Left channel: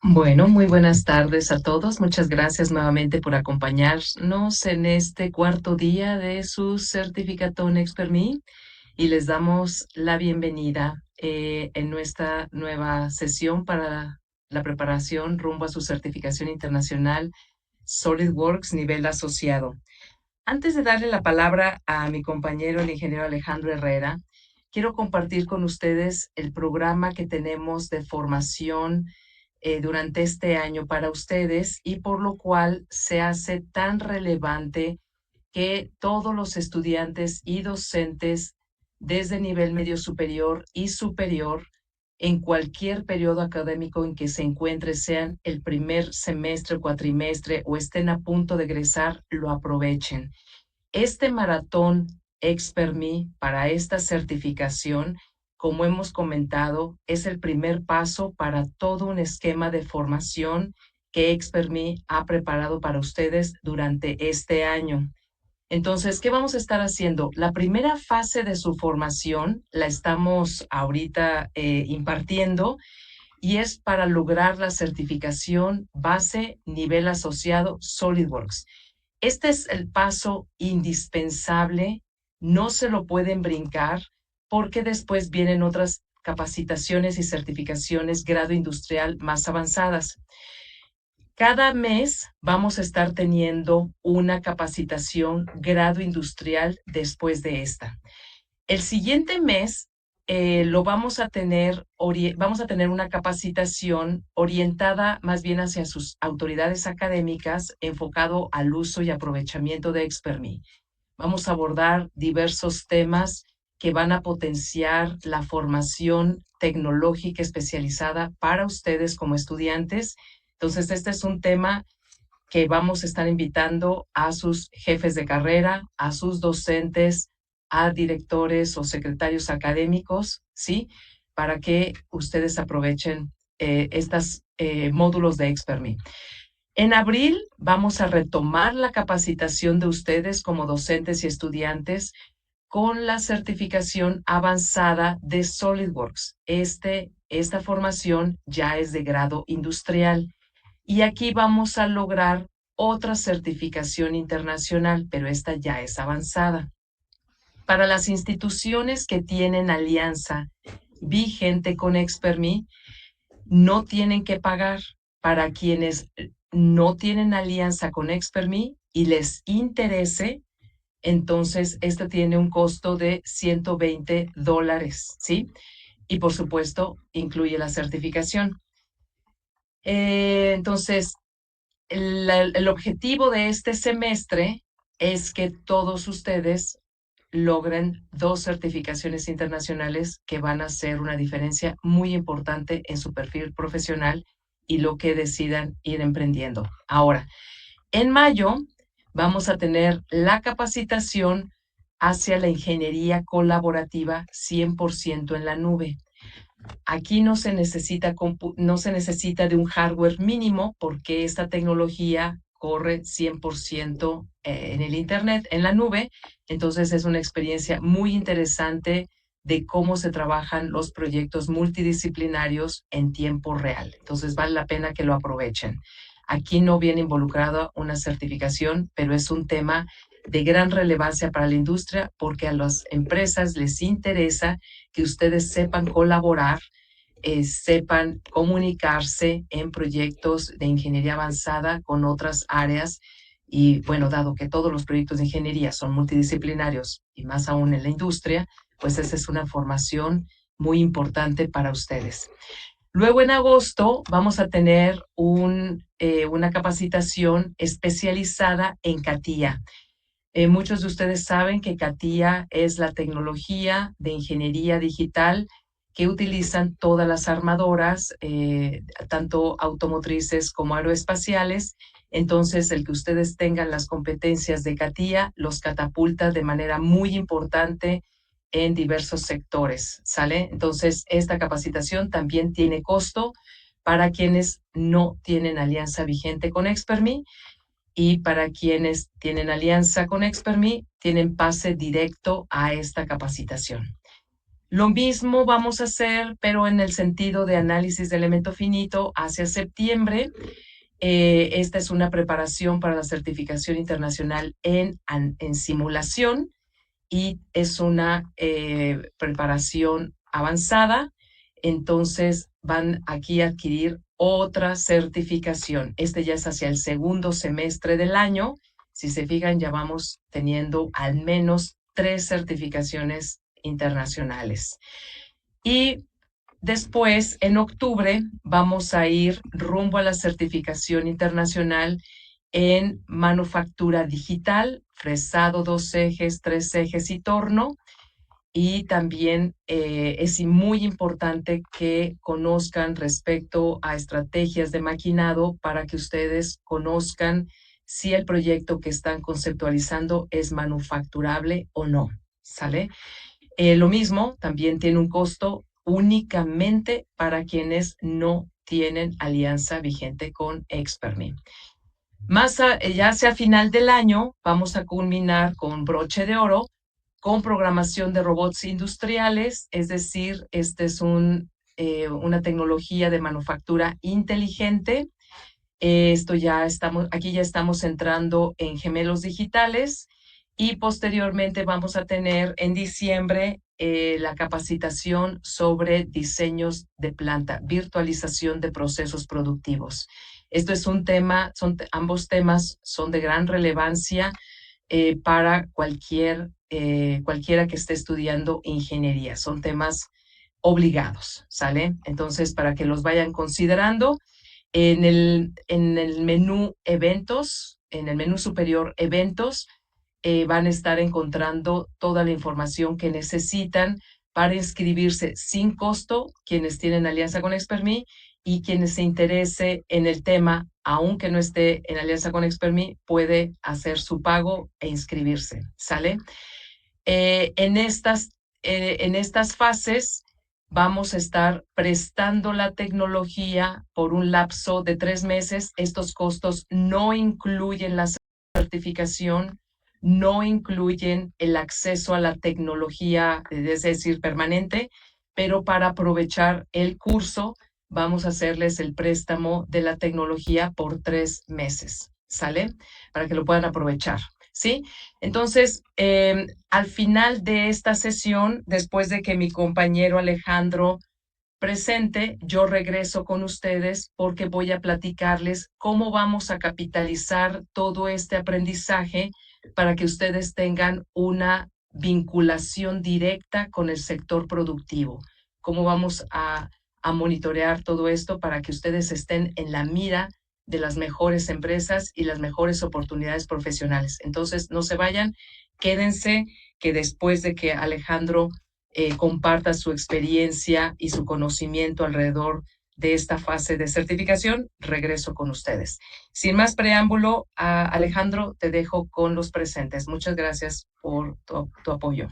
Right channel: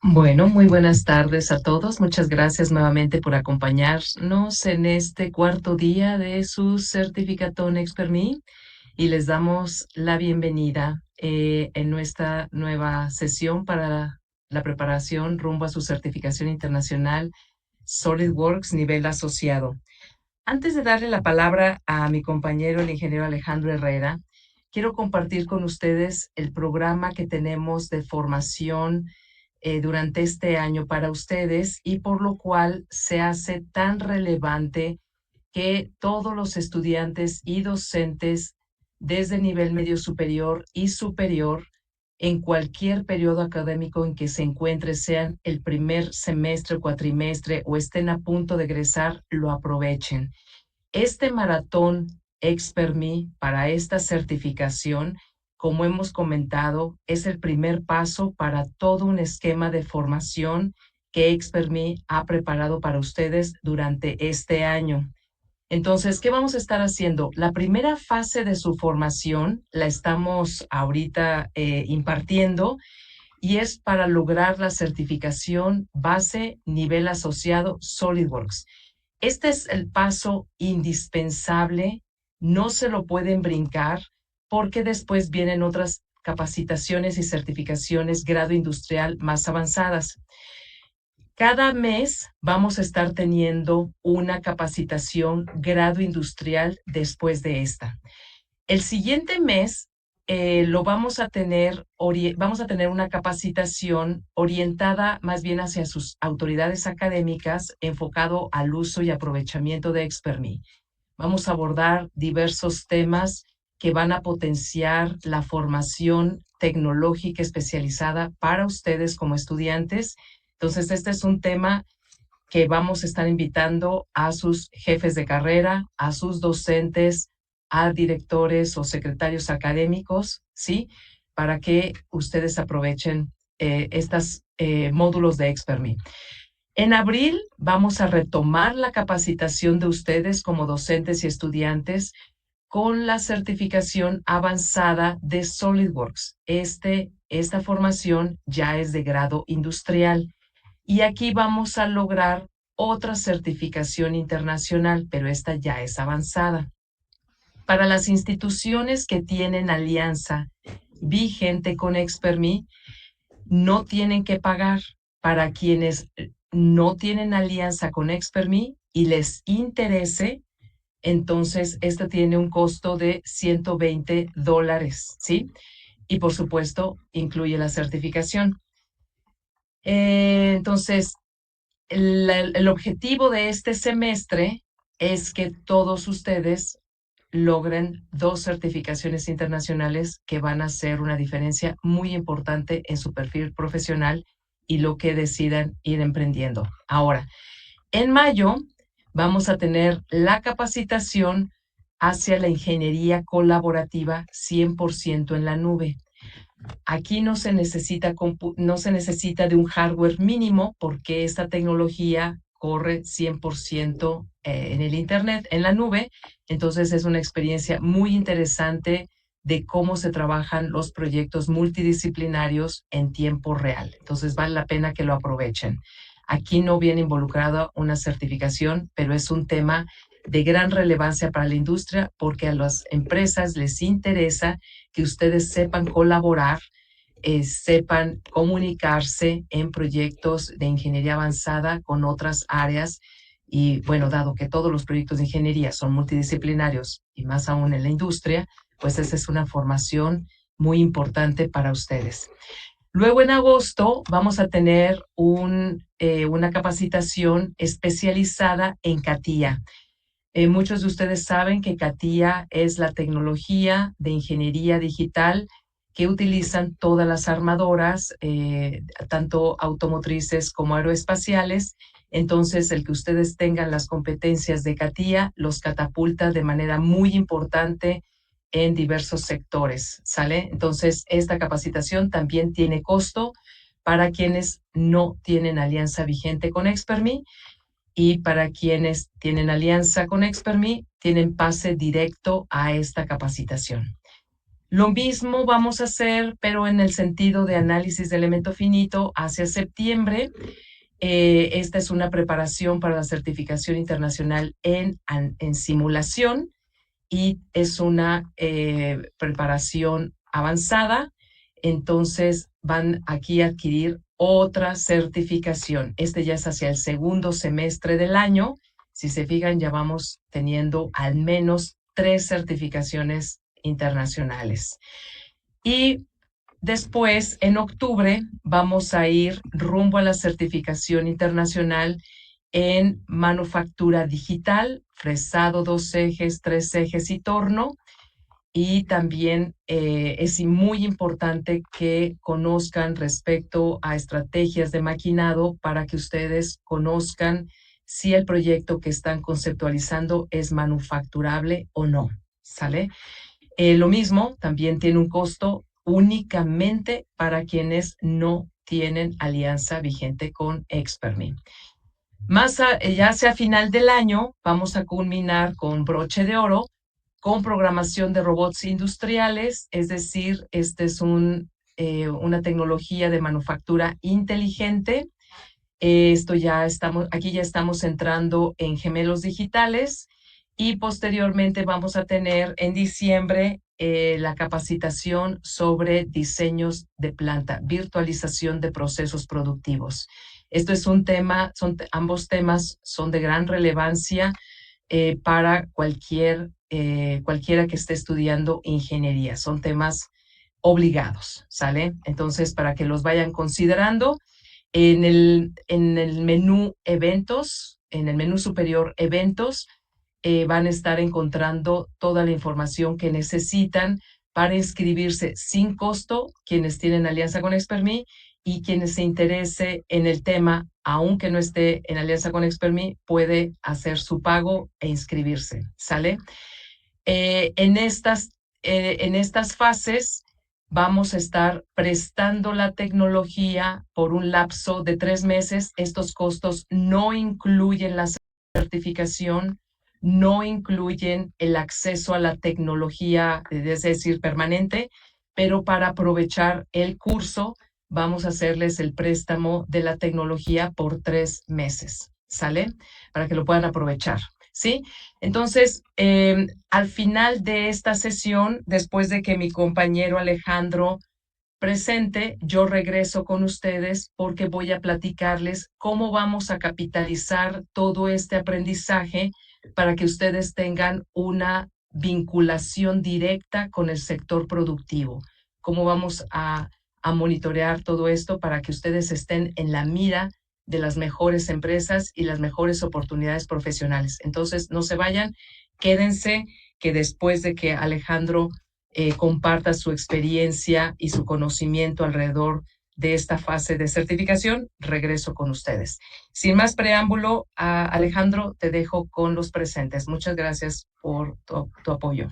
Bueno, muy buenas tardes a todos. Muchas gracias nuevamente por acompañarnos en este cuarto día de su Certificatón Expert Me y les damos la bienvenida en nuestra nueva sesión para la preparación rumbo a su certificación internacional SolidWorks nivel asociado. Antes de darle la palabra a mi compañero, el ingeniero Alejandro Herrera, quiero compartir con ustedes el programa que tenemos de formación durante este año para ustedes y por lo cual se hace tan relevante que todos los estudiantes y docentes desde nivel medio superior y superior en cualquier periodo académico en que se encuentre, sean el primer semestre, cuatrimestre o estén a punto de egresar, lo aprovechen. Este maratón Expert Me para esta certificación, como hemos comentado, es el primer paso para todo un esquema de formación que Expert Me ha preparado para ustedes durante este año. Entonces, ¿qué vamos a estar haciendo? La primera fase de su formación la estamos ahorita impartiendo y es para lograr la certificación base nivel asociado SolidWorks. Este es el paso indispensable, no se lo pueden brincar porque después vienen otras capacitaciones y certificaciones grado industrial más avanzadas. Cada mes vamos a estar teniendo una capacitación grado industrial después de esta. El siguiente mes vamos a tener una capacitación orientada más bien hacia sus autoridades académicas, enfocado al uso y aprovechamiento de Expertme. Vamos a abordar diversos temas que van a potenciar la formación tecnológica especializada para ustedes como estudiantes. Entonces, este es un tema que vamos a estar invitando a sus jefes de carrera, a sus docentes, a directores o secretarios académicos, ¿sí? Para que ustedes aprovechen estos módulos de ExpertMe. En abril vamos a retomar la capacitación de ustedes como docentes y estudiantes con la certificación avanzada de SolidWorks. Esta formación ya es de grado industrial. Y aquí vamos a lograr otra certificación internacional, pero esta ya es avanzada. Para las instituciones que tienen alianza vigente con ExpertMe, no tienen que pagar. Para quienes no tienen alianza con ExpertMe y les interese, entonces este tiene un costo de $120, ¿sí? Y por supuesto, incluye la certificación. Entonces, el objetivo de este semestre es que todos ustedes logren 2 certificaciones internacionales que van a hacer una diferencia muy importante en su perfil profesional y lo que decidan ir emprendiendo. Ahora, en mayo vamos a tener la capacitación hacia la ingeniería colaborativa 100% en la nube. Aquí no se necesita de un hardware mínimo porque esta tecnología corre 100% en el Internet, en la nube. Entonces es una experiencia muy interesante de cómo se trabajan los proyectos multidisciplinarios en tiempo real. Entonces vale la pena que lo aprovechen. Aquí no viene involucrada una certificación, pero es un tema de gran relevancia para la industria porque a las empresas les interesa que ustedes sepan colaborar, sepan comunicarse en proyectos de ingeniería avanzada con otras áreas. Y bueno, dado que todos los proyectos de ingeniería son multidisciplinarios y más aún en la industria, pues esa es una formación muy importante para ustedes. Luego en agosto vamos a tener una capacitación especializada en CATIA. Muchos de ustedes saben que CATIA es la tecnología de ingeniería digital que utilizan todas las armadoras, tanto automotrices como aeroespaciales. Entonces, el que ustedes tengan las competencias de CATIA los catapulta de manera muy importante en diversos sectores, ¿sale? Entonces, esta capacitación también tiene costo para quienes no tienen alianza vigente con ExpertMe y para quienes tienen alianza con ExpertMe, tienen pase directo a esta capacitación. Lo mismo vamos a hacer, pero en el sentido de análisis de elemento finito hacia septiembre. Esta es una preparación para la certificación internacional en simulación y es una preparación avanzada. Entonces van aquí a adquirir otra certificación. Este ya es hacia el segundo semestre del año. Si se fijan, ya vamos teniendo al menos 3 certificaciones internacionales. Y después, en octubre, vamos a ir rumbo a la certificación internacional en manufactura digital, fresado 2 ejes, 3 ejes y torno. Y también es muy importante que conozcan respecto a estrategias de maquinado para que ustedes conozcan si el proyecto que están conceptualizando es manufacturable o no. ¿Sale? Lo mismo, también tiene un costo únicamente para quienes no tienen alianza vigente con Expertme. Ya hacia final del año, vamos a culminar con broche de oro con programación de robots industriales, es decir, este es una tecnología de manufactura inteligente. Aquí ya estamos entrando en gemelos digitales y posteriormente vamos a tener en diciembre la capacitación sobre diseños de planta, virtualización de procesos productivos. Esto es un tema, ambos temas son de gran relevancia para cualquiera que esté estudiando ingeniería. Son temas obligados, ¿sale? Entonces, para que los vayan considerando, en el menú eventos, en el menú superior eventos, van a estar encontrando toda la información que necesitan para inscribirse sin costo, quienes tienen alianza con Expertme y quienes se interese en el tema, aunque no esté en alianza con Expertme, puede hacer su pago e inscribirse, ¿sale? Eh, en, estas, en estas fases vamos a estar prestando la tecnología por un lapso de 3 meses. Estos costos no incluyen la certificación, no incluyen el acceso a la tecnología, es decir, permanente, pero para aprovechar el curso vamos a hacerles el préstamo de la tecnología por 3 meses, ¿sale? Para que lo puedan aprovechar, ¿sí? Entonces, al final de esta sesión, después de que mi compañero Alejandro presente, yo regreso con ustedes porque voy a platicarles cómo vamos a capitalizar todo este aprendizaje para que ustedes tengan una vinculación directa con el sector productivo. Cómo vamos a monitorear todo esto para que ustedes estén en la mira de las mejores empresas y las mejores oportunidades profesionales. Entonces, no se vayan, quédense, que después de que Alejandro comparta su experiencia y su conocimiento alrededor de esta fase de certificación, regreso con ustedes. Sin más preámbulo, Alejandro, te dejo con los presentes. Muchas gracias por tu apoyo.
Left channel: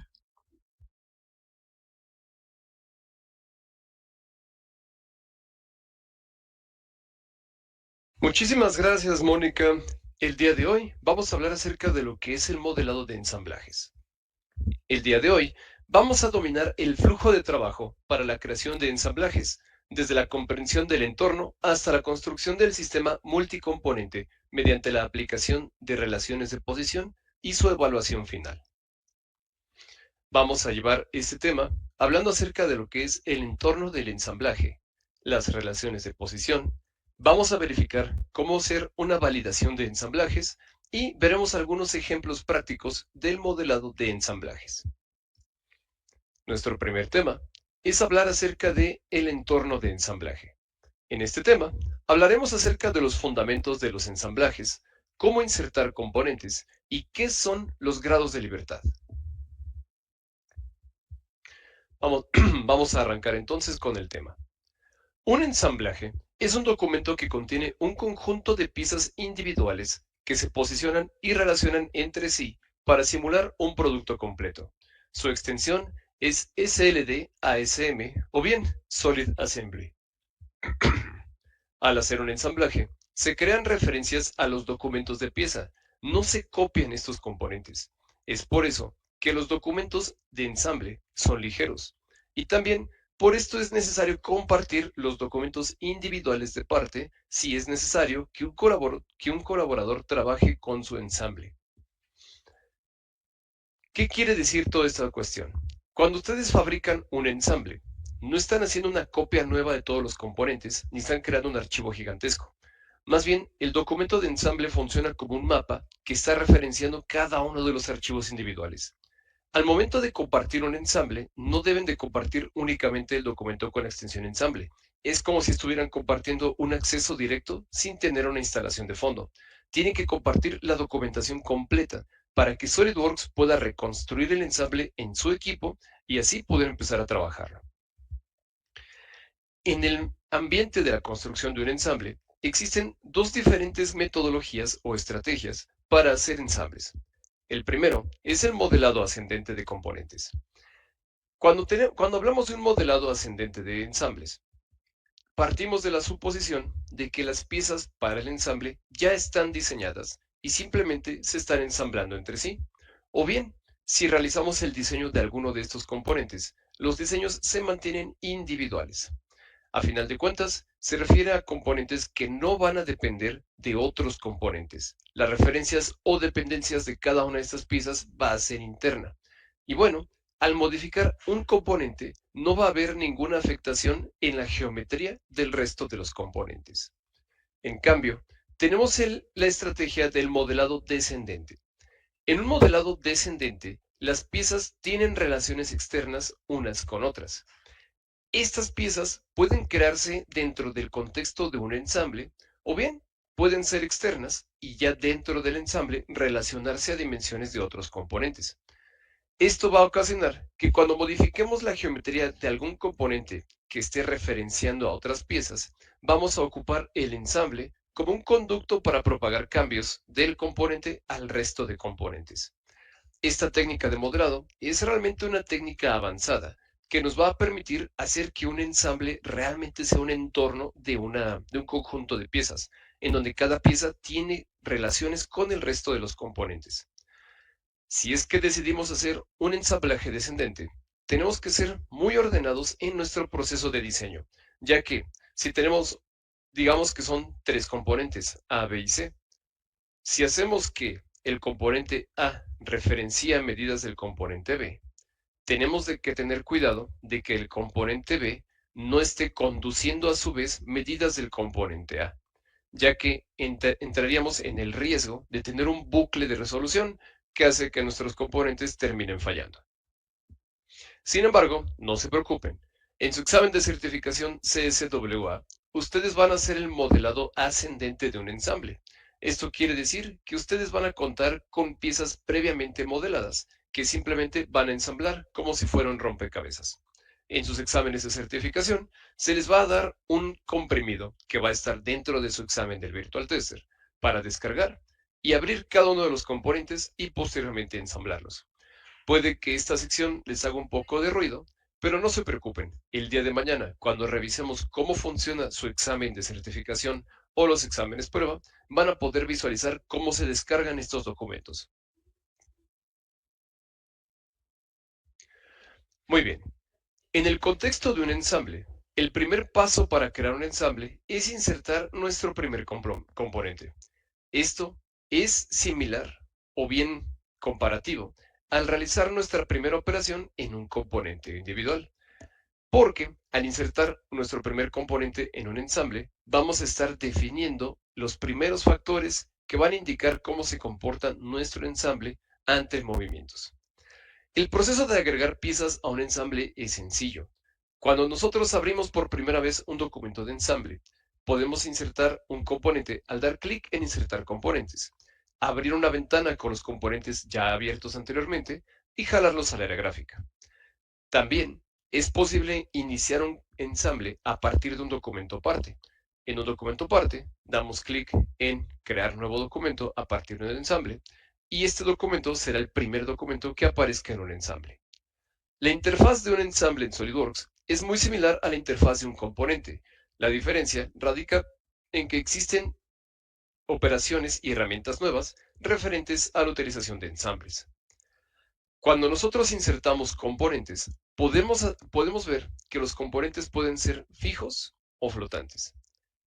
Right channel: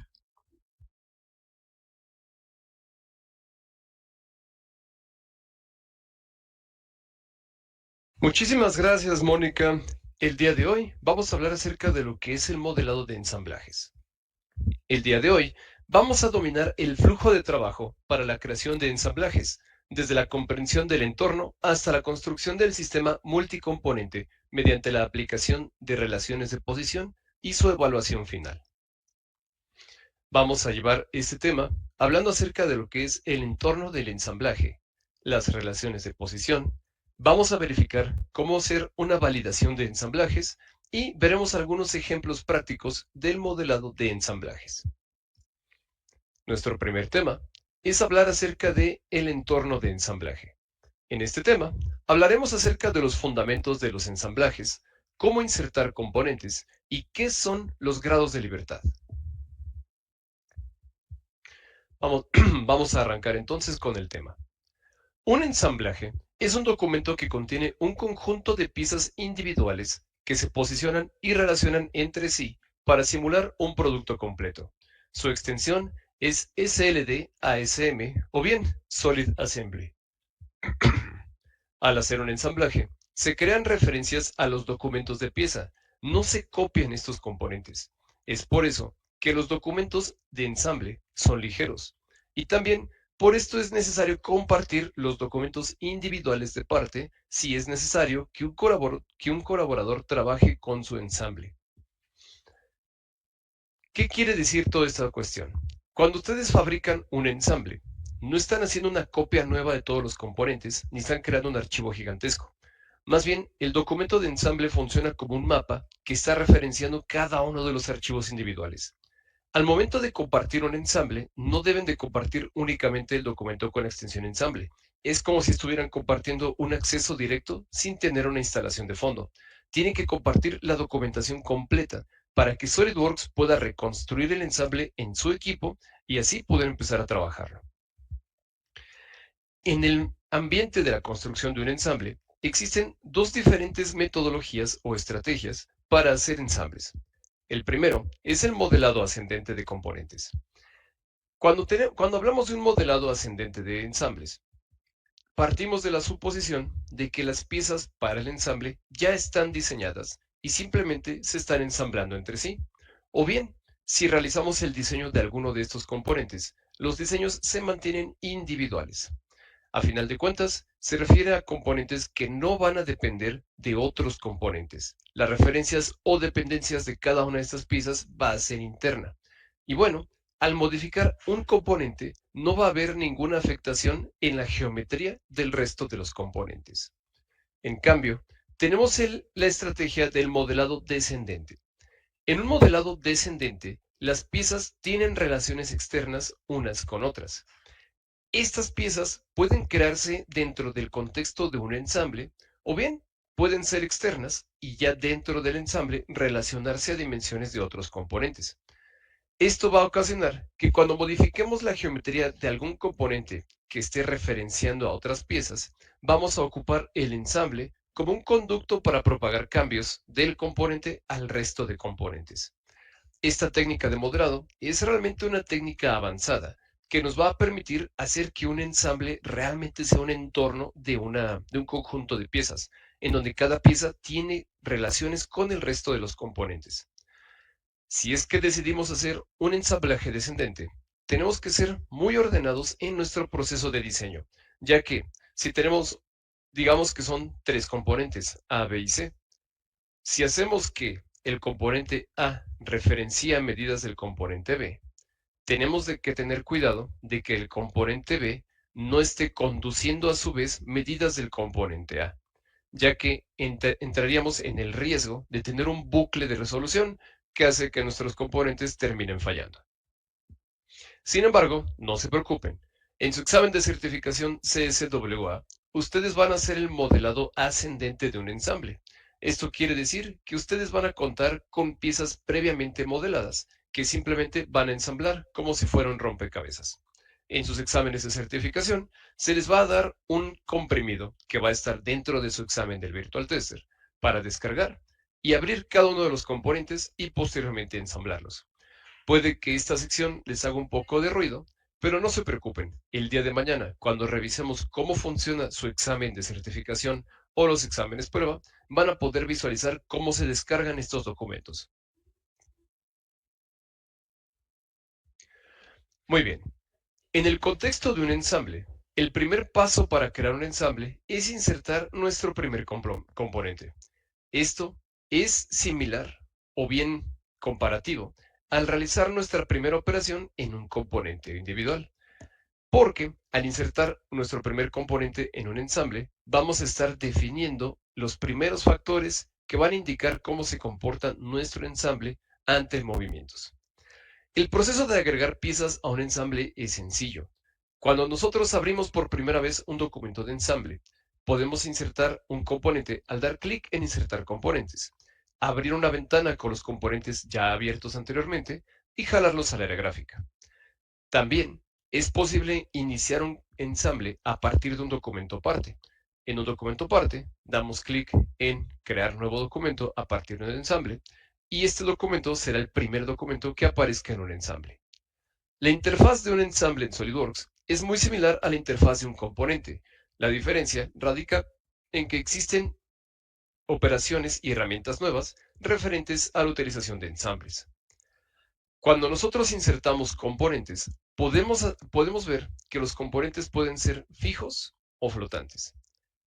Muchísimas gracias, Mónica. El día de hoy vamos a hablar acerca de lo que es el modelado de ensamblajes. El día de hoy vamos a dominar el flujo de trabajo para la creación de ensamblajes, desde la comprensión del entorno hasta la construcción del sistema multicomponente mediante la aplicación de relaciones de posición y su evaluación final. Vamos a llevar este tema hablando acerca de lo que es el entorno del ensamblaje, las relaciones de posición. Vamos a verificar cómo hacer una validación de ensamblajes y veremos algunos ejemplos prácticos del modelado de ensamblajes. Nuestro primer tema es hablar acerca de el entorno de ensamblaje. En este tema hablaremos acerca de los fundamentos de los ensamblajes, cómo insertar componentes y qué son los grados de libertad. Vamos a arrancar entonces con el tema. Un ensamblaje es un documento que contiene un conjunto de piezas individuales que se posicionan y relacionan entre sí para simular un producto completo. Su extensión es SLD-ASM o bien Solid Assembly. Al hacer un ensamblaje, se crean referencias a los documentos de pieza, no se copian estos componentes. Es por eso que los documentos de ensamble son ligeros. Y también por esto es necesario compartir los documentos individuales de parte si es necesario que un colaborador trabaje con su ensamble. ¿Qué quiere decir toda esta cuestión? Cuando ustedes fabrican un ensamble, no están haciendo una copia nueva de todos los componentes, ni están creando un archivo gigantesco. Más bien, el documento de ensamble funciona como un mapa que está referenciando cada uno de los archivos individuales. Al momento de compartir un ensamble, no deben de compartir únicamente el documento con la extensión ensamble. Es como si estuvieran compartiendo un acceso directo sin tener una instalación de fondo. Tienen que compartir la documentación completa para que SolidWorks pueda reconstruir el ensamble en su equipo y así poder empezar a trabajarlo. En el ambiente de la construcción de un ensamble, existen dos diferentes metodologías o estrategias para hacer ensambles. El primero es el modelado ascendente de componentes. Cuando hablamos de un modelado ascendente de ensambles, partimos de la suposición de que las piezas para el ensamble ya están diseñadas y simplemente se están ensamblando entre sí. O bien, si realizamos el diseño de alguno de estos componentes, los diseños se mantienen individuales. A final de cuentas, se refiere a componentes que no van a depender de otros componentes. Las referencias o dependencias de cada una de estas piezas va a ser interna. Y bueno, al modificar un componente, no va a haber ninguna afectación en la geometría del resto de los componentes. En cambio, tenemos la estrategia del modelado descendente. En un modelado descendente, las piezas tienen relaciones externas unas con otras. Estas piezas pueden crearse dentro del contexto de un ensamble o bien pueden ser externas y ya dentro del ensamble relacionarse a dimensiones de otros componentes. Esto va a ocasionar que cuando modifiquemos la geometría de algún componente que esté referenciando a otras piezas, vamos a ocupar el ensamble como un conducto para propagar cambios del componente al resto de componentes. Esta técnica de modelado es realmente una técnica avanzada que nos va a permitir hacer que un ensamble realmente sea un entorno de un conjunto de piezas, en donde cada pieza tiene relaciones con el resto de los componentes. Si es que decidimos hacer un ensamblaje descendente, tenemos que ser muy ordenados en nuestro proceso de diseño, ya que si tenemos, digamos que son tres componentes, A, B y C, si hacemos que el componente A referencia medidas del componente B, tenemos que tener cuidado de que el componente B no esté conduciendo a su vez medidas del componente A, ya que entraríamos en el riesgo de tener un bucle de resolución que hace que nuestros componentes terminen fallando. Sin embargo, no se preocupen. En su examen de certificación CSWA, ustedes van a hacer el modelado ascendente de un ensamble. Esto quiere decir que ustedes van a contar con piezas previamente modeladas, que simplemente van a ensamblar como si fuera un rompecabezas. En sus exámenes de certificación, se les va a dar un comprimido que va a estar dentro de su examen del Virtual Tester para descargar y abrir cada uno de los componentes y posteriormente ensamblarlos. Puede que esta sección les haga un poco de ruido, pero no se preocupen. El día de mañana, cuando revisemos cómo funciona su examen de certificación o los exámenes prueba, van a poder visualizar cómo se descargan estos documentos. Muy bien. En el contexto de un ensamble, el primer paso para crear un ensamble es insertar nuestro primer componente. Esto es similar o bien comparativo al realizar nuestra primera operación en un componente individual. Porque al insertar nuestro primer componente en un ensamble, vamos a estar definiendo los primeros factores que van a indicar cómo se comporta nuestro ensamble ante movimientos. El proceso de agregar piezas a un ensamble es sencillo. Cuando nosotros abrimos por primera vez un documento de ensamble, podemos insertar un componente al dar clic en insertar componentes, abrir una ventana con los componentes ya abiertos anteriormente y jalarlos al área gráfica. También es posible iniciar un ensamble a partir de un documento parte. En un documento parte, damos clic en crear nuevo documento a partir de un ensamble y este documento será el primer documento que aparezca en un ensamble. La interfaz de un ensamble en SolidWorks es muy similar a la interfaz de un componente. La diferencia radica en que existen operaciones y herramientas nuevas referentes a la utilización de ensambles. Cuando nosotros insertamos componentes, podemos ver que los componentes pueden ser fijos o flotantes.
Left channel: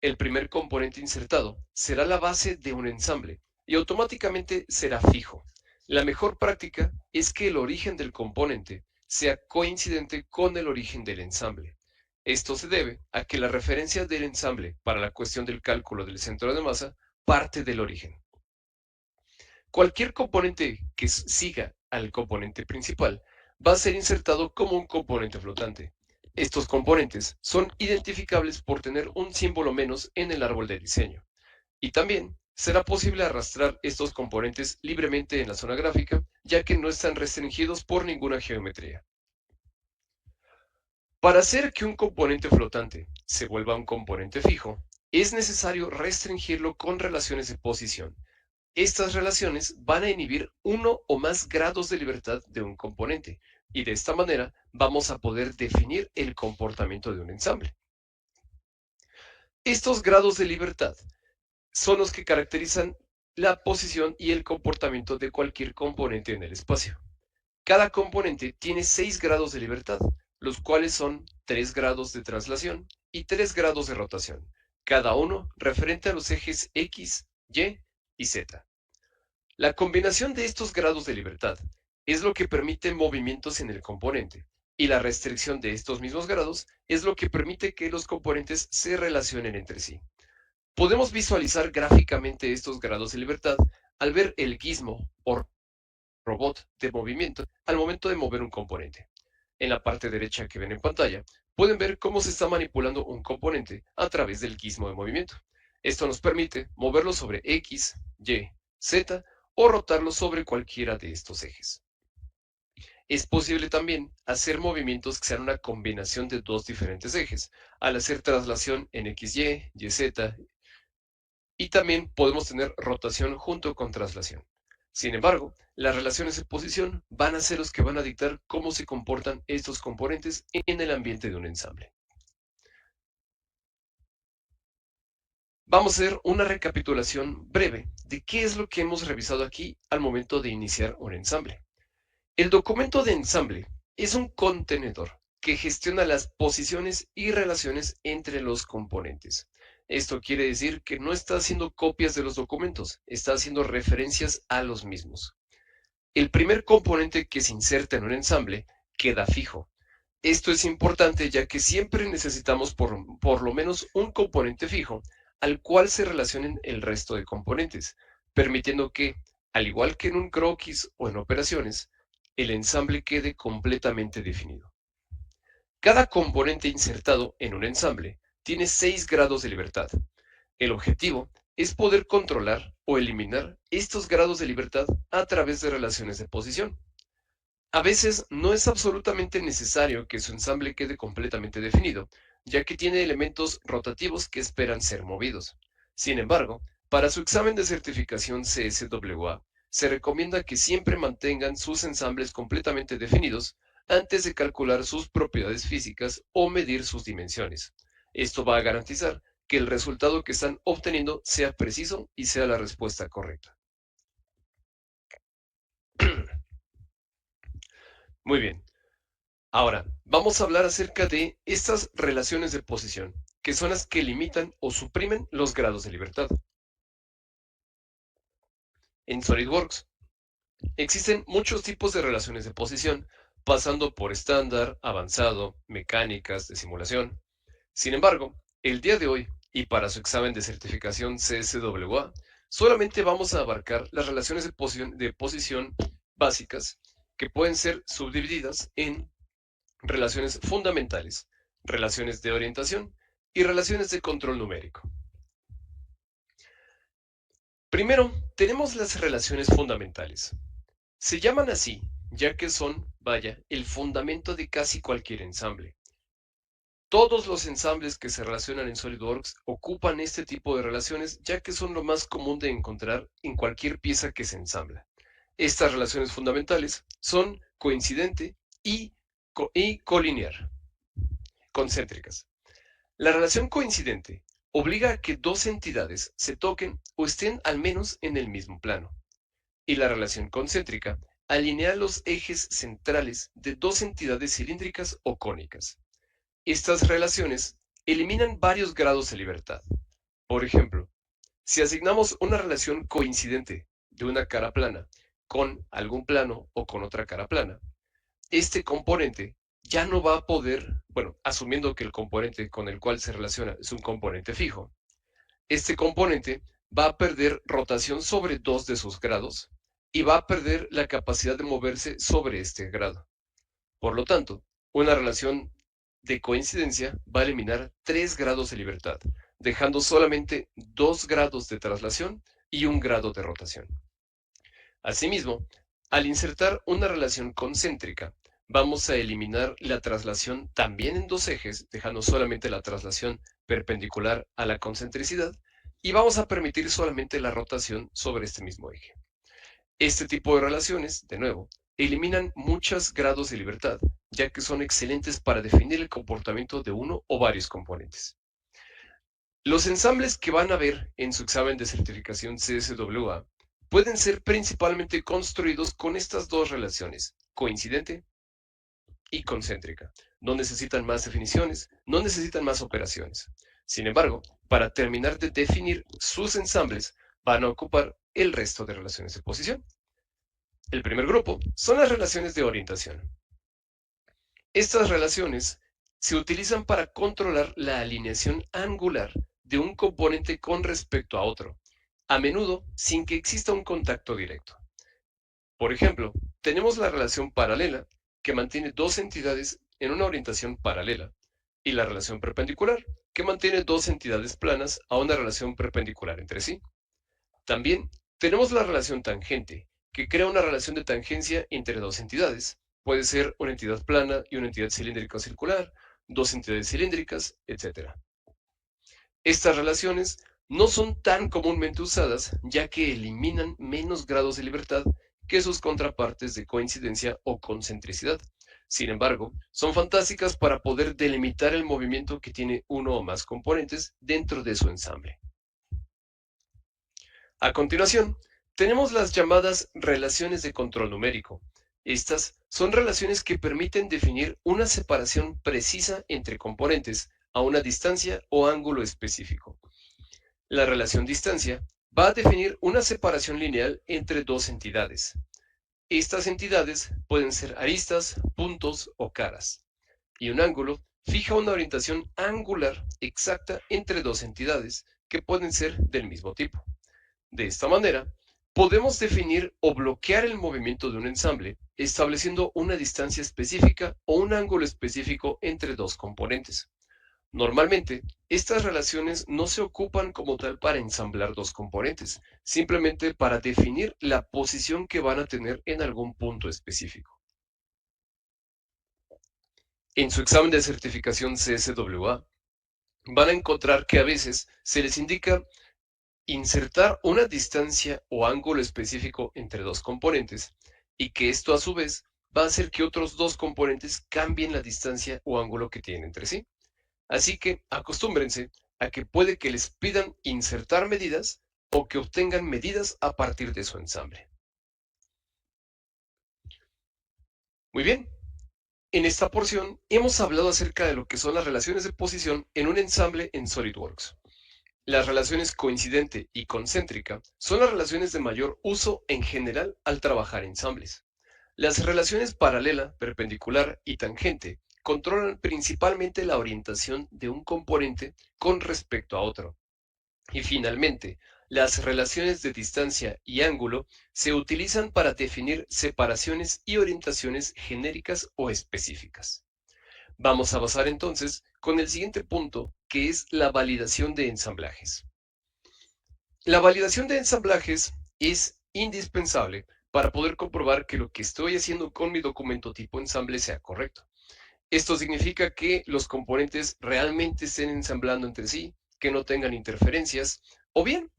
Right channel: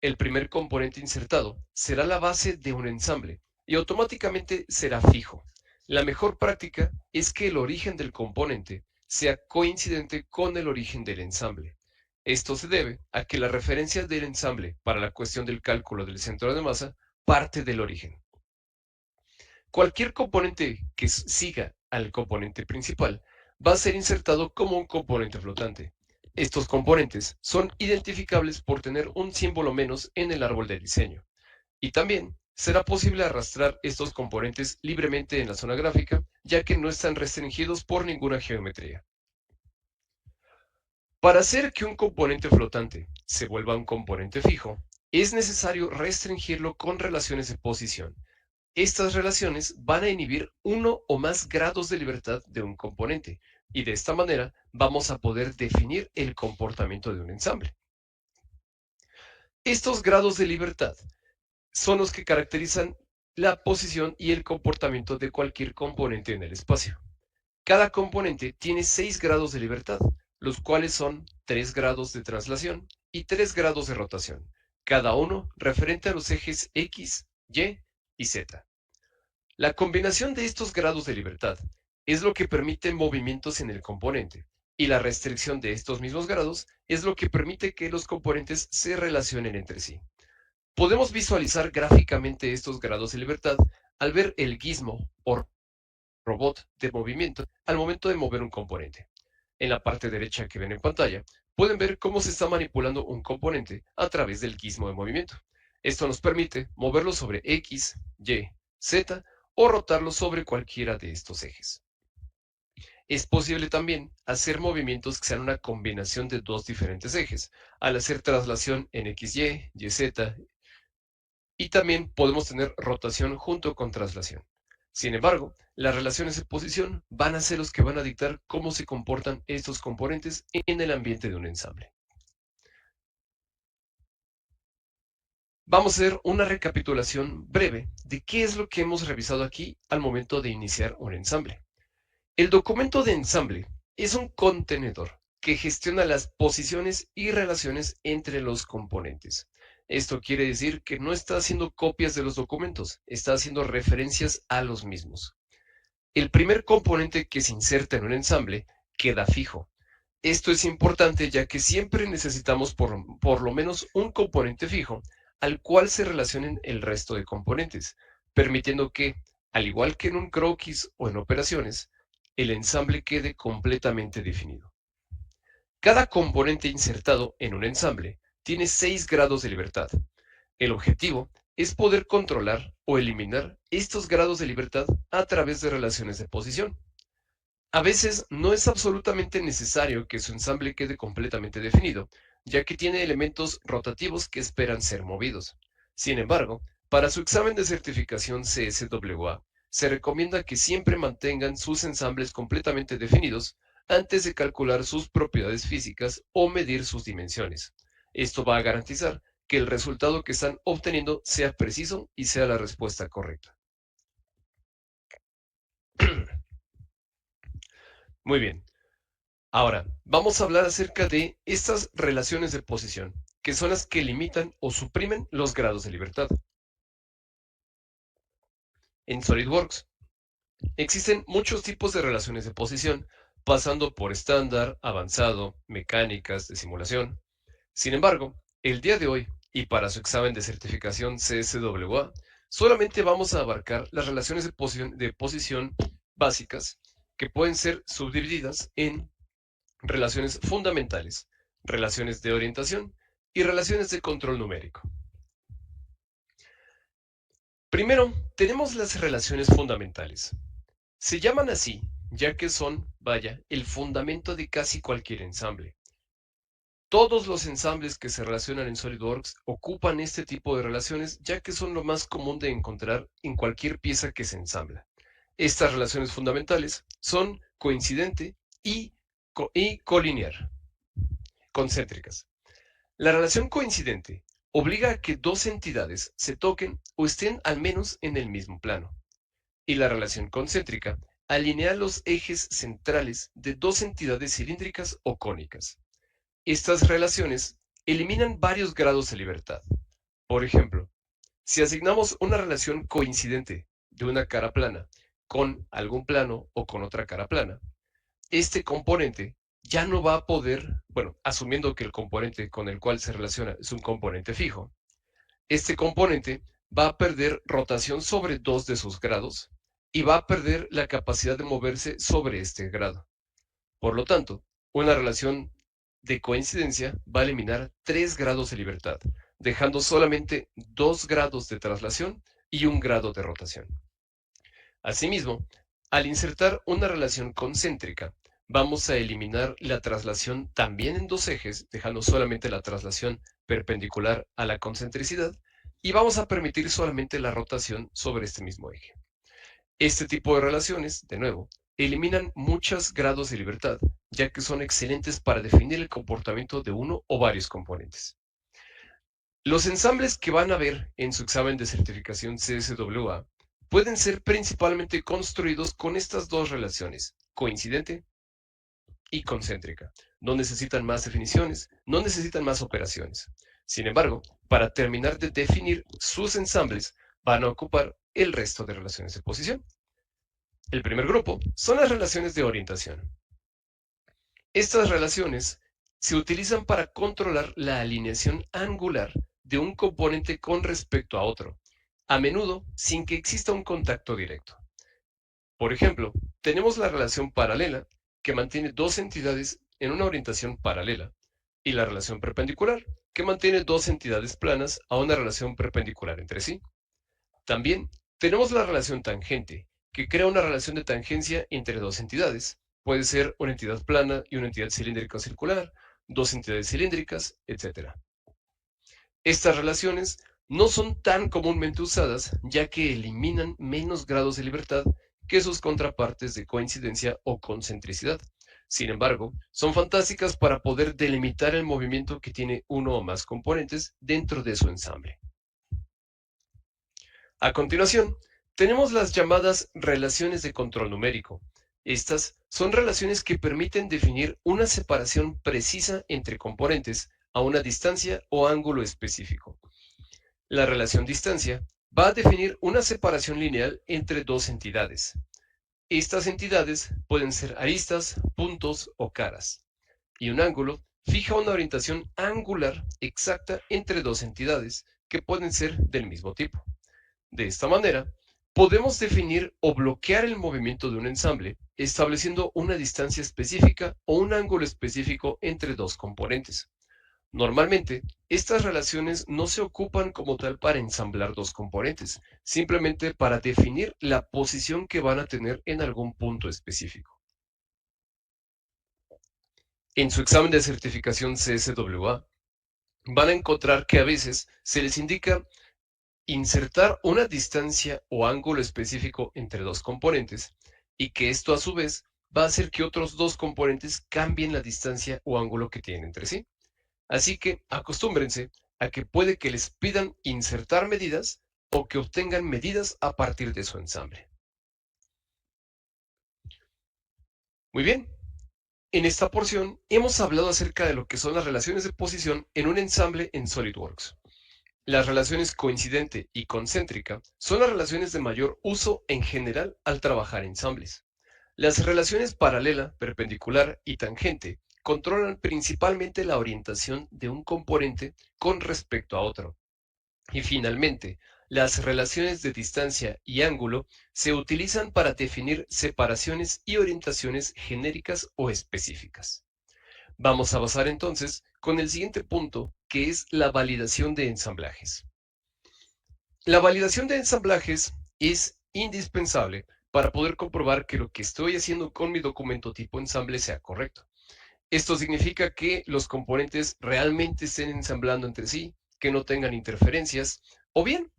El primer componente insertado será la base de un ensamble y automáticamente será fijo. La mejor práctica es que el origen del componente sea coincidente con el origen del ensamble. Esto se debe a que la referencia del ensamble para la cuestión del cálculo del centro de masa parte del origen. Cualquier componente que siga al componente principal va a ser insertado como un componente flotante. Estos componentes son identificables por tener un símbolo menos en el árbol de diseño. Y también será posible arrastrar estos componentes libremente en la zona gráfica, ya que no están restringidos por ninguna geometría. Para hacer que un componente flotante se vuelva un componente fijo, es necesario restringirlo con relaciones de posición. Estas relaciones van a inhibir uno o más grados de libertad de un componente, y de esta manera vamos a poder definir el comportamiento de un ensamble. Estos grados de libertad son los que caracterizan la posición y el comportamiento de cualquier componente en el espacio. Cada componente tiene 6 grados de libertad, los cuales son 3 grados de traslación y 3 grados de rotación, cada uno referente a los ejes X, Y y Z. La combinación de estos grados de libertad es lo que permite movimientos en el componente, y la restricción de estos mismos grados es lo que permite que los componentes se relacionen entre sí. Podemos visualizar gráficamente estos grados de libertad al ver el gizmo o robot de movimiento al momento de mover un componente. En la parte derecha que ven en pantalla, pueden ver cómo se está manipulando un componente a través del gizmo de movimiento. Esto nos permite moverlo sobre X, Y, Z o rotarlo sobre cualquiera de estos ejes. Es posible también hacer movimientos que sean una combinación de dos diferentes ejes, al hacer traslación en XY, YZ, y también podemos tener rotación junto con traslación. Sin embargo, las relaciones de posición van a ser los que van a dictar cómo se comportan estos componentes en el ambiente de un ensamble. Vamos a hacer una recapitulación breve de qué es lo que hemos revisado aquí al momento de iniciar un ensamble. El documento de ensamble es un contenedor que gestiona las posiciones y relaciones entre los componentes. Esto quiere decir que no está haciendo copias de los documentos, está haciendo referencias a los mismos. El primer componente que se inserta en un ensamble queda fijo. Esto es importante ya que siempre necesitamos por lo menos un componente fijo al cual se relacionen el resto de componentes, permitiendo que, al igual que en un croquis o en operaciones, el ensamble quede completamente definido. Cada componente insertado en un ensamble tiene 6 grados de libertad. El objetivo es poder controlar o eliminar estos grados de libertad a través de relaciones de posición. A veces no es absolutamente necesario que su ensamble quede completamente definido, ya que tiene elementos rotativos que esperan ser movidos. Sin embargo, para su examen de certificación CSWA, se recomienda que siempre mantengan sus ensambles completamente definidos antes de calcular sus propiedades físicas o medir sus dimensiones. Esto va a garantizar que el resultado que están obteniendo sea preciso y sea la respuesta correcta. Muy bien. Ahora, vamos a hablar acerca de estas relaciones de posición, que son las que limitan o suprimen los grados de libertad. En SolidWorks existen muchos tipos de relaciones de posición, pasando por estándar, avanzado, mecánicas, de simulación. Sin embargo, el día de hoy, y para su examen de certificación CSWA, solamente vamos a abarcar las relaciones de posición básicas, que pueden ser subdivididas en relaciones fundamentales, relaciones de orientación y relaciones de control numérico. Primero, tenemos las relaciones fundamentales. Se llaman así, ya que son, vaya, el fundamento de casi cualquier ensamble. Todos los ensambles que se relacionan en SolidWorks ocupan este tipo de relaciones, ya que son lo más común de encontrar en cualquier pieza que se ensambla. Estas relaciones fundamentales son coincidente y colinear, concéntricas. La relación coincidente obliga a que dos entidades se toquen o estén al menos en el mismo plano. Y la relación concéntrica alinear los ejes centrales de dos entidades cilíndricas o cónicas. Estas relaciones eliminan varios grados de libertad. Por ejemplo, si asignamos una relación coincidente de una cara plana con algún plano o con otra cara plana, este componente ya no va a poder, bueno, asumiendo que el componente con el cual se relaciona es un componente fijo, este componente va a perder rotación sobre dos de sus grados y va a perder la capacidad de moverse sobre este grado. Por lo tanto, una relación de coincidencia va a eliminar 3 grados de libertad, dejando solamente 2 grados de traslación y un grado de rotación. Asimismo, al insertar una relación concéntrica, vamos a eliminar la traslación también en dos ejes, dejando solamente la traslación perpendicular a la concentricidad, y vamos a permitir solamente la rotación sobre este mismo eje. Este tipo de relaciones, de nuevo, eliminan muchos grados de libertad, ya que son excelentes para definir el comportamiento de uno o varios componentes. Los ensambles que van a ver en su examen de certificación CSWA pueden ser principalmente construidos con estas dos relaciones, coincidente y concéntrica. No necesitan más definiciones, no necesitan más operaciones. Sin embargo, para terminar de definir sus ensambles, van a ocupar el resto de relaciones de posición. El primer grupo son las relaciones de orientación. Estas relaciones se utilizan para controlar la alineación angular de un componente con respecto a otro, a menudo sin que exista un contacto directo. Por ejemplo, tenemos la relación paralela, que mantiene dos entidades en una orientación paralela, y la relación perpendicular, que mantiene dos entidades planas a una relación perpendicular entre sí. También tenemos la relación tangente, que crea una relación de tangencia entre dos entidades. Puede ser una entidad plana y una entidad cilíndrica o circular, dos entidades cilíndricas, etc. Estas relaciones no son tan comúnmente usadas, ya que eliminan menos grados de libertad que sus contrapartes de coincidencia o concentricidad. Sin embargo, son fantásticas para poder delimitar el movimiento que tiene uno o más componentes dentro de su ensamble. A continuación, tenemos las llamadas relaciones de control numérico. Estas son relaciones que permiten definir una separación precisa entre componentes a una distancia o ángulo específico. La relación distancia va a definir una separación lineal entre dos entidades. Estas entidades pueden ser aristas, puntos o caras. Y un ángulo fija una orientación angular exacta entre dos entidades que pueden ser del mismo tipo. De esta manera, podemos definir o bloquear el movimiento de un ensamble estableciendo una distancia específica o un ángulo específico entre dos componentes. Normalmente, estas relaciones no se ocupan como tal para ensamblar dos componentes, simplemente para definir la posición que van a tener en algún punto específico. En su examen de certificación CSWA, van a encontrar que a veces se les indica insertar una distancia o ángulo específico entre dos componentes y que esto a su vez va a hacer que otros dos componentes cambien la distancia o ángulo que tienen entre sí. Así que acostúmbrense a que puede que les pidan insertar medidas o que obtengan medidas a partir de su ensamble. Muy bien, en esta porción hemos hablado acerca de lo que son las relaciones de posición en un ensamble en SolidWorks. Las relaciones coincidente y concéntrica son las relaciones de mayor uso en general al trabajar ensambles. Las relaciones paralela, perpendicular y tangente controlan principalmente la orientación de un componente con respecto a otro. Y finalmente, las relaciones de distancia y ángulo se utilizan para definir separaciones y orientaciones genéricas o específicas. Vamos a pasar entonces con el siguiente punto, que es la validación de ensamblajes. La validación de ensamblajes es indispensable para poder comprobar que lo que estoy haciendo con mi documento tipo ensamble sea correcto. Esto significa que los componentes realmente estén ensamblando entre sí, que no tengan interferencias, o bien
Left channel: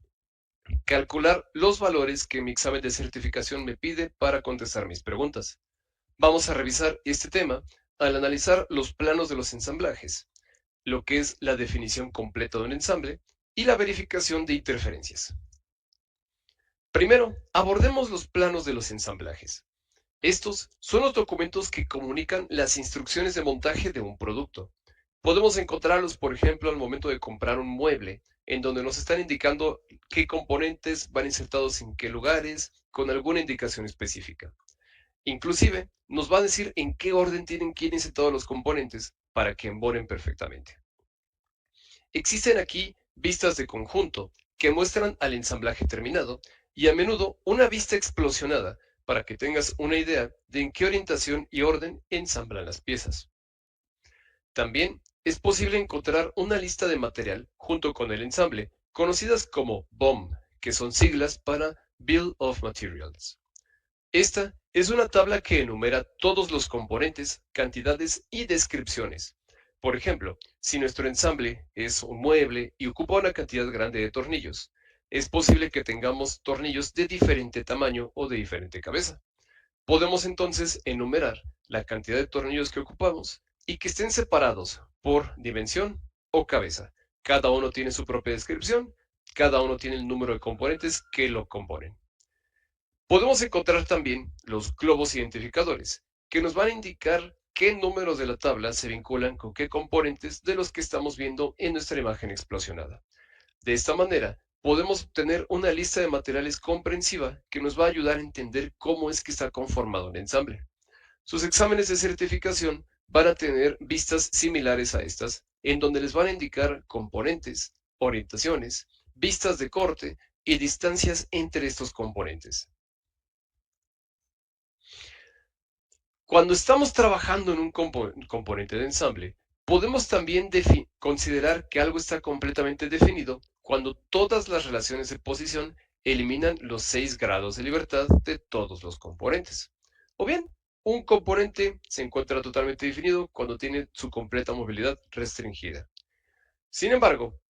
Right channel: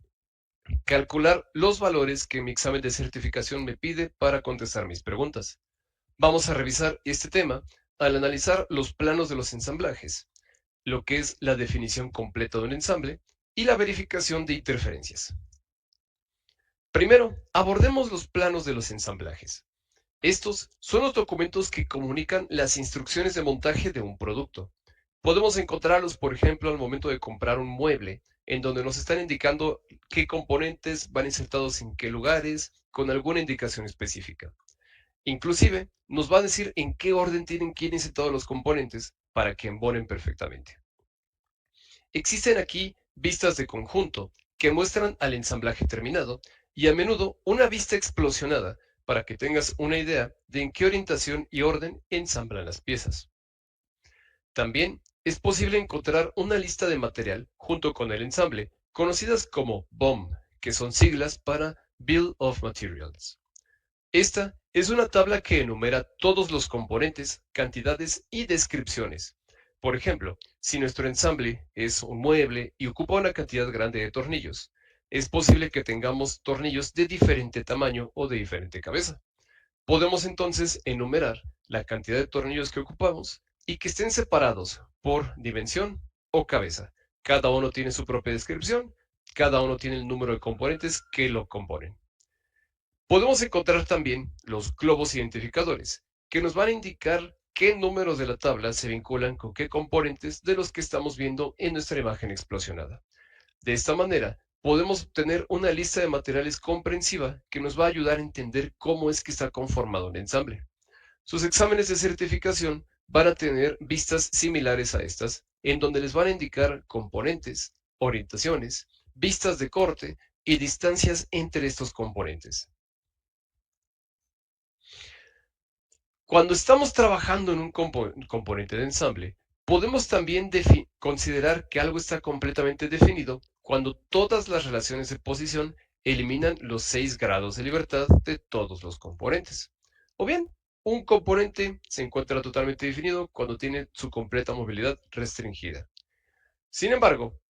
calcular los valores que mi examen de certificación me pide para contestar mis preguntas. Vamos a revisar este tema al analizar los planos de los ensamblajes, lo que es la definición completa de un ensamble y la verificación de interferencias. Primero, abordemos los planos de los ensamblajes. Estos son los documentos que comunican las instrucciones de montaje de un producto. Podemos encontrarlos, por ejemplo, al momento de comprar un mueble, en donde nos están indicando qué componentes van insertados en qué lugares, con alguna indicación específica. Inclusive, nos va a decir en qué orden tienen que ir insertados los componentes para que embonen perfectamente. Existen aquí vistas de conjunto que muestran al ensamblaje terminado y a menudo una vista explosionada para que tengas una idea de en qué orientación y orden ensamblan las piezas. También es posible encontrar una lista de material junto con el ensamble, conocidas como BOM, que son siglas para Bill of Materials. Esta es una tabla que enumera todos los componentes, cantidades y descripciones. Por ejemplo, si nuestro ensamble es un mueble y ocupa una cantidad grande de tornillos, es posible que tengamos tornillos de diferente tamaño o de diferente cabeza. Podemos entonces enumerar la cantidad de tornillos que ocupamos y que estén separados por dimensión o cabeza. Cada uno tiene su propia descripción, cada uno tiene el número de componentes que lo componen. Podemos encontrar también los globos identificadores, que nos van a indicar qué números de la tabla se vinculan con qué componentes de los que estamos viendo en nuestra imagen explosionada. De esta manera, podemos obtener una lista de materiales comprensiva que nos va a ayudar a entender cómo es que está conformado un ensamble. Sus exámenes de certificación van a tener vistas similares a estas, en donde les van a indicar componentes, orientaciones, vistas de corte y distancias entre estos componentes. Cuando estamos trabajando en un componente de ensamble, podemos también considerar que algo está completamente definido cuando todas las relaciones de posición eliminan los 6 grados de libertad de todos los componentes. O bien, un componente se encuentra totalmente definido cuando tiene su completa movilidad restringida. Sin embargo,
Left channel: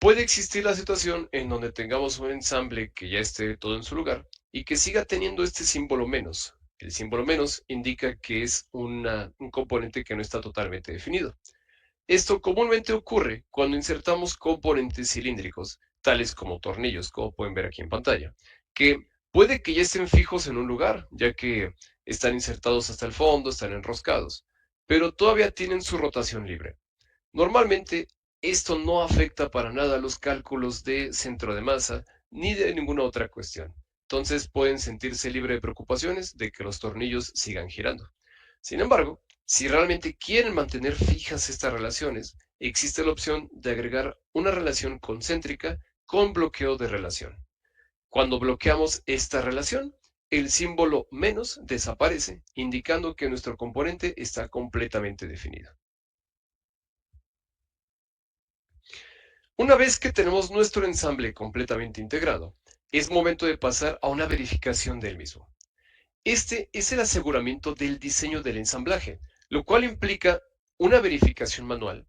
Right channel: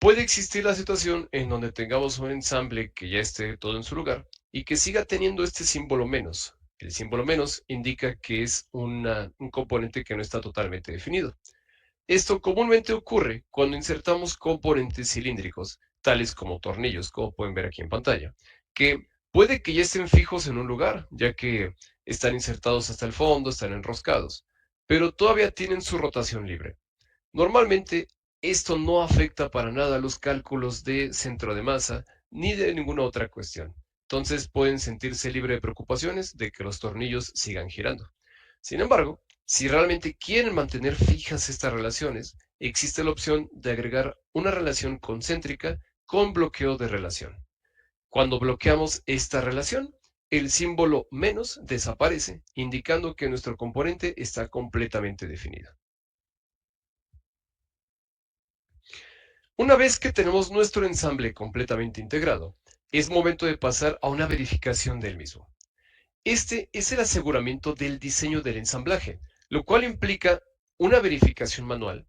puede existir la situación en donde tengamos un ensamble que ya esté todo en su lugar y que siga teniendo este símbolo menos. El símbolo menos indica que es un componente que no está totalmente definido. Esto comúnmente ocurre cuando insertamos componentes cilíndricos, tales como tornillos, como pueden ver aquí en pantalla, que puede que ya estén fijos en un lugar, ya que están insertados hasta el fondo, están enroscados, pero todavía tienen su rotación libre. Normalmente, esto no afecta para nada los cálculos de centro de masa ni de ninguna otra cuestión. Entonces pueden sentirse libre de preocupaciones de que los tornillos sigan girando. Sin embargo, si realmente quieren mantener fijas estas relaciones, existe la opción de agregar una relación concéntrica con bloqueo de relación. Cuando bloqueamos esta relación, el símbolo menos desaparece, indicando que nuestro componente está completamente definido. Una vez que tenemos nuestro ensamble completamente integrado, es momento de pasar a una verificación del mismo. Este es el aseguramiento del diseño del ensamblaje, lo cual implica una verificación manual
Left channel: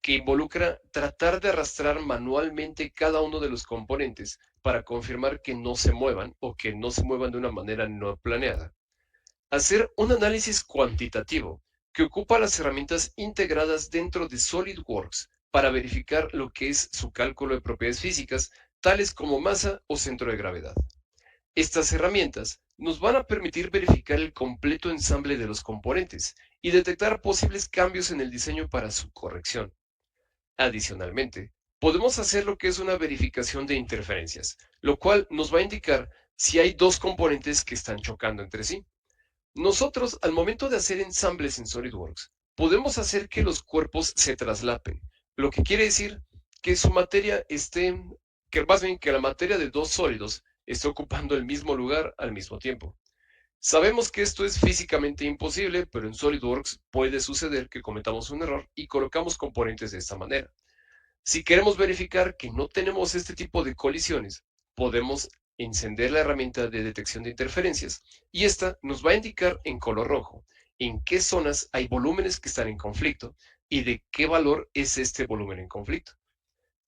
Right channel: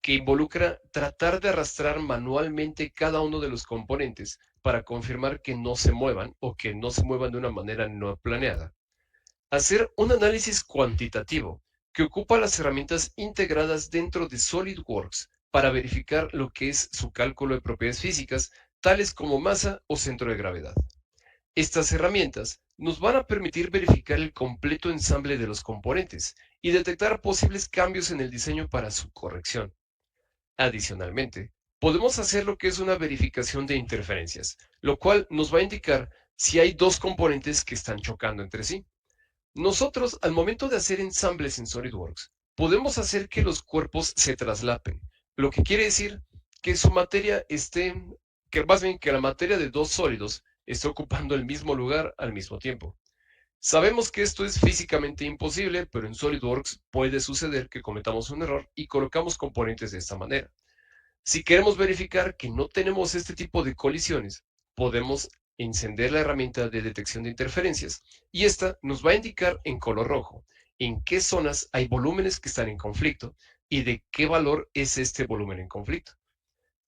que involucra tratar de arrastrar manualmente cada uno de los componentes para confirmar que no se muevan o que no se muevan de una manera no planeada. Hacer un análisis cuantitativo que ocupa las herramientas integradas dentro de SolidWorks para verificar lo que es su cálculo de propiedades físicas, tales como masa o centro de gravedad. Estas herramientas nos van a permitir verificar el completo ensamble de los componentes y detectar posibles cambios en el diseño para su corrección. Adicionalmente, podemos hacer lo que es una verificación de interferencias, lo cual nos va a indicar si hay dos componentes que están chocando entre sí. Nosotros, al momento de hacer ensambles en SolidWorks, podemos hacer que los cuerpos se traslapen, lo que quiere decir que su materia esté, que más bien que la materia de dos sólidos esté ocupando el mismo lugar al mismo tiempo. Sabemos que esto es físicamente imposible, pero en SolidWorks puede suceder que cometamos un error y colocamos componentes de esta manera. Si queremos verificar que no tenemos este tipo de colisiones, podemos encender la herramienta de detección de interferencias y esta nos va a indicar en color rojo en qué zonas hay volúmenes que están en conflicto y de qué valor es este volumen en conflicto.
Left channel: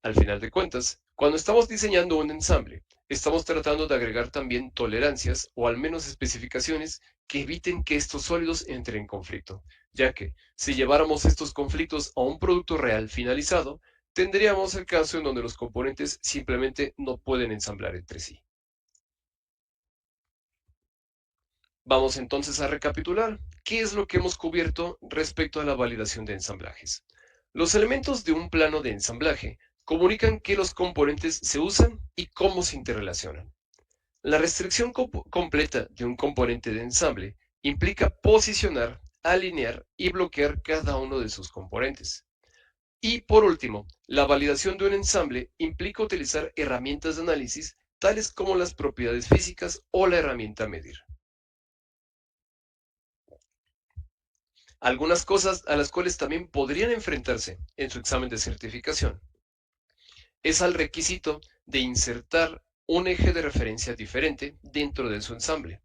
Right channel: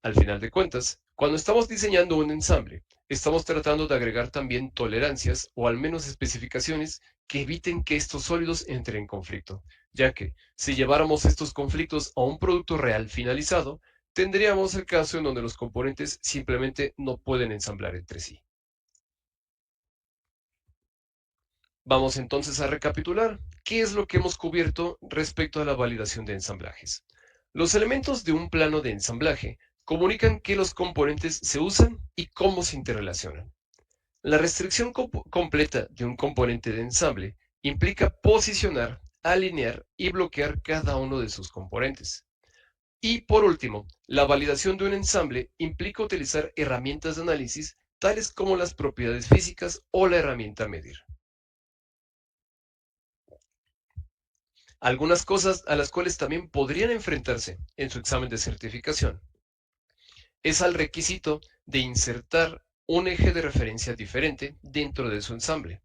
Al final de cuentas, cuando estamos diseñando un ensamble, estamos tratando de agregar también tolerancias o al menos especificaciones que eviten que estos sólidos entren en conflicto, ya que si lleváramos estos conflictos a un producto real finalizado, tendríamos el caso en donde los componentes simplemente no pueden ensamblar entre sí. Vamos entonces a recapitular qué es lo que hemos cubierto respecto a la validación de ensamblajes. Los elementos de un plano de ensamblaje comunican qué los componentes se usan y cómo se interrelacionan. La restricción completa de un componente de ensamble implica posicionar, alinear y bloquear cada uno de sus componentes. Y por último, la validación de un ensamble implica utilizar herramientas de análisis tales como las propiedades físicas o la herramienta medir. Algunas cosas a las cuales también podrían enfrentarse en su examen de certificación es al requisito de insertar un eje de referencia diferente dentro de su ensamble.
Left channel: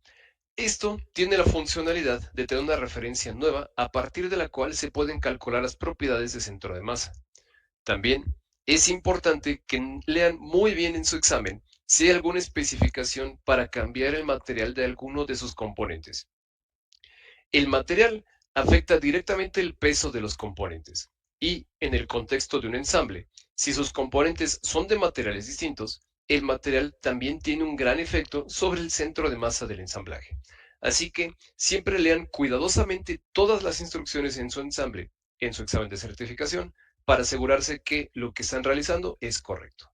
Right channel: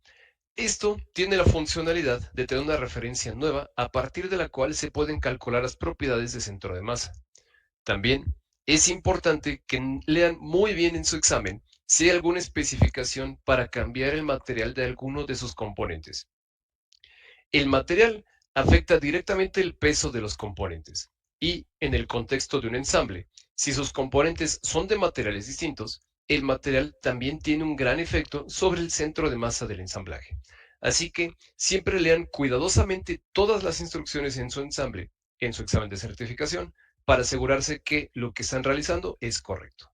Esto tiene la funcionalidad de tener una referencia nueva a partir de la cual se pueden calcular las propiedades de centro de masa. También es importante que lean muy bien en su examen si hay alguna especificación para cambiar el material de alguno de sus componentes. El material afecta directamente el peso de los componentes y, en el contexto de un ensamble, si sus componentes son de materiales distintos, el material también tiene un gran efecto sobre el centro de masa del ensamblaje. Así que siempre lean cuidadosamente todas las instrucciones en su ensamble, en su examen de certificación, para asegurarse que lo que están realizando es correcto.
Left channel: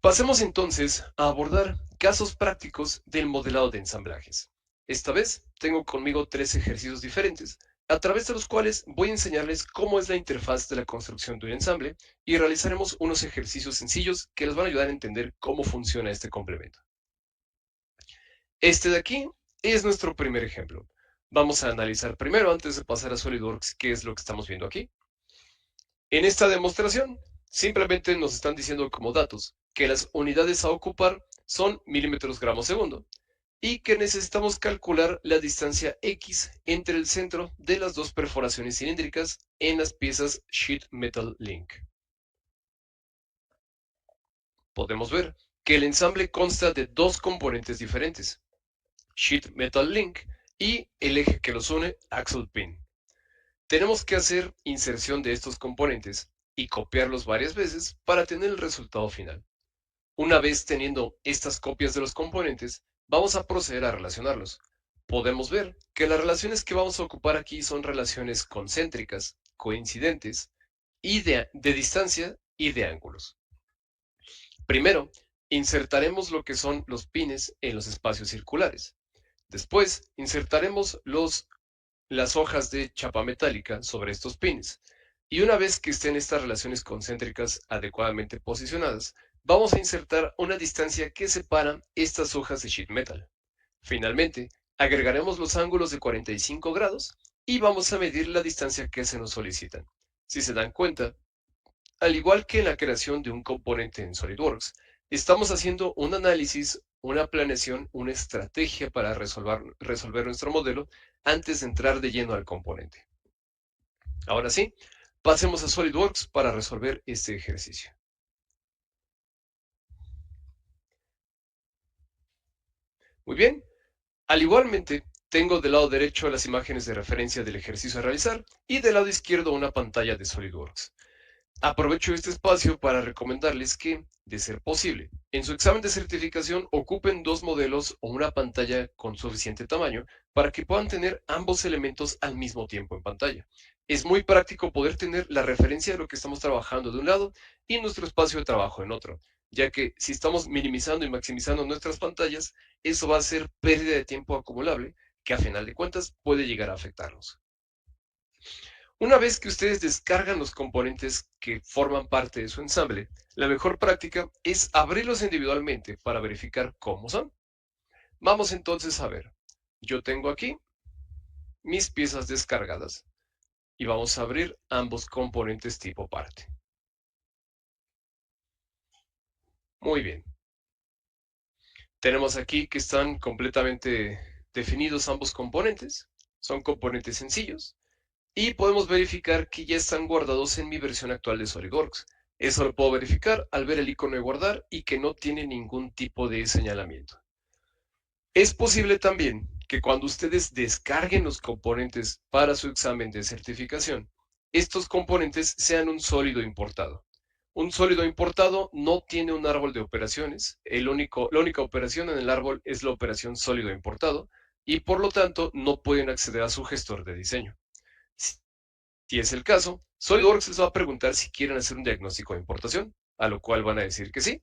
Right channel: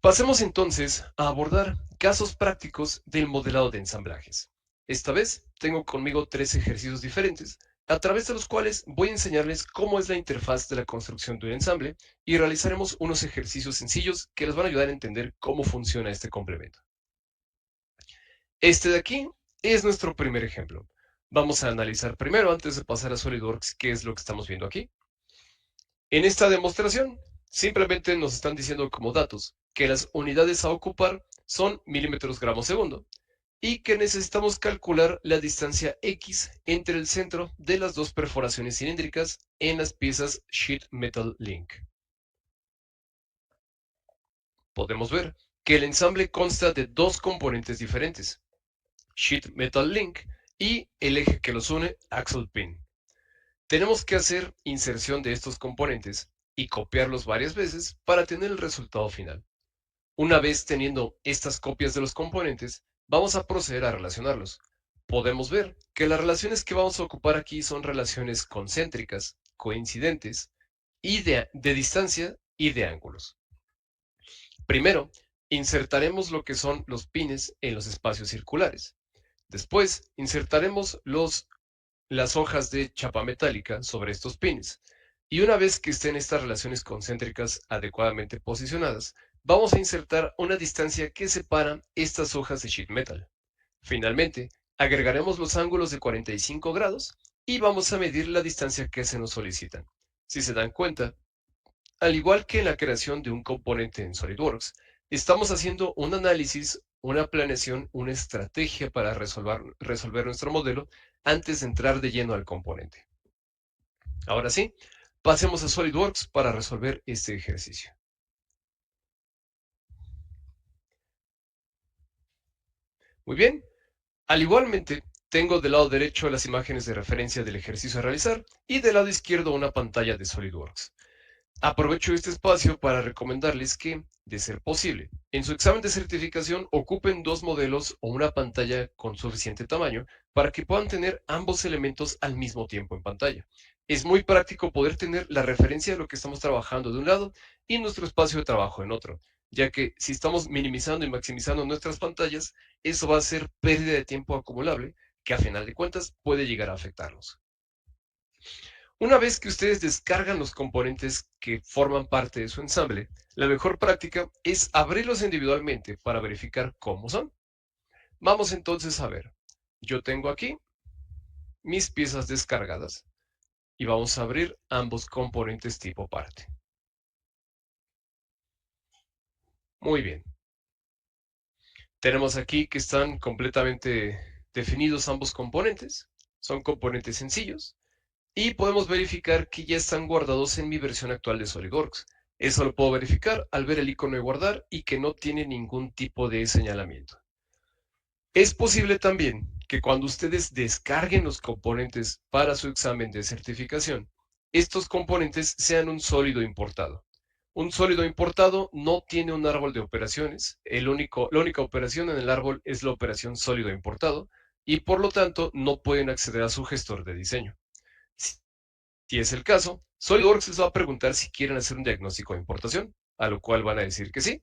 Pasemos entonces a abordar casos prácticos del modelado de ensamblajes. Esta vez tengo conmigo tres ejercicios diferentes, a través de los cuales voy a enseñarles cómo es la interfaz de la construcción de un ensamble y realizaremos unos ejercicios sencillos que les van a ayudar a entender cómo funciona este complemento. Este de aquí es nuestro primer ejemplo. Vamos a analizar primero, antes de pasar a SolidWorks, qué es lo que estamos viendo aquí. En esta demostración, simplemente nos están diciendo como datos que las unidades a ocupar son milímetros gramos segundo y que necesitamos calcular la distancia X entre el centro de las dos perforaciones cilíndricas en las piezas Sheet Metal Link. Podemos ver que el ensamble consta de dos componentes diferentes, Sheet Metal Link y el eje que los une, Axle Pin. Tenemos que hacer inserción de estos componentes y copiarlos varias veces para tener el resultado final. Una vez teniendo estas copias de los componentes, vamos a proceder a relacionarlos. Podemos ver que las relaciones que vamos a ocupar aquí son relaciones concéntricas, coincidentes, y de distancia y de ángulos. Primero, insertaremos lo que son los pines en los espacios circulares. Después, insertaremos las hojas de chapa metálica sobre estos pines. Y una vez que estén estas relaciones concéntricas adecuadamente posicionadas, vamos a insertar una distancia que separa estas hojas de sheet metal. Finalmente, agregaremos los ángulos de 45 grados y vamos a medir la distancia que se nos solicita. Si se dan cuenta, al igual que en la creación de un componente en SolidWorks, estamos haciendo un análisis, una planeación, una estrategia para resolver nuestro modelo antes de entrar de lleno al componente. Ahora sí, pasemos a SolidWorks para resolver este ejercicio. Muy bien, al igualmente, tengo del lado derecho las imágenes de referencia del ejercicio a realizar y del lado izquierdo una pantalla de SolidWorks. Aprovecho este espacio para recomendarles que, de ser posible, en su examen de certificación ocupen dos modelos o una pantalla con suficiente tamaño para que puedan tener ambos elementos al mismo tiempo en pantalla. Es muy práctico poder tener la referencia de lo que estamos trabajando de un lado y nuestro espacio de trabajo en otro, ya que si estamos minimizando y maximizando nuestras pantallas, eso va a ser pérdida de tiempo acumulable que a final de cuentas puede llegar a afectarnos. Una vez que ustedes descargan los componentes que forman parte de su ensamble, la mejor práctica es abrirlos individualmente para verificar cómo son. Vamos entonces a ver. Yo tengo aquí mis piezas descargadas y vamos a abrir ambos componentes tipo parte. Muy bien. Tenemos aquí que están completamente definidos ambos componentes. Son componentes sencillos. Y podemos verificar que ya están guardados en mi versión actual de SolidWorks. Eso lo puedo verificar al ver el icono de guardar y que no tiene ningún tipo de señalamiento. Es posible también que cuando ustedes descarguen los componentes para su examen de certificación, estos componentes sean un sólido importado. Un sólido importado no tiene un árbol de operaciones. La única operación en el árbol es la operación sólido importado y por lo tanto no pueden acceder a su gestor de diseño. Si es el caso, SolidWorks les va a preguntar si quieren hacer un diagnóstico de importación, a lo cual van a decir que sí,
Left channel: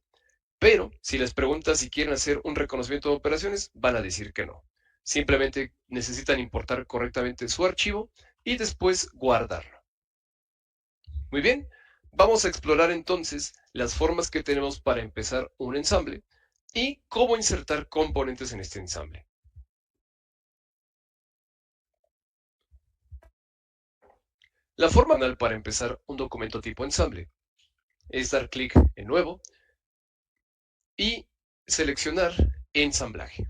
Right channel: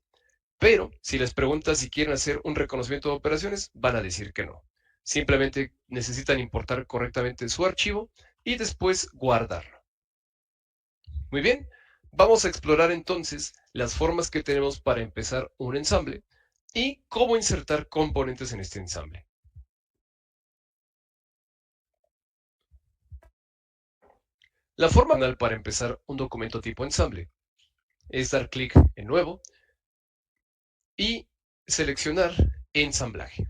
pero si les pregunta si quieren hacer un reconocimiento de operaciones, van a decir que no. Simplemente necesitan importar correctamente su archivo y después guardarlo. Muy bien, vamos a explorar entonces las formas que tenemos para empezar un ensamble y cómo insertar componentes en este ensamble. La forma manual para empezar un documento tipo ensamble es dar clic en Nuevo y seleccionar Ensamblaje.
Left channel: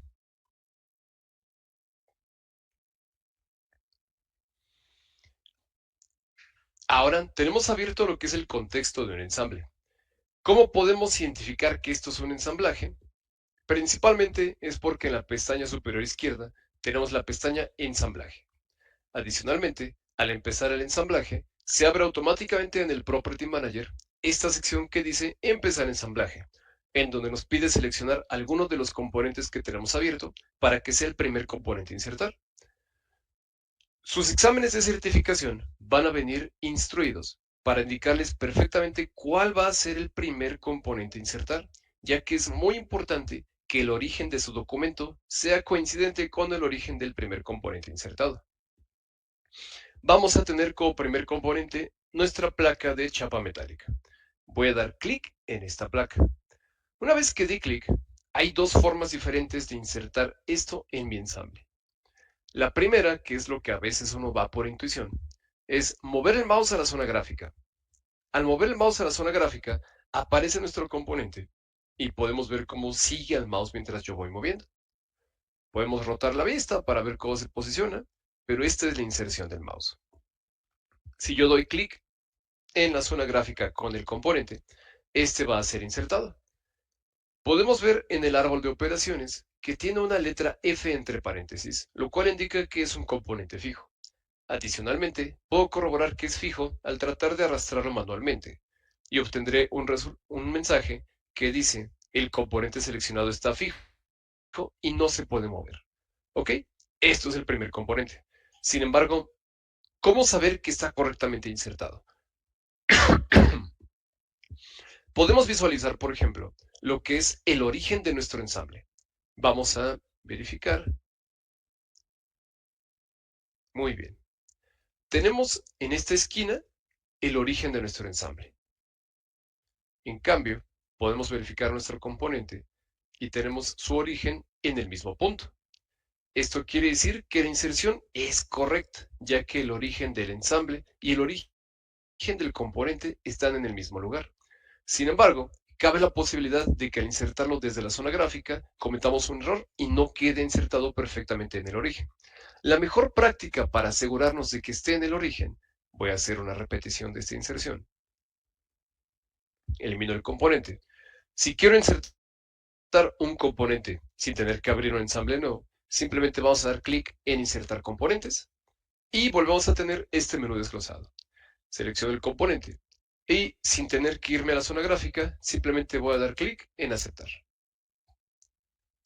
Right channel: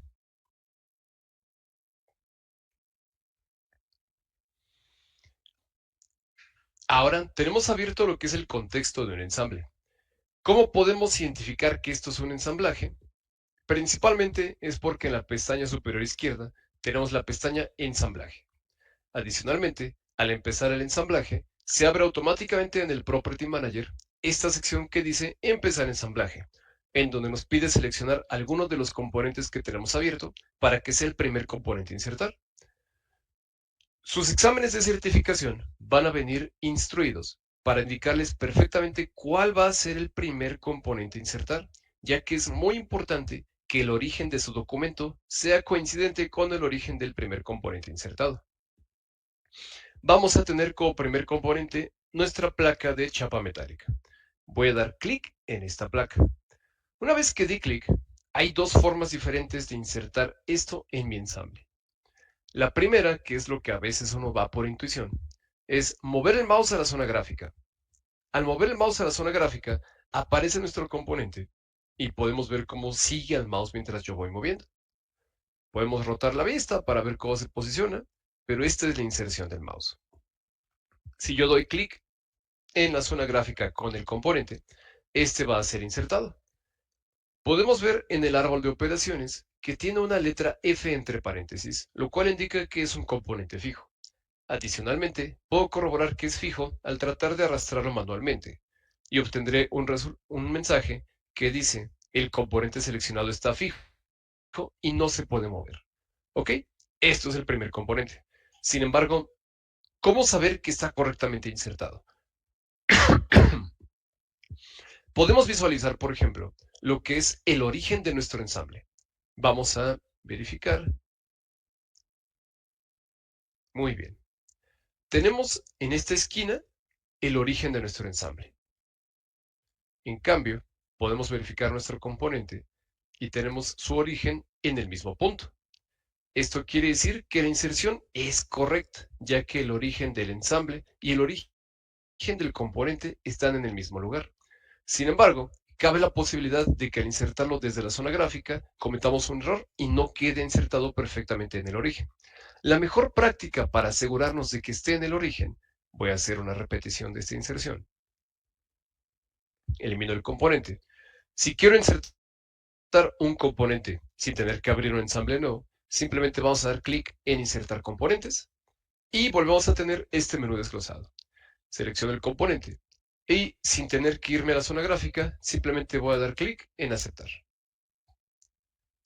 Ahora tenemos abierto lo que es el contexto de un ensamble. ¿Cómo podemos identificar que esto es un ensamblaje? Principalmente es porque en la pestaña superior izquierda tenemos la pestaña Ensamblaje. Adicionalmente, al empezar el ensamblaje, se abre automáticamente en el Property Manager esta sección que dice Empezar ensamblaje, en donde nos pide seleccionar algunos de los componentes que tenemos abierto para que sea el primer componente a insertar. Sus exámenes de certificación van a venir instruidos para indicarles perfectamente cuál va a ser el primer componente a insertar, ya que es muy importante que el origen de su documento sea coincidente con el origen del primer componente insertado. Vamos a tener como primer componente nuestra placa de chapa metálica. Voy a dar clic en esta placa. Una vez que di clic, hay dos formas diferentes de insertar esto en mi ensamble. La primera, que es lo que a veces uno va por intuición, es mover el mouse a la zona gráfica. Al mover el mouse a la zona gráfica, aparece nuestro componente y podemos ver cómo sigue al mouse mientras yo voy moviendo. Podemos rotar la vista para ver cómo se posiciona, pero esta es la inserción del mouse. Si yo doy clic en la zona gráfica con el componente, este va a ser insertado. Podemos ver en el árbol de operaciones que tiene una letra F entre paréntesis, lo cual indica que es un componente fijo. Adicionalmente, puedo corroborar que es fijo al tratar de arrastrarlo manualmente y obtendré un mensaje que dice el componente seleccionado está fijo y no se puede mover. ¿Ok? Esto es el primer componente. Sin embargo, ¿cómo saber que está correctamente insertado? Podemos visualizar, por ejemplo, lo que es el origen de nuestro ensamble. Vamos a verificar. Muy bien. Tenemos en esta esquina el origen de nuestro ensamble. En cambio, podemos verificar nuestro componente y tenemos su origen en el mismo punto. Esto quiere decir que la inserción es correcta, ya que el origen del ensamble y el origen del componente están en el mismo lugar. Sin embargo, cabe la posibilidad de que al insertarlo desde la zona gráfica cometamos un error y no quede insertado perfectamente en el origen. La mejor práctica para asegurarnos de que esté en el origen, voy a hacer una repetición de esta inserción. Elimino el componente. Si quiero insertar un componente sin tener que abrir un ensamble nuevo, simplemente vamos a dar clic en insertar componentes y volvemos a tener este menú desglosado. Selecciono el componente y sin tener que irme a la zona gráfica, simplemente voy a dar clic en aceptar.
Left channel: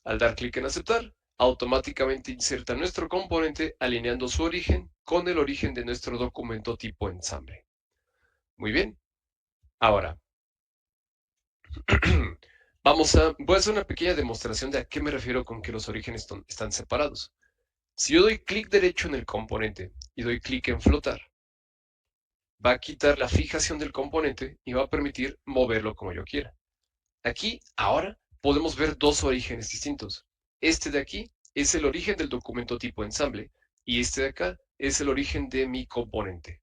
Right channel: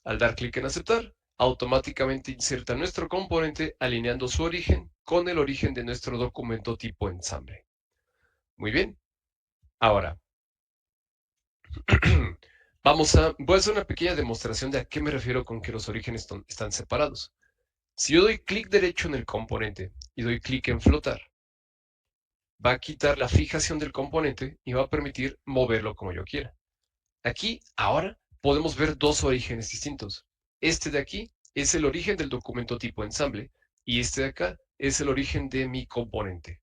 Al dar clic en aceptar, automáticamente inserta nuestro componente alineando su origen con el origen de nuestro documento tipo ensamble. Muy bien. Ahora, voy a hacer una pequeña demostración de a qué me refiero con que los orígenes están separados. Si yo doy clic derecho en el componente y doy clic en flotar, va a quitar la fijación del componente y va a permitir moverlo como yo quiera. Aquí, ahora, podemos ver dos orígenes distintos. Este de aquí es el origen del documento tipo ensamble y este de acá es el origen de mi componente.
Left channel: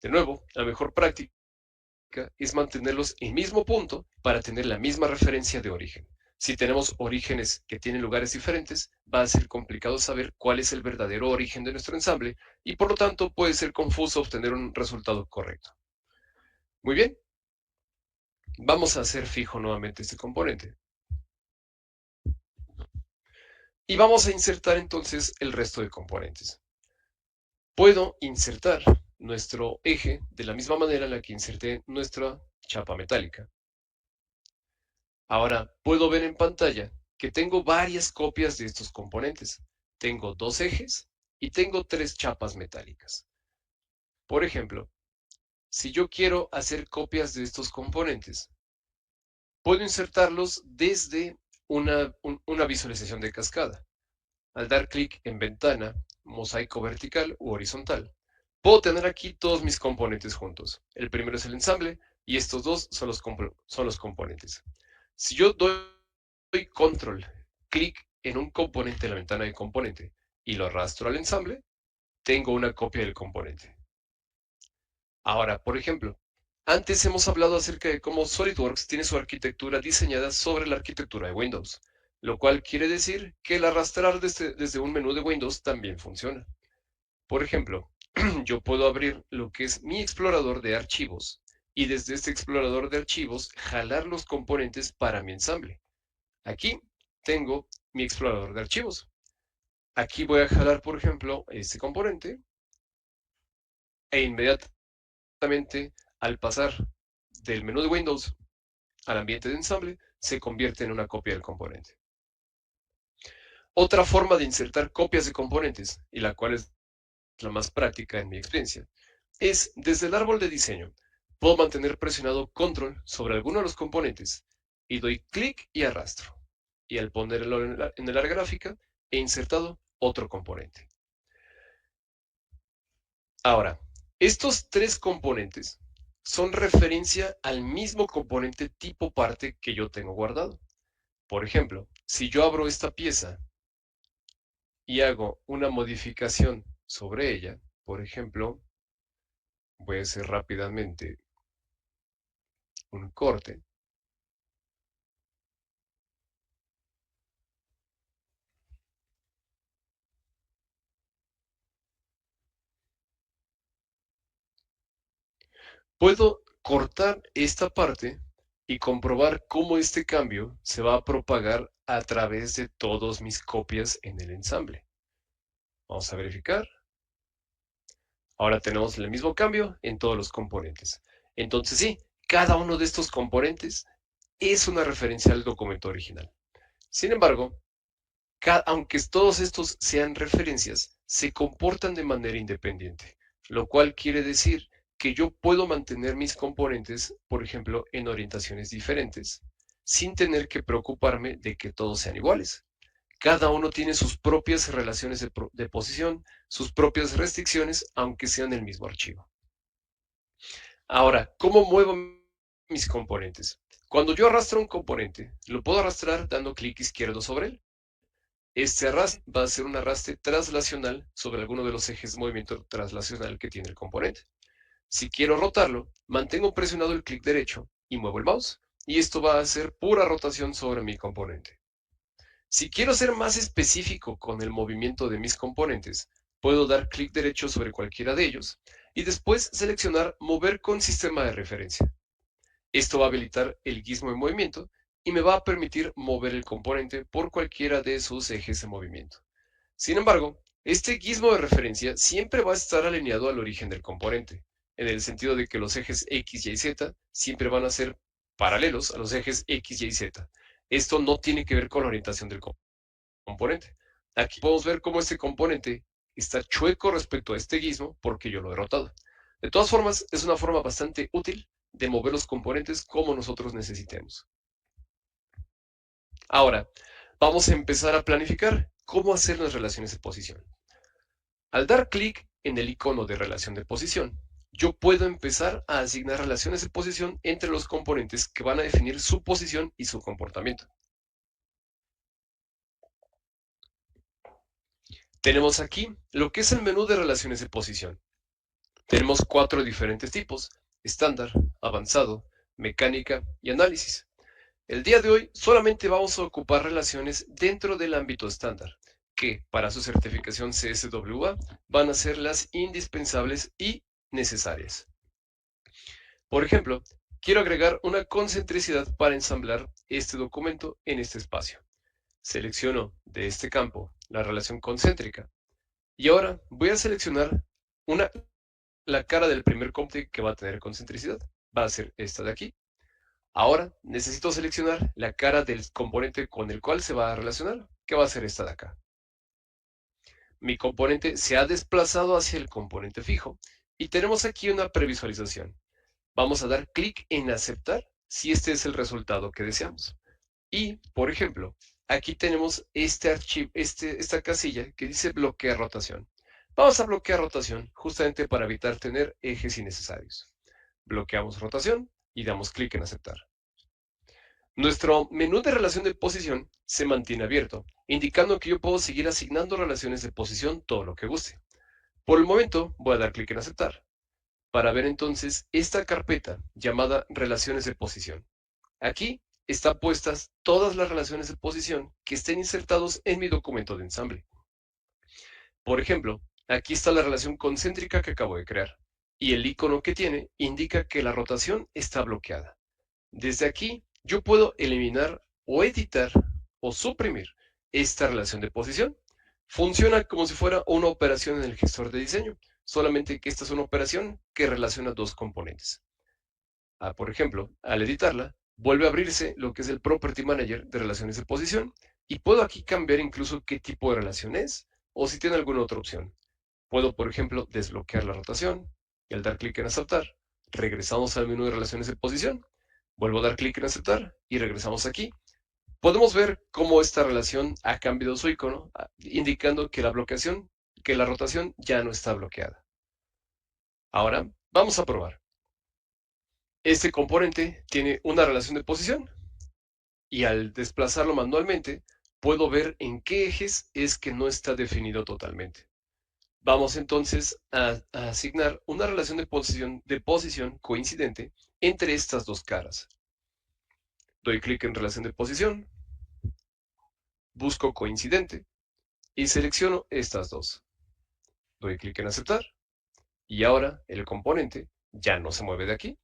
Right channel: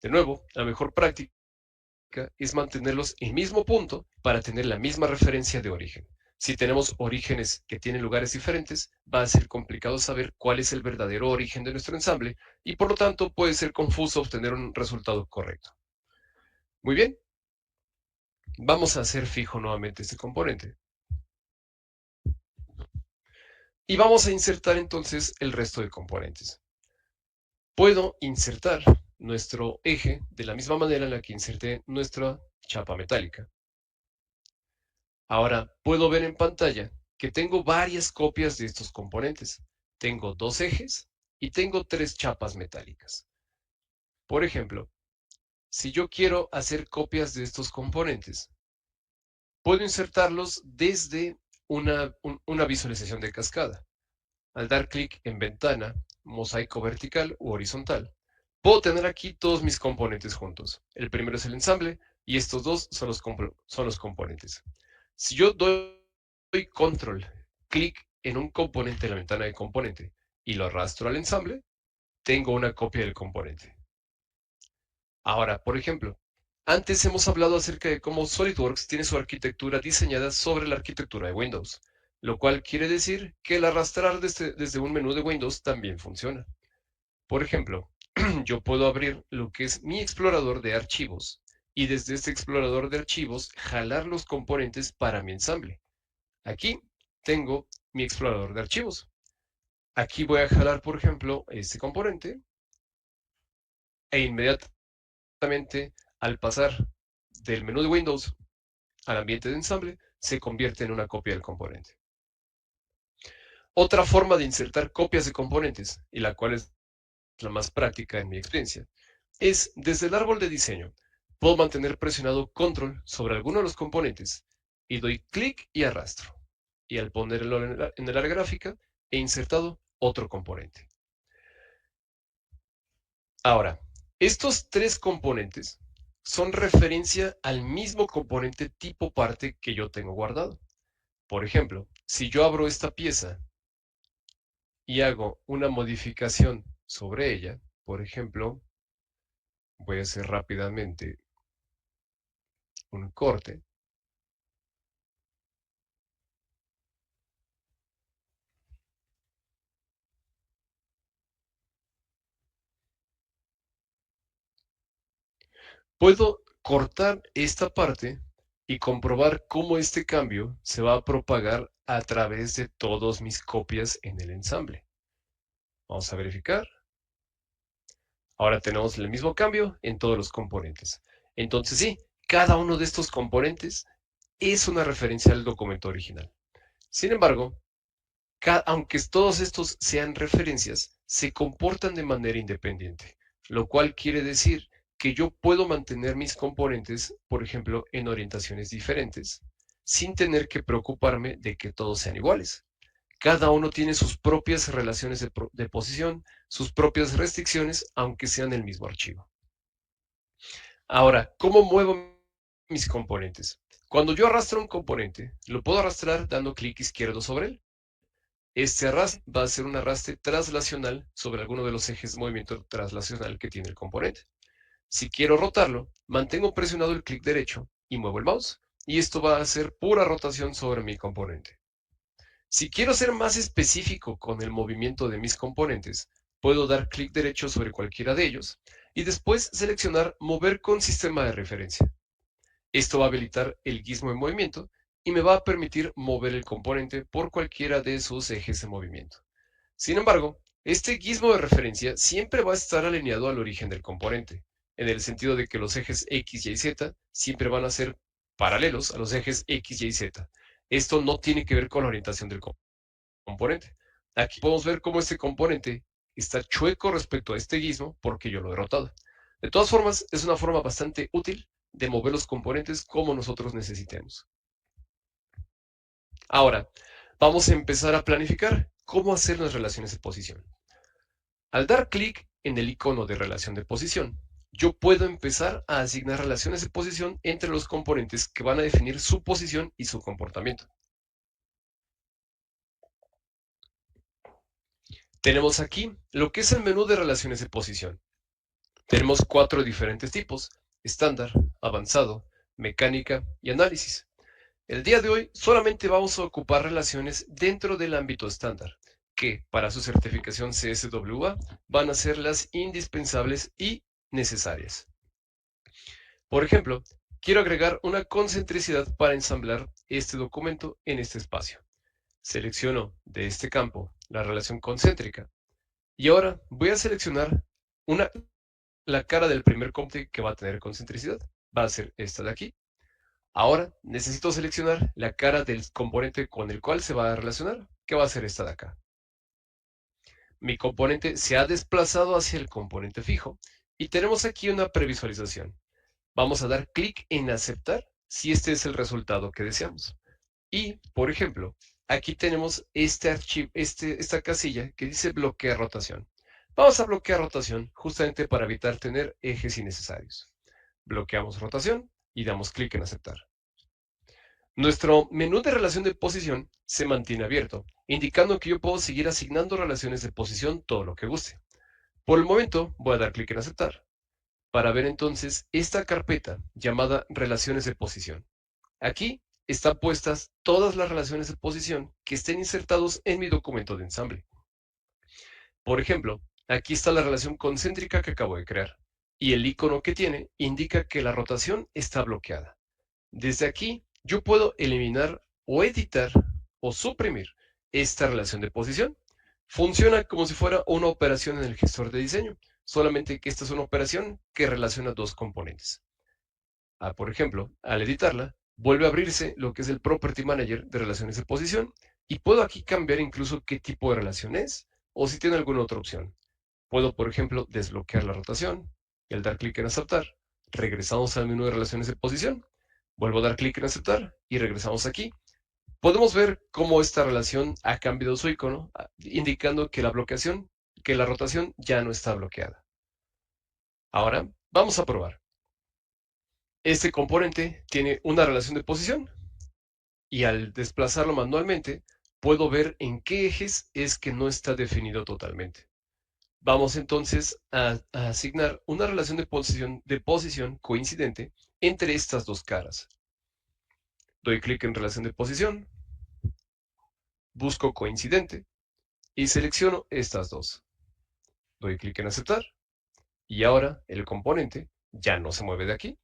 De nuevo, la mejor práctica es mantenerlos en el mismo punto para tener la misma referencia de origen. Si tenemos orígenes que tienen lugares diferentes, va a ser complicado saber cuál es el verdadero origen de nuestro ensamble y por lo tanto puede ser confuso obtener un resultado correcto. Muy bien, vamos a hacer fijo nuevamente este componente. Y vamos a insertar entonces el resto de componentes. Puedo insertar nuestro eje de la misma manera en la que inserté nuestra chapa metálica. Ahora puedo ver en pantalla que tengo varias copias de estos componentes. Tengo 2 ejes y tengo 3 chapas metálicas. Por ejemplo, si yo quiero hacer copias de estos componentes, puedo insertarlos desde una visualización de cascada. Al dar clic en ventana, mosaico vertical u horizontal, puedo tener aquí todos mis componentes juntos. El primero es el ensamble y estos dos son los componentes. Si yo doy control, clic en un componente en la ventana de componente y lo arrastro al ensamble, tengo una copia del componente. Ahora, por ejemplo, antes hemos hablado acerca de cómo SolidWorks tiene su arquitectura diseñada sobre la arquitectura de Windows, lo cual quiere decir que el arrastrar desde un menú de Windows también funciona. Por ejemplo, yo puedo abrir lo que es mi explorador de archivos y desde este explorador de archivos jalar los componentes para mi ensamble. Aquí tengo mi explorador de archivos. Aquí voy a jalar, por ejemplo, este componente e inmediatamente al pasar del menú de Windows al ambiente de ensamble, se convierte en una copia del componente. Otra forma de insertar copias de componentes, y la cual es la más práctica en mi experiencia, es desde el árbol de diseño. Puedo mantener presionado control sobre alguno de los componentes y doy clic y arrastro. Y al ponerlo en el área gráfica, he insertado otro componente. Ahora, estos 3 componentes son referencia al mismo componente tipo parte que yo tengo guardado. Por ejemplo, si yo abro esta pieza y hago una modificación sobre ella, por ejemplo, voy a hacer rápidamente un corte, puedo cortar esta parte y comprobar cómo este cambio se va a propagar a través de todas mis copias en el ensamble. Vamos a verificar. Ahora tenemos el mismo cambio en todos los componentes. Entonces sí, cada uno de estos componentes es una referencia al documento original. Sin embargo, aunque todos estos sean referencias, se comportan de manera independiente, lo cual quiere decir que yo puedo mantener mis componentes, por ejemplo, en orientaciones diferentes, sin tener que preocuparme de que todos sean iguales. Cada uno tiene sus propias relaciones de posición, sus propias restricciones, aunque sean el mismo archivo. Ahora, ¿cómo muevo mis componentes? Cuando yo arrastro un componente, lo puedo arrastrar dando clic izquierdo sobre él. Este arrastre va a ser un arrastre traslacional sobre alguno de los ejes de movimiento traslacional que tiene el componente. Si quiero rotarlo, mantengo presionado el clic derecho y muevo el mouse, y esto va a hacer pura rotación sobre mi componente. Si quiero ser más específico con el movimiento de mis componentes, puedo dar clic derecho sobre cualquiera de ellos y después seleccionar Mover con sistema de referencia. Esto va a habilitar el gizmo de movimiento y me va a permitir mover el componente por cualquiera de sus ejes de movimiento. Sin embargo, este gizmo de referencia siempre va a estar alineado al origen del componente, en el sentido de que los ejes X, Y y Z siempre van a ser paralelos a los ejes X, Y y Z. Esto no tiene que ver con la orientación del componente. Aquí podemos ver cómo este componente está chueco respecto a este gizmo porque yo lo he rotado. De todas formas, es una forma bastante útil de mover los componentes como nosotros necesitemos. Ahora, vamos a empezar a planificar cómo hacer las relaciones de posición. Al dar clic en el icono de relación de posición, yo puedo empezar a asignar relaciones de posición entre los componentes que van a definir su posición y su comportamiento. Tenemos aquí lo que es el menú de relaciones de posición. Tenemos 4 diferentes tipos: estándar, avanzado, mecánica y análisis. El día de hoy solamente vamos a ocupar relaciones dentro del ámbito estándar, que para su certificación CSWA van a ser las indispensables y necesarias. Por ejemplo, quiero agregar una concentricidad para ensamblar este documento en este espacio. Selecciono de este campo la relación concéntrica y ahora voy a seleccionar la cara del primer componente que va a tener concentricidad. va a ser esta de aquí. Ahora necesito seleccionar la cara del componente con el cual se va a relacionar, que va a ser esta de acá. Mi componente se ha desplazado hacia el componente fijo y tenemos aquí una previsualización. Vamos a dar clic en aceptar si este es el resultado que deseamos. Y, por ejemplo, aquí tenemos este archivo, esta casilla que dice bloquear rotación. Vamos a bloquear rotación justamente para evitar tener ejes innecesarios. Bloqueamos rotación y damos clic en aceptar. Nuestro menú de relación de posición se mantiene abierto, indicando que yo puedo seguir asignando relaciones de posición todo lo que guste. Por el momento voy a dar clic en aceptar para ver entonces esta carpeta llamada relaciones de posición. Aquí están puestas todas las relaciones de posición que estén insertados en mi documento de ensamble. Por ejemplo, aquí está la relación concéntrica que acabo de crear y el icono que tiene indica que la rotación está bloqueada. Desde aquí yo puedo eliminar o editar o suprimir esta relación de posición. Funciona como si fuera una operación en el gestor de diseño, solamente que esta es una operación que relaciona dos componentes. Por ejemplo, al editarla, vuelve a abrirse lo que es el Property Manager de relaciones de posición y puedo aquí cambiar incluso qué tipo de relación es o si tiene alguna otra opción. Puedo, por ejemplo, desbloquear la rotación y al dar clic en aceptar, regresamos al menú de relaciones de posición. Vuelvo a dar clic en aceptar y regresamos aquí. Podemos ver cómo esta relación ha cambiado su icono, indicando que la rotación ya no está bloqueada. Ahora, vamos a probar. Este componente tiene una relación de posición y al desplazarlo manualmente, puedo ver en qué ejes es que no está definido totalmente. Vamos entonces a asignar una relación de posición coincidente entre estas dos caras. Doy clic en relación de posición, busco coincidente y selecciono estas dos. Doy clic en aceptar y ahora el componente ya no se mueve de aquí.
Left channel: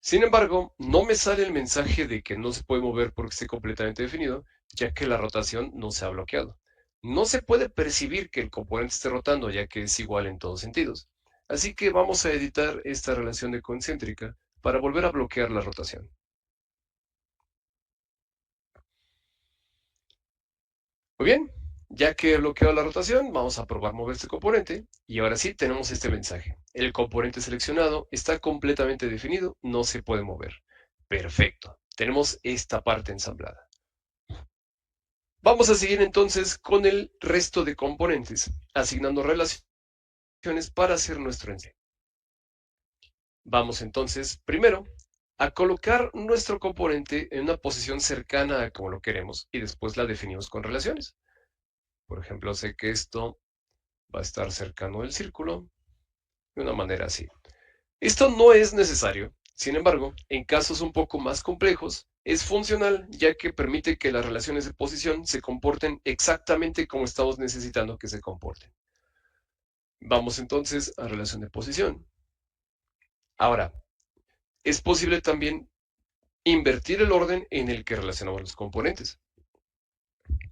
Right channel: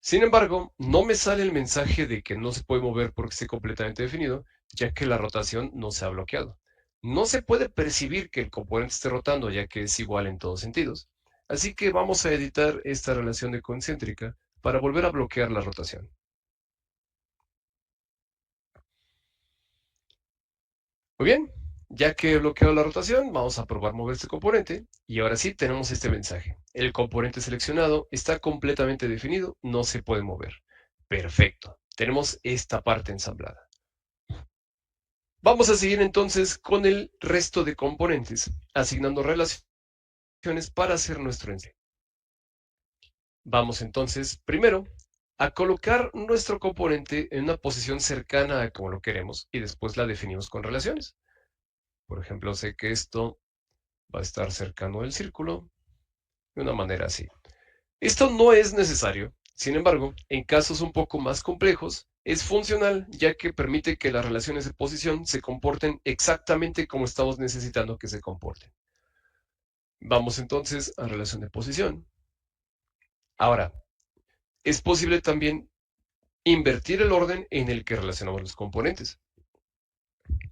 Sin embargo, no me sale el mensaje de que no se puede mover porque esté completamente definido, ya que la rotación no se ha bloqueado. No se puede percibir que el componente esté rotando, ya que es igual en todos sentidos. Así que vamos a editar esta relación de concéntrica para volver a bloquear la rotación. Muy bien, ya que he bloqueado la rotación, vamos a probar mover este componente y ahora sí tenemos este mensaje. El componente seleccionado está completamente definido, no se puede mover. Perfecto, tenemos esta parte ensamblada. Vamos a seguir entonces con el resto de componentes, asignando relaciones para hacer nuestro ensamble. Vamos entonces primero a colocar nuestro componente en una posición cercana a como lo queremos y después la definimos con relaciones. Por ejemplo, sé que esto va a estar cercano al círculo de una manera así. Esto no es necesario, sin embargo, en casos un poco más complejos, es funcional ya que permite que las relaciones de posición se comporten exactamente como estamos necesitando que se comporten. Vamos entonces a relación de posición. Ahora, es posible también invertir el orden en el que relacionamos los componentes.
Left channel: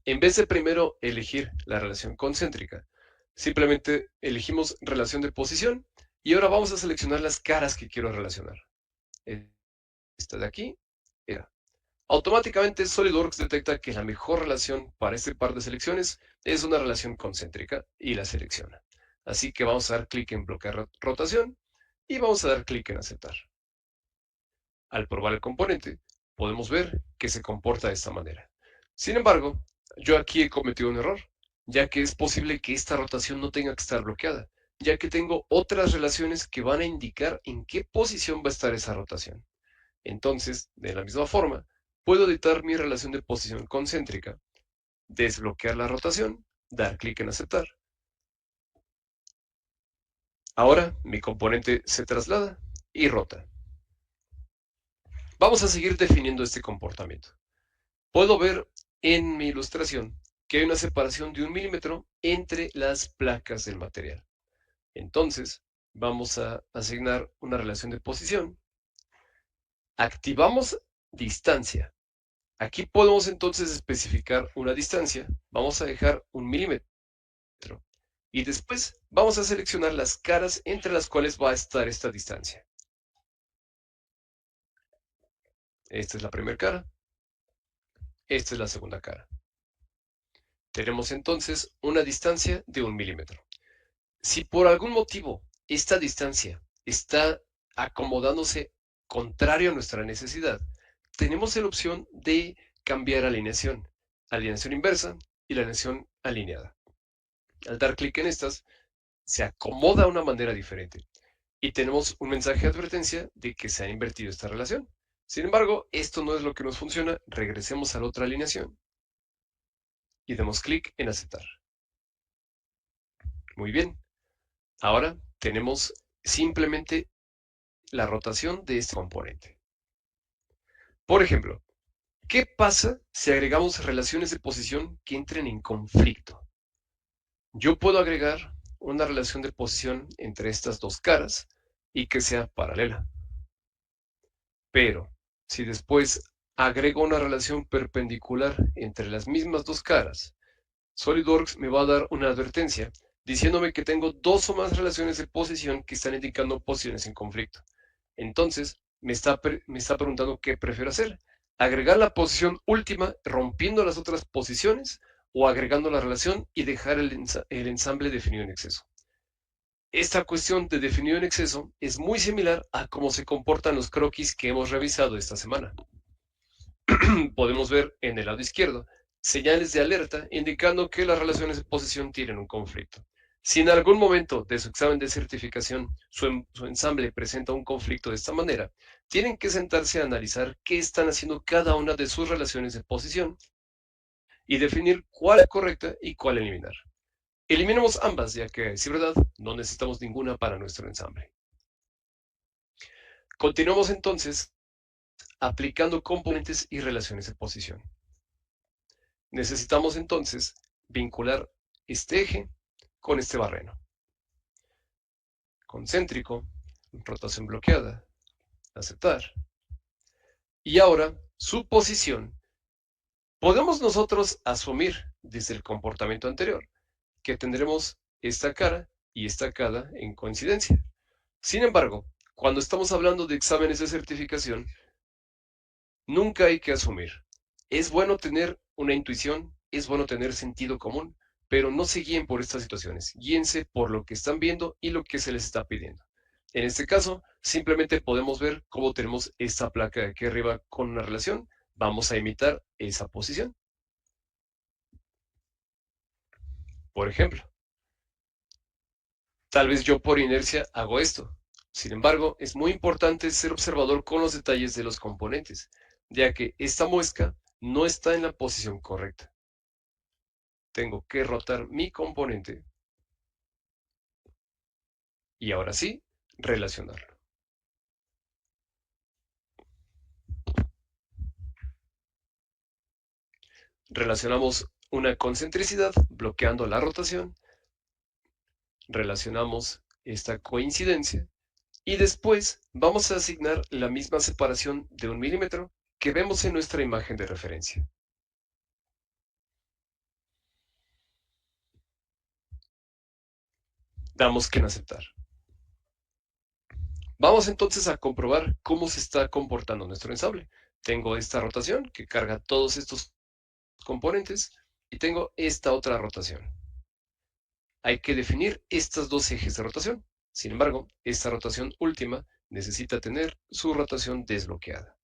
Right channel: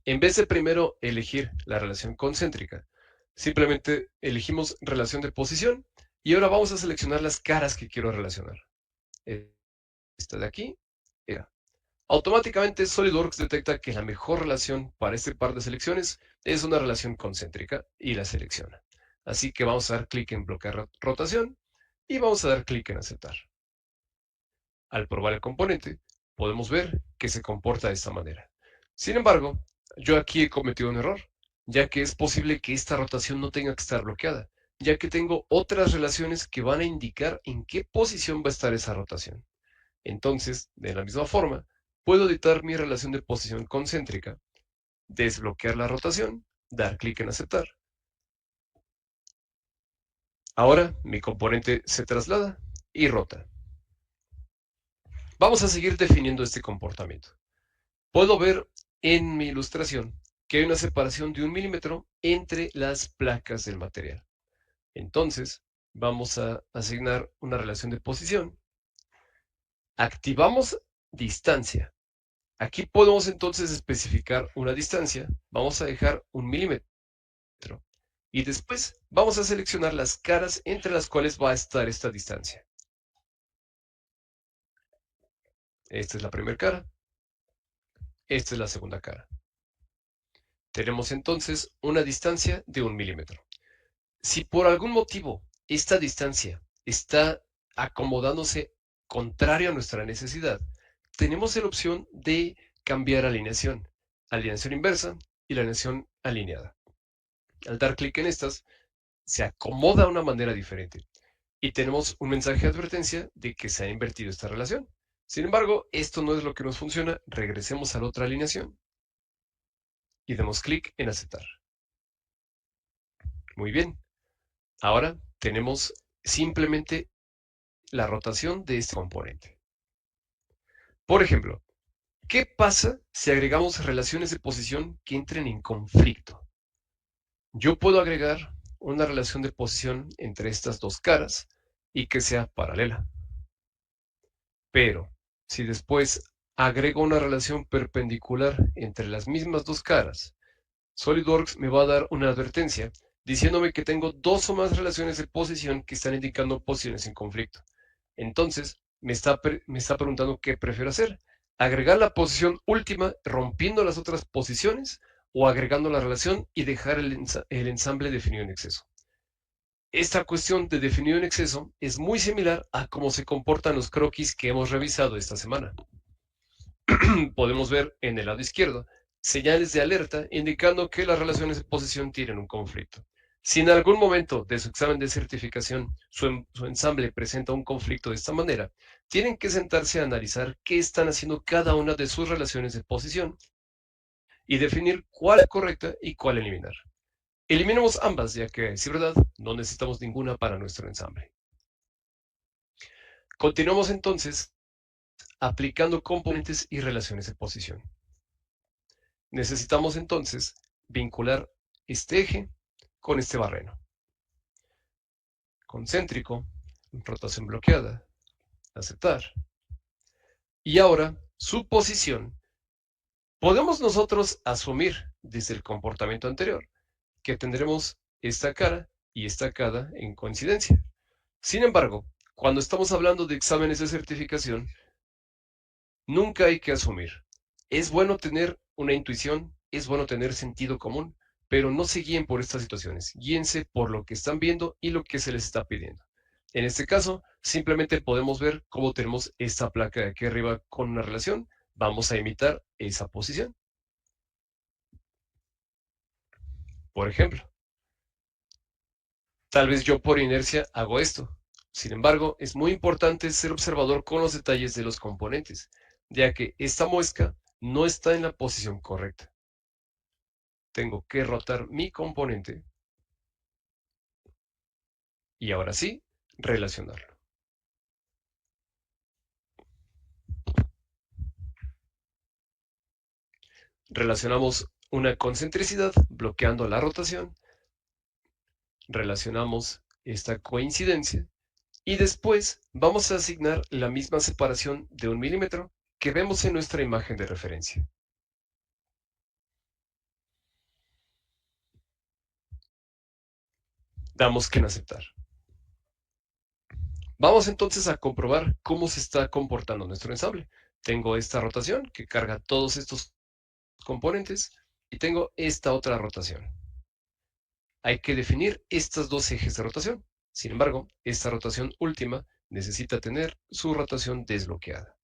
En vez de primero elegir la relación concéntrica, simplemente elegimos relación de posición y ahora vamos a seleccionar las caras que quiero relacionar. Esta de aquí era. Automáticamente SolidWorks detecta que la mejor relación para este par de selecciones es una relación concéntrica y la selecciona. Así que vamos a dar clic en bloquear rotación y vamos a dar clic en aceptar. Al probar el componente, podemos ver que se comporta de esta manera. Sin embargo, yo aquí he cometido un error, ya que es posible que esta rotación no tenga que estar bloqueada, ya que tengo otras relaciones que van a indicar en qué posición va a estar esa rotación. Entonces, de la misma forma, puedo editar mi relación de posición concéntrica, desbloquear la rotación, dar clic en aceptar. Ahora mi componente se traslada y rota. Vamos a seguir definiendo este comportamiento. Puedo ver en mi ilustración que hay una separación de 1 milímetro entre las placas del material. Entonces, vamos a asignar una relación de posición. Activamos distancia. Aquí podemos entonces especificar una distancia. Vamos a dejar 1 milímetro. Y después vamos a seleccionar las caras entre las cuales va a estar esta distancia. Esta es la primera cara. Esta es la segunda cara. Tenemos entonces una distancia de 1 milímetro. Si por algún motivo esta distancia está acomodándose contrario a nuestra necesidad, tenemos la opción de cambiar alineación inversa y la alineación alineada. Al dar clic en estas, se acomoda de una manera diferente y tenemos un mensaje de advertencia de que se ha invertido esta relación. Sin embargo, esto no es lo que nos funciona. Regresemos a la otra alineación y demos clic en aceptar. Muy bien. Ahora tenemos simplemente la rotación de este componente. Por ejemplo, ¿qué pasa si agregamos relaciones de posición que entren en conflicto? Yo puedo agregar una relación de posición entre estas dos caras y que sea paralela. Pero si después agrego una relación perpendicular entre las mismas dos caras, SolidWorks me va a dar una advertencia diciéndome que tengo dos o más relaciones de posición que están indicando posiciones en conflicto. Entonces, me está preguntando qué prefiero hacer. ¿Agregar la posición última rompiendo las otras posiciones o agregando la relación y dejar el ensamble definido en exceso? Esta cuestión de definido en exceso es muy similar a cómo se comportan los croquis que hemos revisado esta semana. Podemos ver en el lado izquierdo señales de alerta indicando que las relaciones de posición tienen un conflicto. Si en algún momento de su examen de certificación su ensamble presenta un conflicto de esta manera, tienen que sentarse a analizar qué están haciendo cada una de sus relaciones de posición y definir cuál es correcta y cuál eliminar. Eliminemos ambas, ya que, si verdad, no necesitamos ninguna para nuestro ensamble. Continuamos entonces aplicando componentes y relaciones de posición. Necesitamos entonces vincular este eje con este barreno. Concéntrico, rotación bloqueada, aceptar. Y ahora, su posición. Podemos nosotros asumir desde el comportamiento anterior que tendremos esta cara y esta cara en coincidencia. Sin embargo, cuando estamos hablando de exámenes de certificación, nunca hay que asumir. Es bueno tener una intuición, es bueno tener sentido común, pero no se guíen por estas situaciones. Guíense por lo que están viendo y lo que se les está pidiendo. En este caso, simplemente podemos ver cómo tenemos esta placa de aquí arriba con una relación. Vamos a imitar esa posición. Por ejemplo, tal vez yo por inercia hago esto. Sin embargo, es muy importante ser observador con los detalles de los componentes, ya que esta muesca no está en la posición correcta. Tengo que rotar mi componente y ahora sí, relacionarlo. Relacionamos una concentricidad bloqueando la rotación, relacionamos esta coincidencia y después vamos a asignar la misma separación de 1 milímetro que vemos en nuestra imagen de referencia. Damos que en aceptar. Vamos entonces a comprobar cómo se está comportando nuestro ensamble. Tengo esta rotación que carga todos estos componentes y tengo esta otra rotación. Hay que definir estos dos ejes de rotación. Sin embargo, esta rotación última necesita tener su rotación desbloqueada.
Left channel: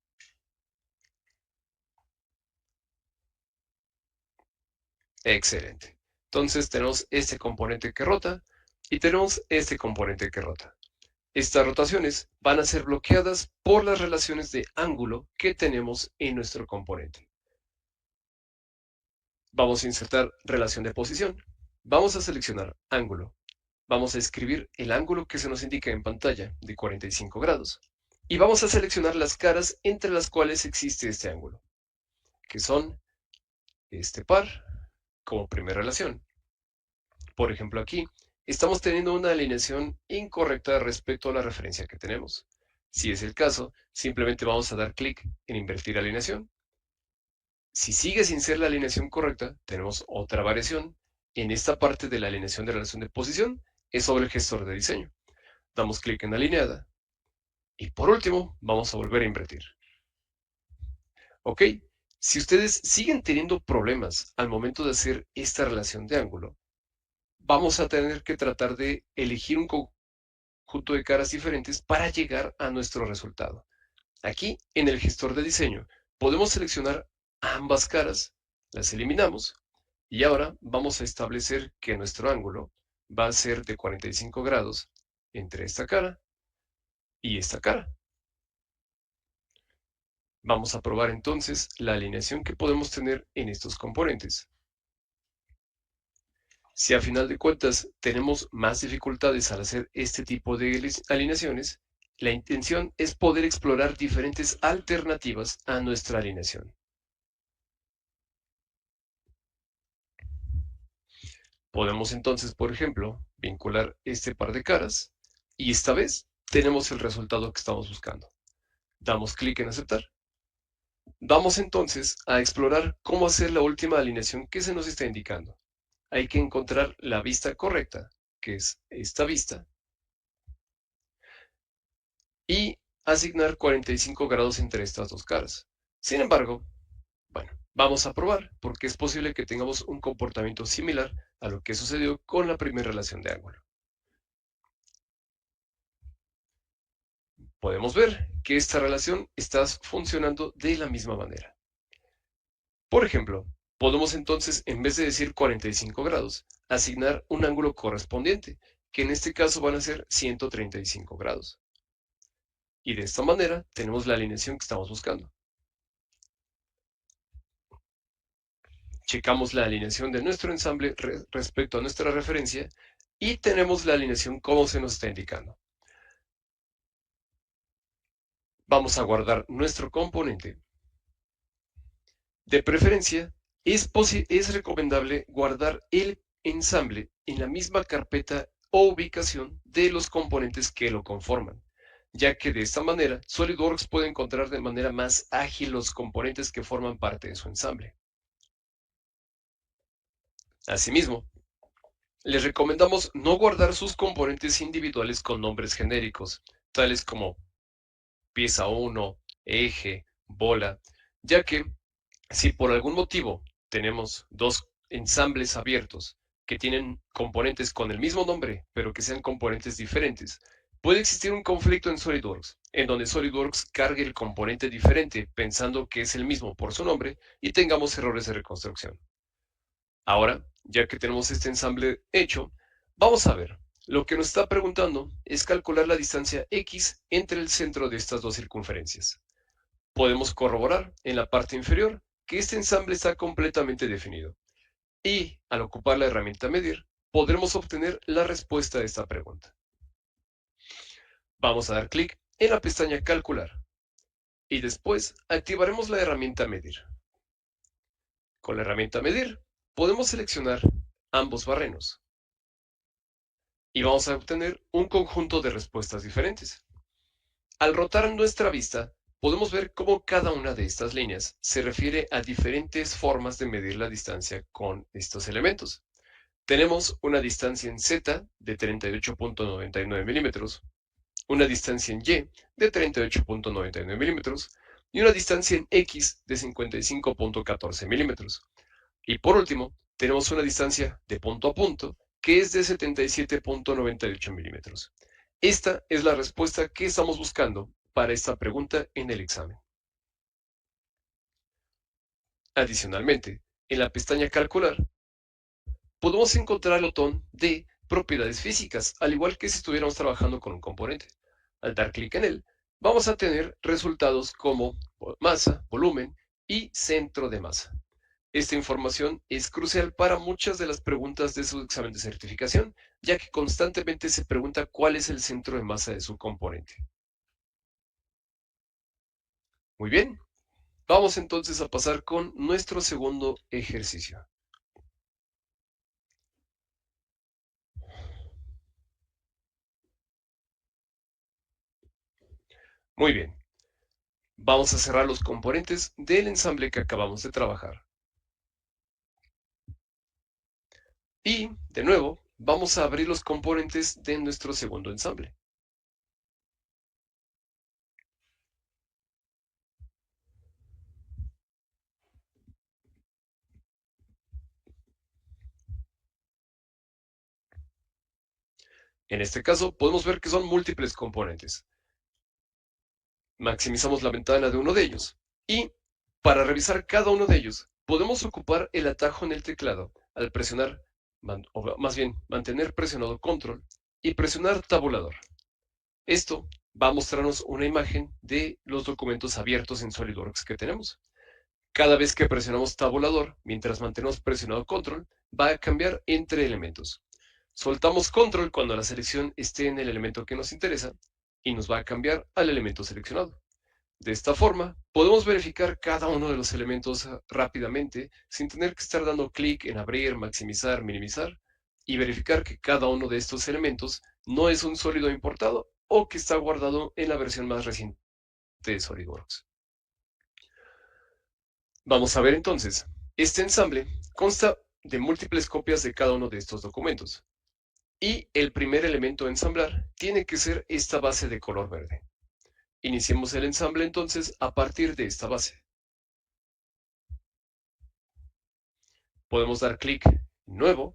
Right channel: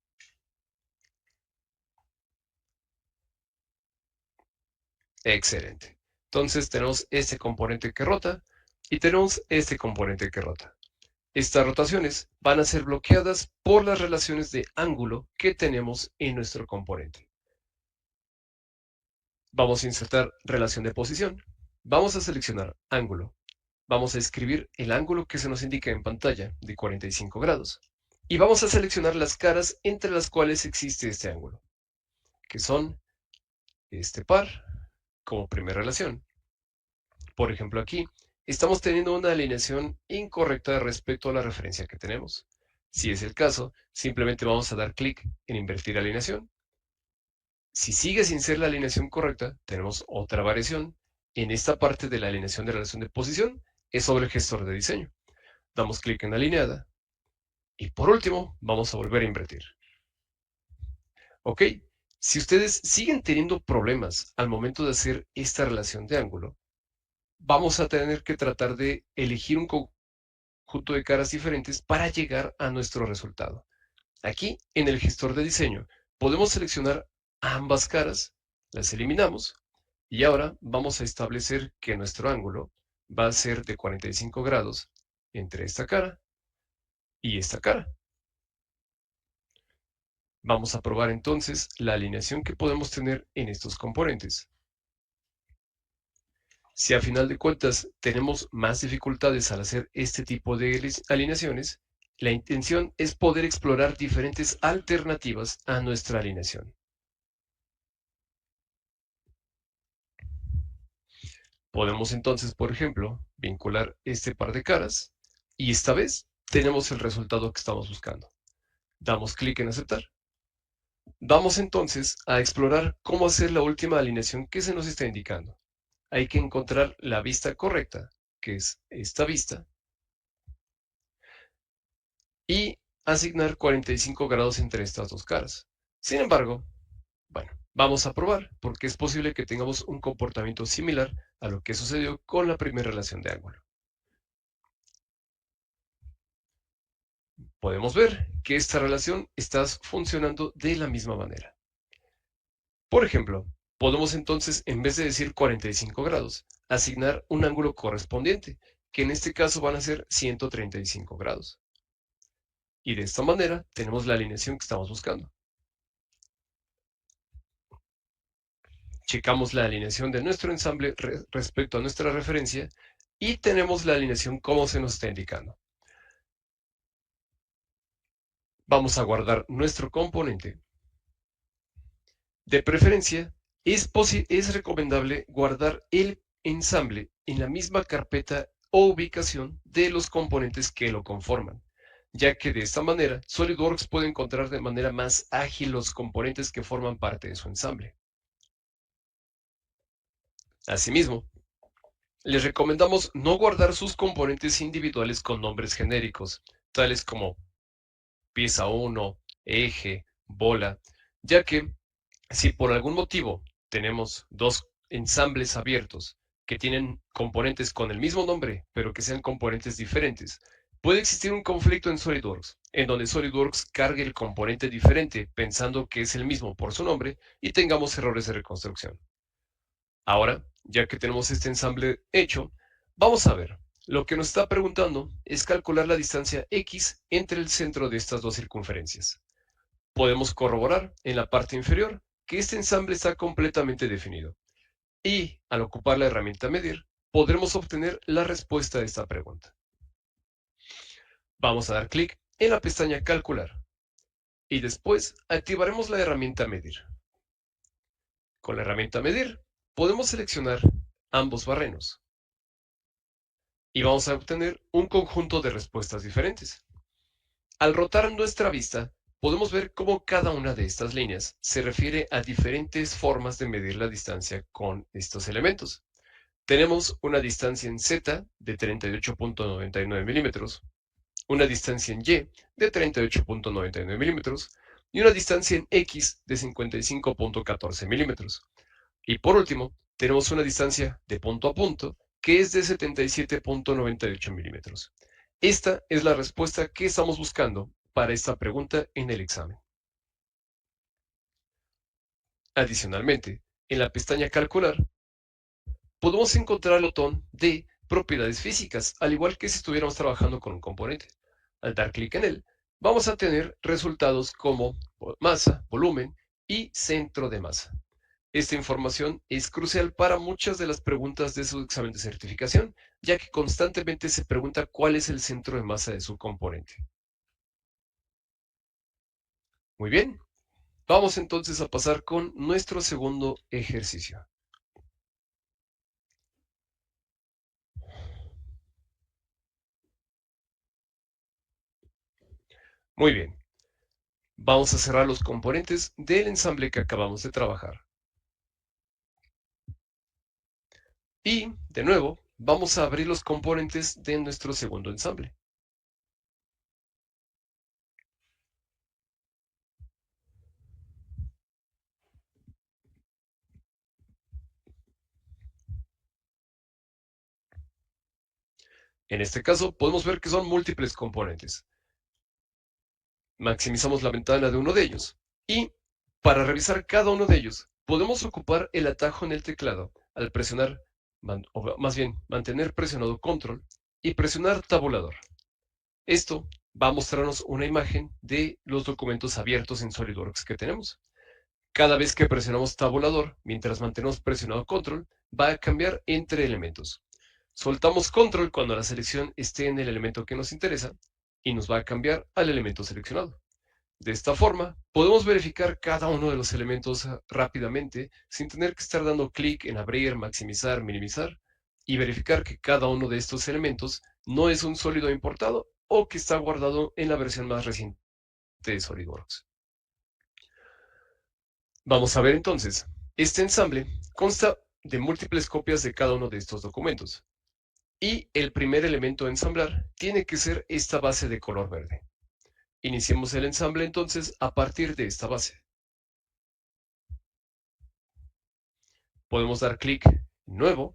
Excelente. Entonces tenemos este componente que rota y tenemos este componente que rota. Estas rotaciones van a ser bloqueadas por las relaciones de ángulo que tenemos en nuestro componente. Vamos a insertar relación de posición. Vamos a seleccionar ángulo. Vamos a escribir el ángulo que se nos indica en pantalla de 45 grados. Y vamos a seleccionar las caras entre las cuales existe este ángulo, que son este par como primera relación. Por ejemplo, aquí estamos teniendo una alineación incorrecta respecto a la referencia que tenemos. Si es el caso, simplemente vamos a dar clic en invertir alineación. Si sigue sin ser la alineación correcta, tenemos otra variación. En esta parte de la alineación de relación de posición es sobre el gestor de diseño. Damos clic en alineada y por último vamos a volver a invertir. ¿Ok? Si ustedes siguen teniendo problemas al momento de hacer esta relación de ángulo, vamos a tener que tratar de elegir un conjunto de caras diferentes para llegar a nuestro resultado. Aquí, en el gestor de diseño, podemos seleccionar ambas caras, las eliminamos y ahora vamos a establecer que nuestro ángulo va a ser de 45 grados entre esta cara y esta cara. Vamos a probar entonces la alineación que podemos tener en estos componentes. Si a final de cuentas tenemos más dificultades al hacer este tipo de alineaciones, la intención es poder explorar diferentes alternativas a nuestra alineación. Podemos entonces, por ejemplo, vincular este par de caras y esta vez tenemos el resultado que estamos buscando. Damos clic en aceptar. Vamos entonces a explorar cómo hacer la última alineación que se nos está indicando. Hay que encontrar la vista correcta, que es esta vista, y asignar 45 grados entre estas dos caras. Sin embargo, bueno, vamos a probar porque es posible que tengamos un comportamiento similar a lo que sucedió con la primera relación de ángulo. Podemos ver que esta relación está funcionando de la misma manera. Por ejemplo, podemos entonces, en vez de decir 45 grados, asignar un ángulo correspondiente, que en este caso van a ser 135 grados. Y de esta manera tenemos la alineación que estamos buscando. Checamos la alineación de nuestro ensamble respecto a nuestra referencia y tenemos la alineación como se nos está indicando. Vamos a guardar nuestro componente. De preferencia, es recomendable guardar el ensamble en la misma carpeta o ubicación de los componentes que lo conforman, ya que de esta manera SolidWorks puede encontrar de manera más ágil los componentes que forman parte de su ensamble. Asimismo, les recomendamos no guardar sus componentes individuales con nombres genéricos, tales como pieza 1, eje, bola, ya que si por algún motivo tenemos dos ensambles abiertos que tienen componentes con el mismo nombre, pero que sean componentes diferentes, puede existir un conflicto en SolidWorks, en donde SolidWorks cargue el componente diferente pensando que es el mismo por su nombre y tengamos errores de reconstrucción. Ahora, ya que tenemos este ensamble hecho, vamos a ver. Lo que nos está preguntando es calcular la distancia x entre el centro de estas dos circunferencias. Podemos corroborar en la parte inferior que este ensamble está completamente definido. Y al ocupar la herramienta medir, podremos obtener la respuesta a esta pregunta. Vamos a dar clic en la pestaña calcular y después activaremos la herramienta medir. Con la herramienta medir, podemos seleccionar ambos barrenos y vamos a obtener un conjunto de respuestas diferentes. Al rotar nuestra vista, podemos ver cómo cada una de estas líneas se refiere a diferentes formas de medir la distancia con estos elementos. Tenemos una distancia en Z de 38.99 milímetros, una distancia en Y de 38.99 milímetros y una distancia en X de 55.14 milímetros. Y por último, tenemos una distancia de punto a punto que es de 77.98 milímetros. Esta es la respuesta que estamos buscando para esta pregunta en el examen. Adicionalmente, en la pestaña Calcular, podemos encontrar el botón de Propiedades físicas, al igual que si estuviéramos trabajando con un componente. Al dar clic en él, vamos a tener resultados como masa, volumen y centro de masa. Esta información es crucial para muchas de las preguntas de su examen de certificación, ya que constantemente se pregunta cuál es el centro de masa de su componente. Muy bien, vamos entonces a pasar con nuestro segundo ejercicio. Muy bien, vamos a cerrar los componentes del ensamble que acabamos de trabajar. Y, de nuevo, vamos a abrir los componentes de nuestro segundo ensamble. En este caso, podemos ver que son múltiples componentes. Maximizamos la ventana de uno de ellos. Y para revisar cada uno de ellos, podemos ocupar el atajo en el teclado al presionar, o más bien, mantener presionado control y presionar tabulador. Esto va a mostrarnos una imagen de los documentos abiertos en SolidWorks que tenemos. Cada vez que presionamos tabulador, mientras mantenemos presionado control, va a cambiar entre elementos. Soltamos control cuando la selección esté en el elemento que nos interesa y nos va a cambiar al elemento seleccionado. De esta forma, podemos verificar cada uno de los elementos rápidamente sin tener que estar dando clic en abrir, maximizar, minimizar y verificar que cada uno de estos elementos no es un sólido importado o que está guardado en la versión más reciente de SolidWorks. Vamos a ver entonces. Este ensamble consta de múltiples copias de cada uno de estos documentos. Y el primer elemento a ensamblar tiene que ser esta base de color verde. Iniciemos el ensamble entonces a partir de esta base. Podemos dar clic en Nuevo,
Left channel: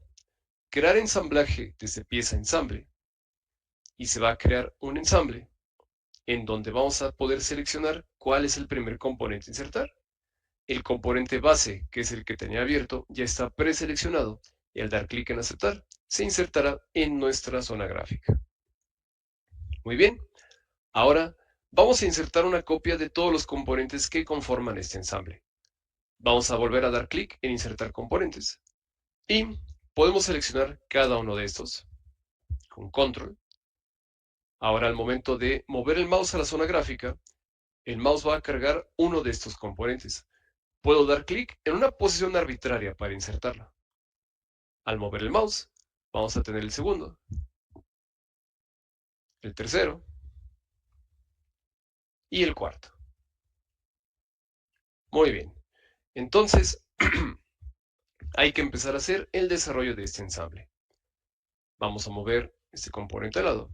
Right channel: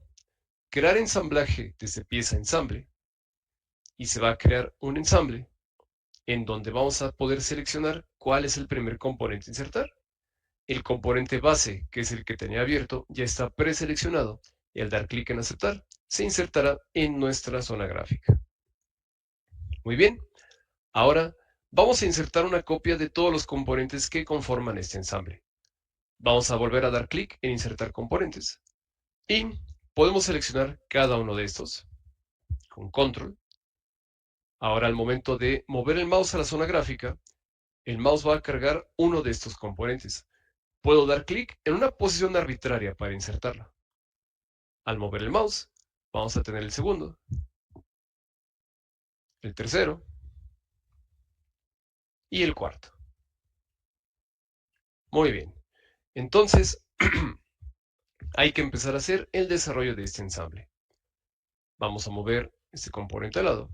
crear ensamblaje desde pieza ensamble y se va a crear un ensamble en donde vamos a poder seleccionar cuál es el primer componente a insertar. El componente base, que es el que tenía abierto, ya está preseleccionado y al dar clic en aceptar, se insertará en nuestra zona gráfica. Muy bien, ahora vamos a insertar una copia de todos los componentes que conforman este ensamble. Vamos a volver a dar clic en insertar componentes y podemos seleccionar cada uno de estos con control. Ahora al momento de mover el mouse a la zona gráfica, el mouse va a cargar uno de estos componentes. Puedo dar clic en una posición arbitraria para insertarlo. Al mover el mouse, vamos a tener el segundo, el tercero y el cuarto. Muy bien. Entonces, hay que empezar a hacer el desarrollo de este ensamble. Vamos a mover este componente al lado.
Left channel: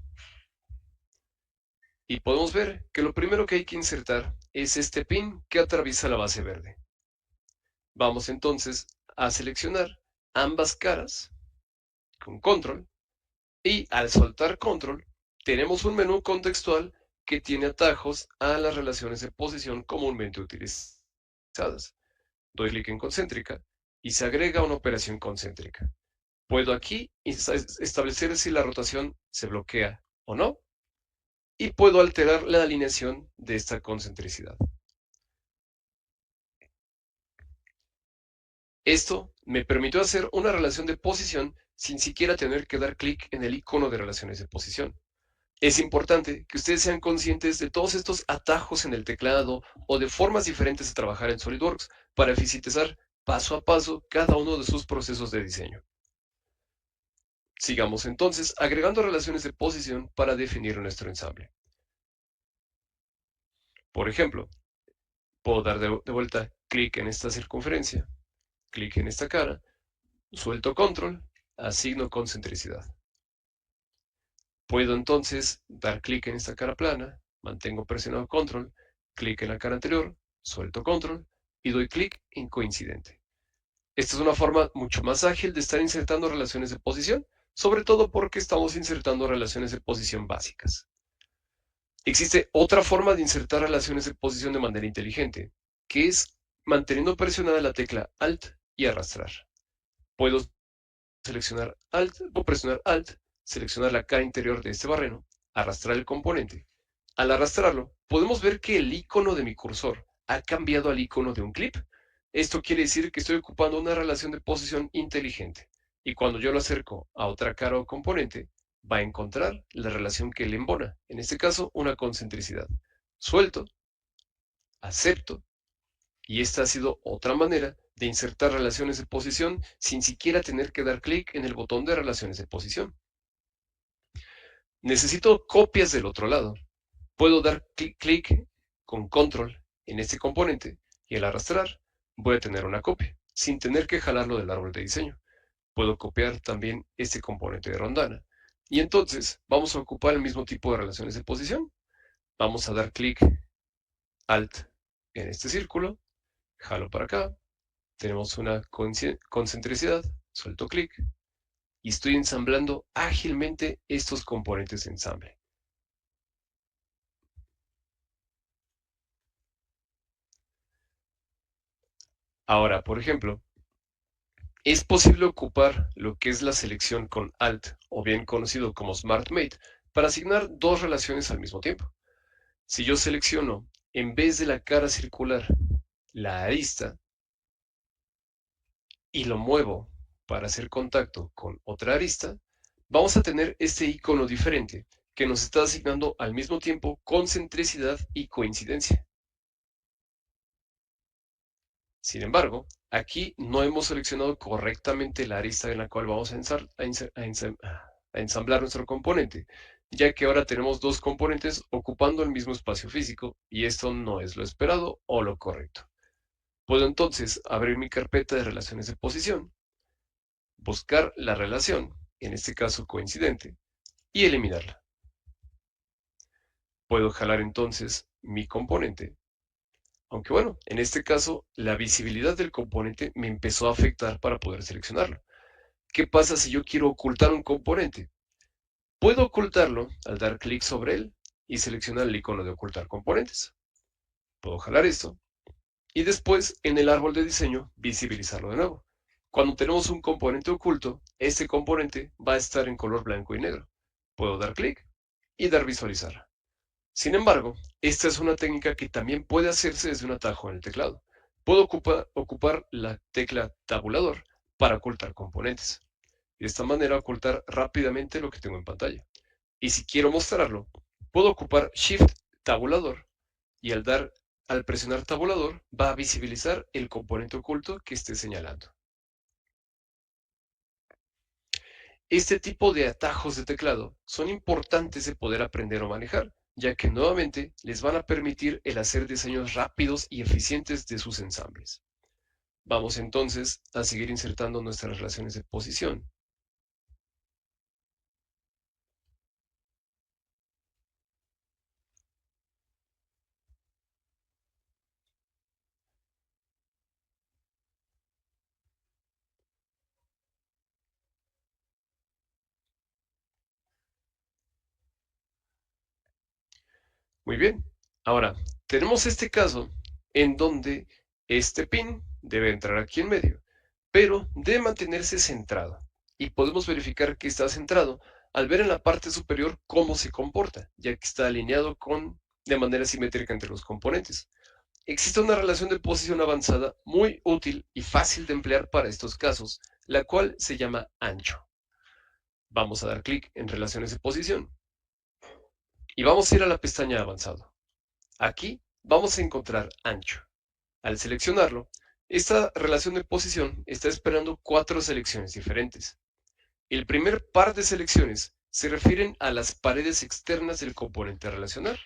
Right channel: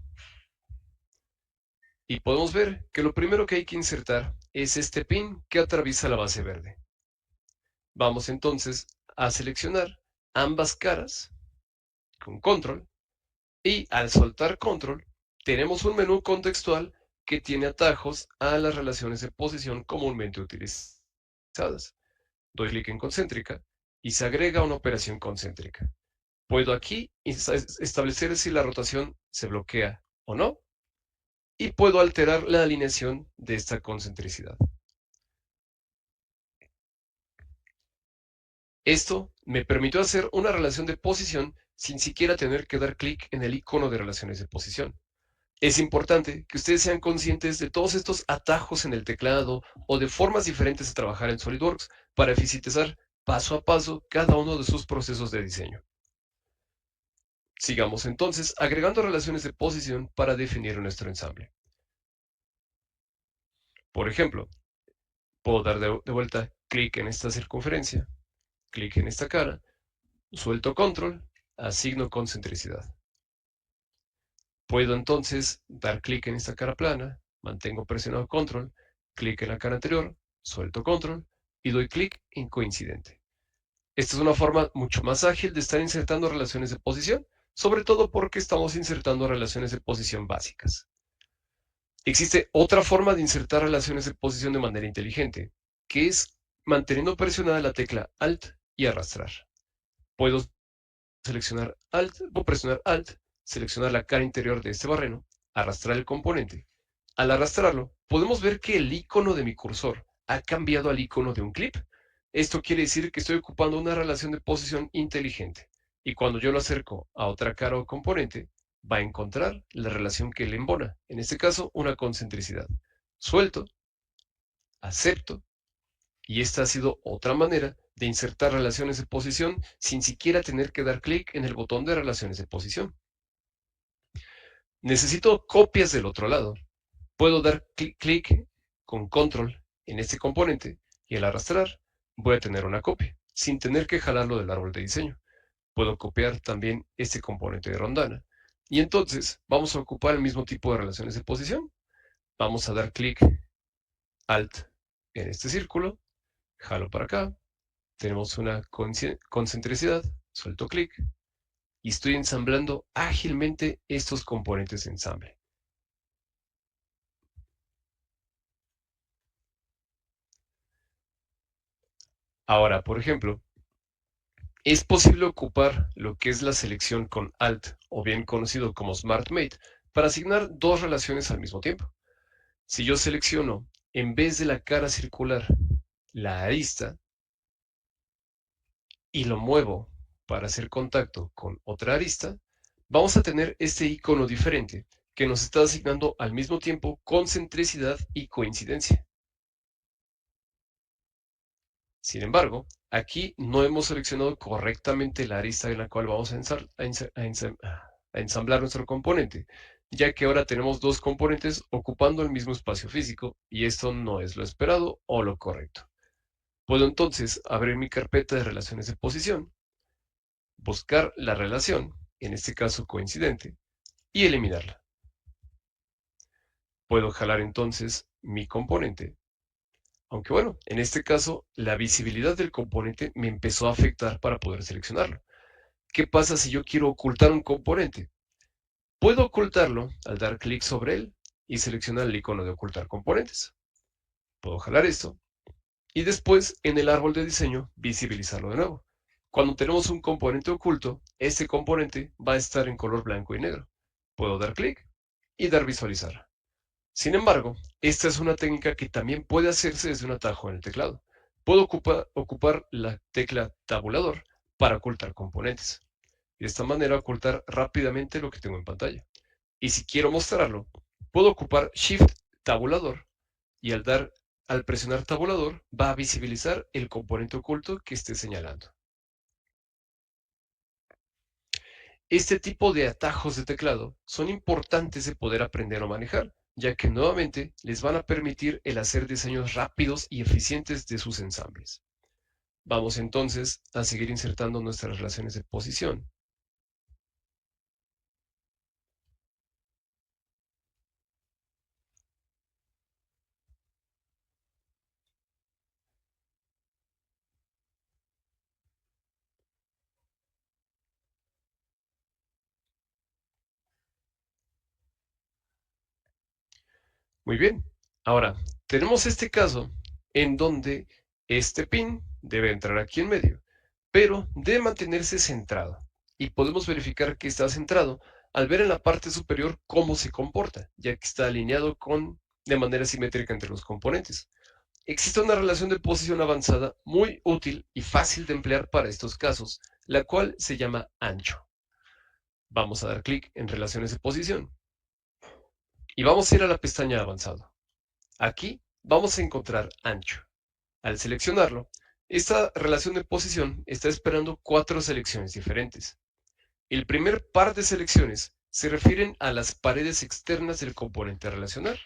Y podemos ver que lo primero que hay que insertar es este pin que atraviesa la base verde. Vamos entonces a seleccionar ambas caras con control y al soltar control tenemos un menú contextual que tiene atajos a las relaciones de posición comúnmente utilizadas. Doy clic en concéntrica y se agrega una operación concéntrica. Puedo aquí establecer si la rotación se bloquea o no y puedo alterar la alineación de esta concentricidad. Esto me permitió hacer una relación de posición sin siquiera tener que dar clic en el icono de relaciones de posición. Es importante que ustedes sean conscientes de todos estos atajos en el teclado o de formas diferentes de trabajar en SolidWorks para eficientizar paso a paso cada uno de sus procesos de diseño. Sigamos entonces agregando relaciones de posición para definir nuestro ensamble. Por ejemplo, puedo dar de vuelta clic en esta circunferencia, clic en esta cara, suelto control, asigno concentricidad. Puedo entonces dar clic en esta cara plana, mantengo presionado control, clic en la cara anterior, suelto control y doy clic en coincidente. Esta es una forma mucho más ágil de estar insertando relaciones de posición, sobre todo porque estamos insertando relaciones de posición básicas. Existe otra forma de insertar relaciones de posición de manera inteligente, que es manteniendo presionada la tecla Alt y arrastrar. Puedo seleccionar Alt, puedo presionar Alt, seleccionar la cara interior de este barreno, arrastrar el componente. Al arrastrarlo, podemos ver que el icono de mi cursor ha cambiado al icono de un clip. Esto quiere decir que estoy ocupando una relación de posición inteligente. Y cuando yo lo acerco a otra cara o componente, va a encontrar la relación que le embona, en este caso una concentricidad. Suelto, acepto, y esta ha sido otra manera de insertar relaciones de posición sin siquiera tener que dar clic en el botón de relaciones de posición. Necesito copias del otro lado. Puedo dar clic con control en este componente y al arrastrar voy a tener una copia sin tener que jalarlo del árbol de diseño. Puedo copiar también este componente de rondana y entonces vamos a ocupar el mismo tipo de relaciones de posición. Vamos a dar clic Alt en este círculo, jalo para acá, tenemos una concentricidad, suelto clic, y estoy ensamblando ágilmente estos componentes de ensamble. Ahora, por ejemplo, es posible ocupar lo que es la selección con Alt, o bien conocido como Smart Mate, para asignar dos relaciones al mismo tiempo. Si yo selecciono, en vez de la cara circular, la arista, y lo muevo para hacer contacto con otra arista, vamos a tener este icono diferente que nos está asignando al mismo tiempo concentricidad y coincidencia. Sin embargo, aquí no hemos seleccionado correctamente la arista en la cual vamos a ensamblar nuestro componente, ya que ahora tenemos dos componentes ocupando el mismo espacio físico y esto no es lo esperado o lo correcto. Puedo entonces abrir mi carpeta de relaciones de posición, buscar la relación, en este caso coincidente, y eliminarla. Puedo jalar entonces mi componente, aunque bueno, en este caso la visibilidad del componente me empezó a afectar para poder seleccionarlo. ¿Qué pasa si yo quiero ocultar un componente? Puedo ocultarlo al dar clic sobre él y seleccionar el icono de ocultar componentes. Puedo jalar esto y después en el árbol de diseño visibilizarlo de nuevo. Cuando tenemos un componente oculto, este componente va a estar en color blanco y negro. Puedo dar clic y dar visualizar. Sin embargo, esta es una técnica que también puede hacerse desde un atajo en el teclado. Puedo ocupar la tecla tabulador para ocultar componentes. De esta manera ocultar rápidamente lo que tengo en pantalla. Y si quiero mostrarlo, puedo ocupar Shift tabulador y al presionar tabulador va a visibilizar el componente oculto que esté señalando. Este tipo de atajos de teclado son importantes de poder aprender o manejar, ya que nuevamente les van a permitir el hacer diseños rápidos y eficientes de sus ensambles. Vamos entonces a seguir insertando nuestras relaciones de posición. Muy bien. Ahora, tenemos este caso en donde este pin debe entrar aquí en medio, pero debe mantenerse centrado. Y podemos verificar que está centrado al ver en la parte superior cómo se comporta, ya que está alineado de manera simétrica entre los componentes. Existe una relación de posición avanzada muy útil y fácil de emplear para estos casos, la cual se llama ancho. Vamos a dar clic en relaciones de posición y vamos a ir a la pestaña avanzado. Aquí vamos a encontrar ancho. Al seleccionarlo, esta relación de posición está esperando cuatro selecciones diferentes. El primer par de selecciones se refieren a las paredes externas del componente relacional.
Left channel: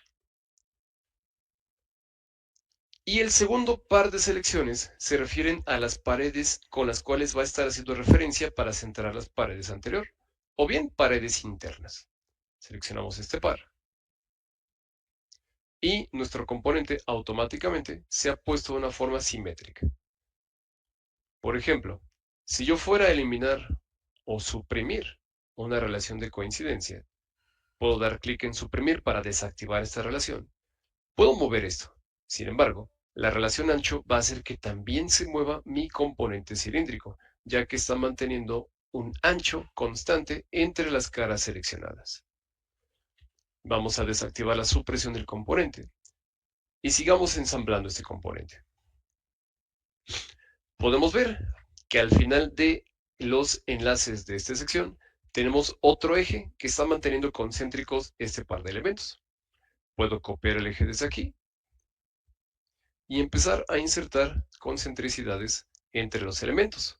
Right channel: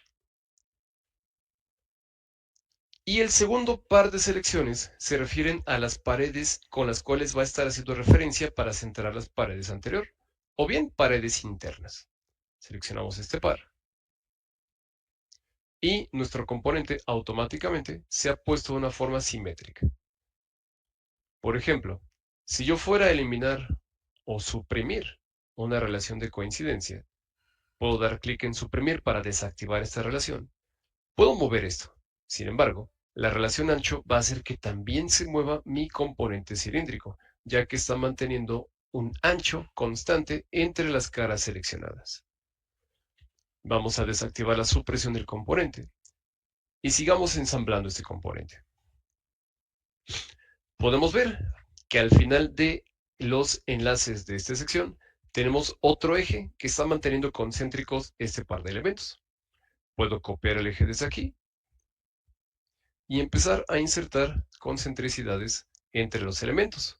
Y el segundo par de selecciones se refieren a las paredes con las cuales va a estar haciendo referencia para centrar las paredes anterior, o bien paredes internas. Seleccionamos este par y nuestro componente automáticamente se ha puesto de una forma simétrica. Por ejemplo, si yo fuera a eliminar o suprimir una relación de coincidencia, puedo dar clic en suprimir para desactivar esta relación. Puedo mover esto. Sin embargo, la relación ancho va a hacer que también se mueva mi componente cilíndrico, ya que está manteniendo un ancho constante entre las caras seleccionadas. Vamos a desactivar la supresión del componente y sigamos ensamblando este componente. Podemos ver que al final de los enlaces de esta sección tenemos otro eje que está manteniendo concéntricos este par de elementos. Puedo copiar el eje desde aquí y empezar a insertar concentricidades entre los elementos.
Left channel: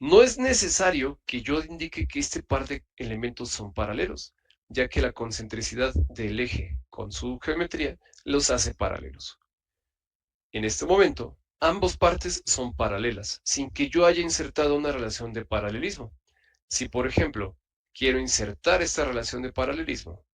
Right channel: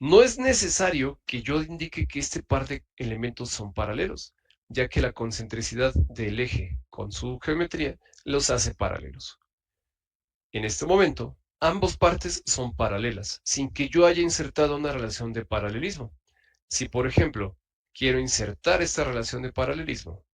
No es necesario que yo indique que este par de elementos son paralelos, ya que la concentricidad del eje con su geometría los hace paralelos. En este momento, ambas partes son paralelas, sin que yo haya insertado una relación de paralelismo. Si, por ejemplo, quiero insertar esta relación de paralelismo,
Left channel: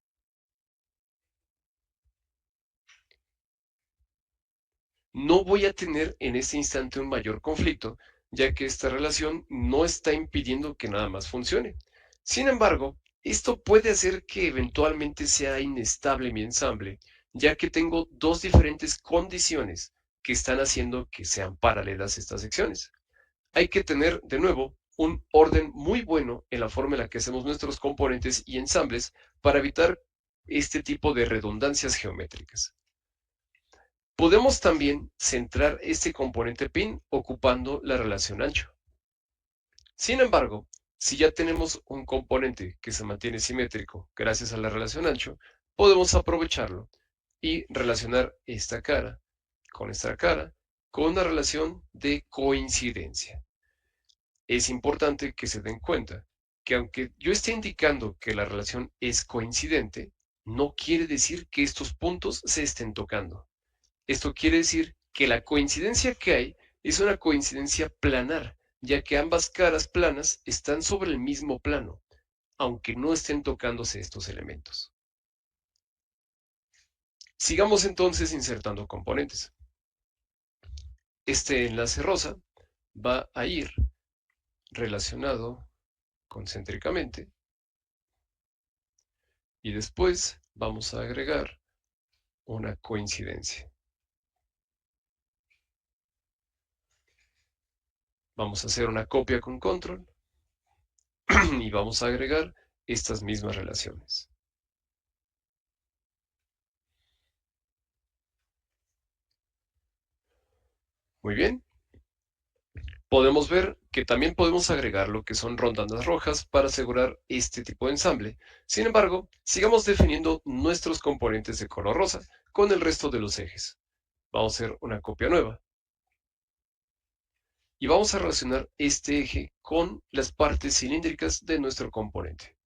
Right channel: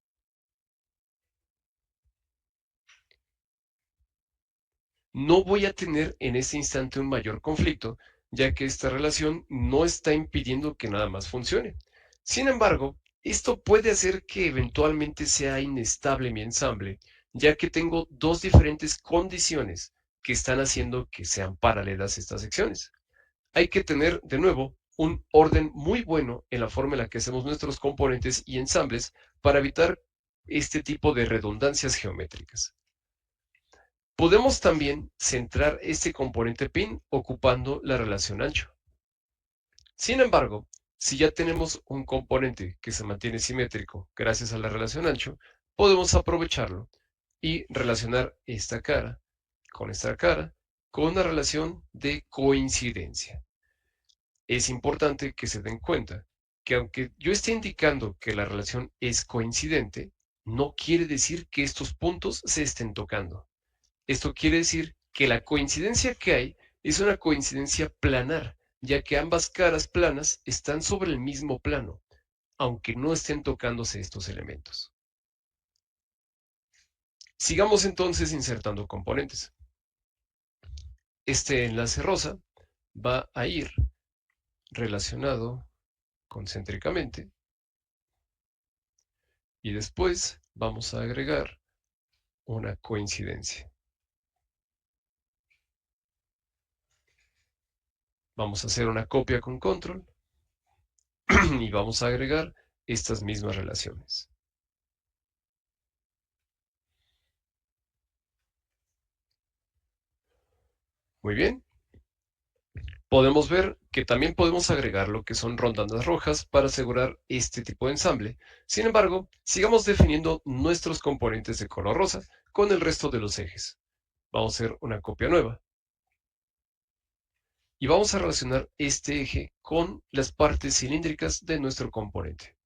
no voy a tener en este instante un mayor conflicto, ya que esta relación no está impidiendo que nada más funcione. Sin embargo, esto puede hacer que eventualmente sea inestable mi ensamble, ya que tengo dos diferentes condiciones que están haciendo que sean paralelas estas secciones. Hay que tener, de nuevo, un orden muy bueno en la forma en la que hacemos nuestros componentes y ensambles para evitar este tipo de redundancias geométricas. Podemos también centrar este componente pin ocupando la relación ancho. Sin embargo, si ya tenemos un componente que se mantiene simétrico gracias a la relación ancho, podemos aprovecharlo y relacionar esta cara con una relación de coincidencia. Es importante que se den cuenta que aunque yo esté indicando que la relación es coincidente, no quiere decir que estos puntos se estén tocando. Esto quiere decir que la coincidencia que hay es una coincidencia planar, ya que ambas caras planas están sobre el mismo plano, aunque no estén tocándose estos elementos. Sigamos entonces insertando componentes. Este enlace rosa va a ir relacionado concéntricamente y después vamos a agregar una coincidencia. Vamos a hacer una copia con control y vamos a agregar estas mismas relaciones. Muy bien. Podemos ver que también podemos agregar lo que son rondanas rojas para asegurar este tipo de ensamble. Sin embargo, sigamos definiendo nuestros componentes de color rosa con el resto de los ejes. Vamos a hacer una copia nueva y vamos a relacionar este eje con las partes cilíndricas de nuestro componente.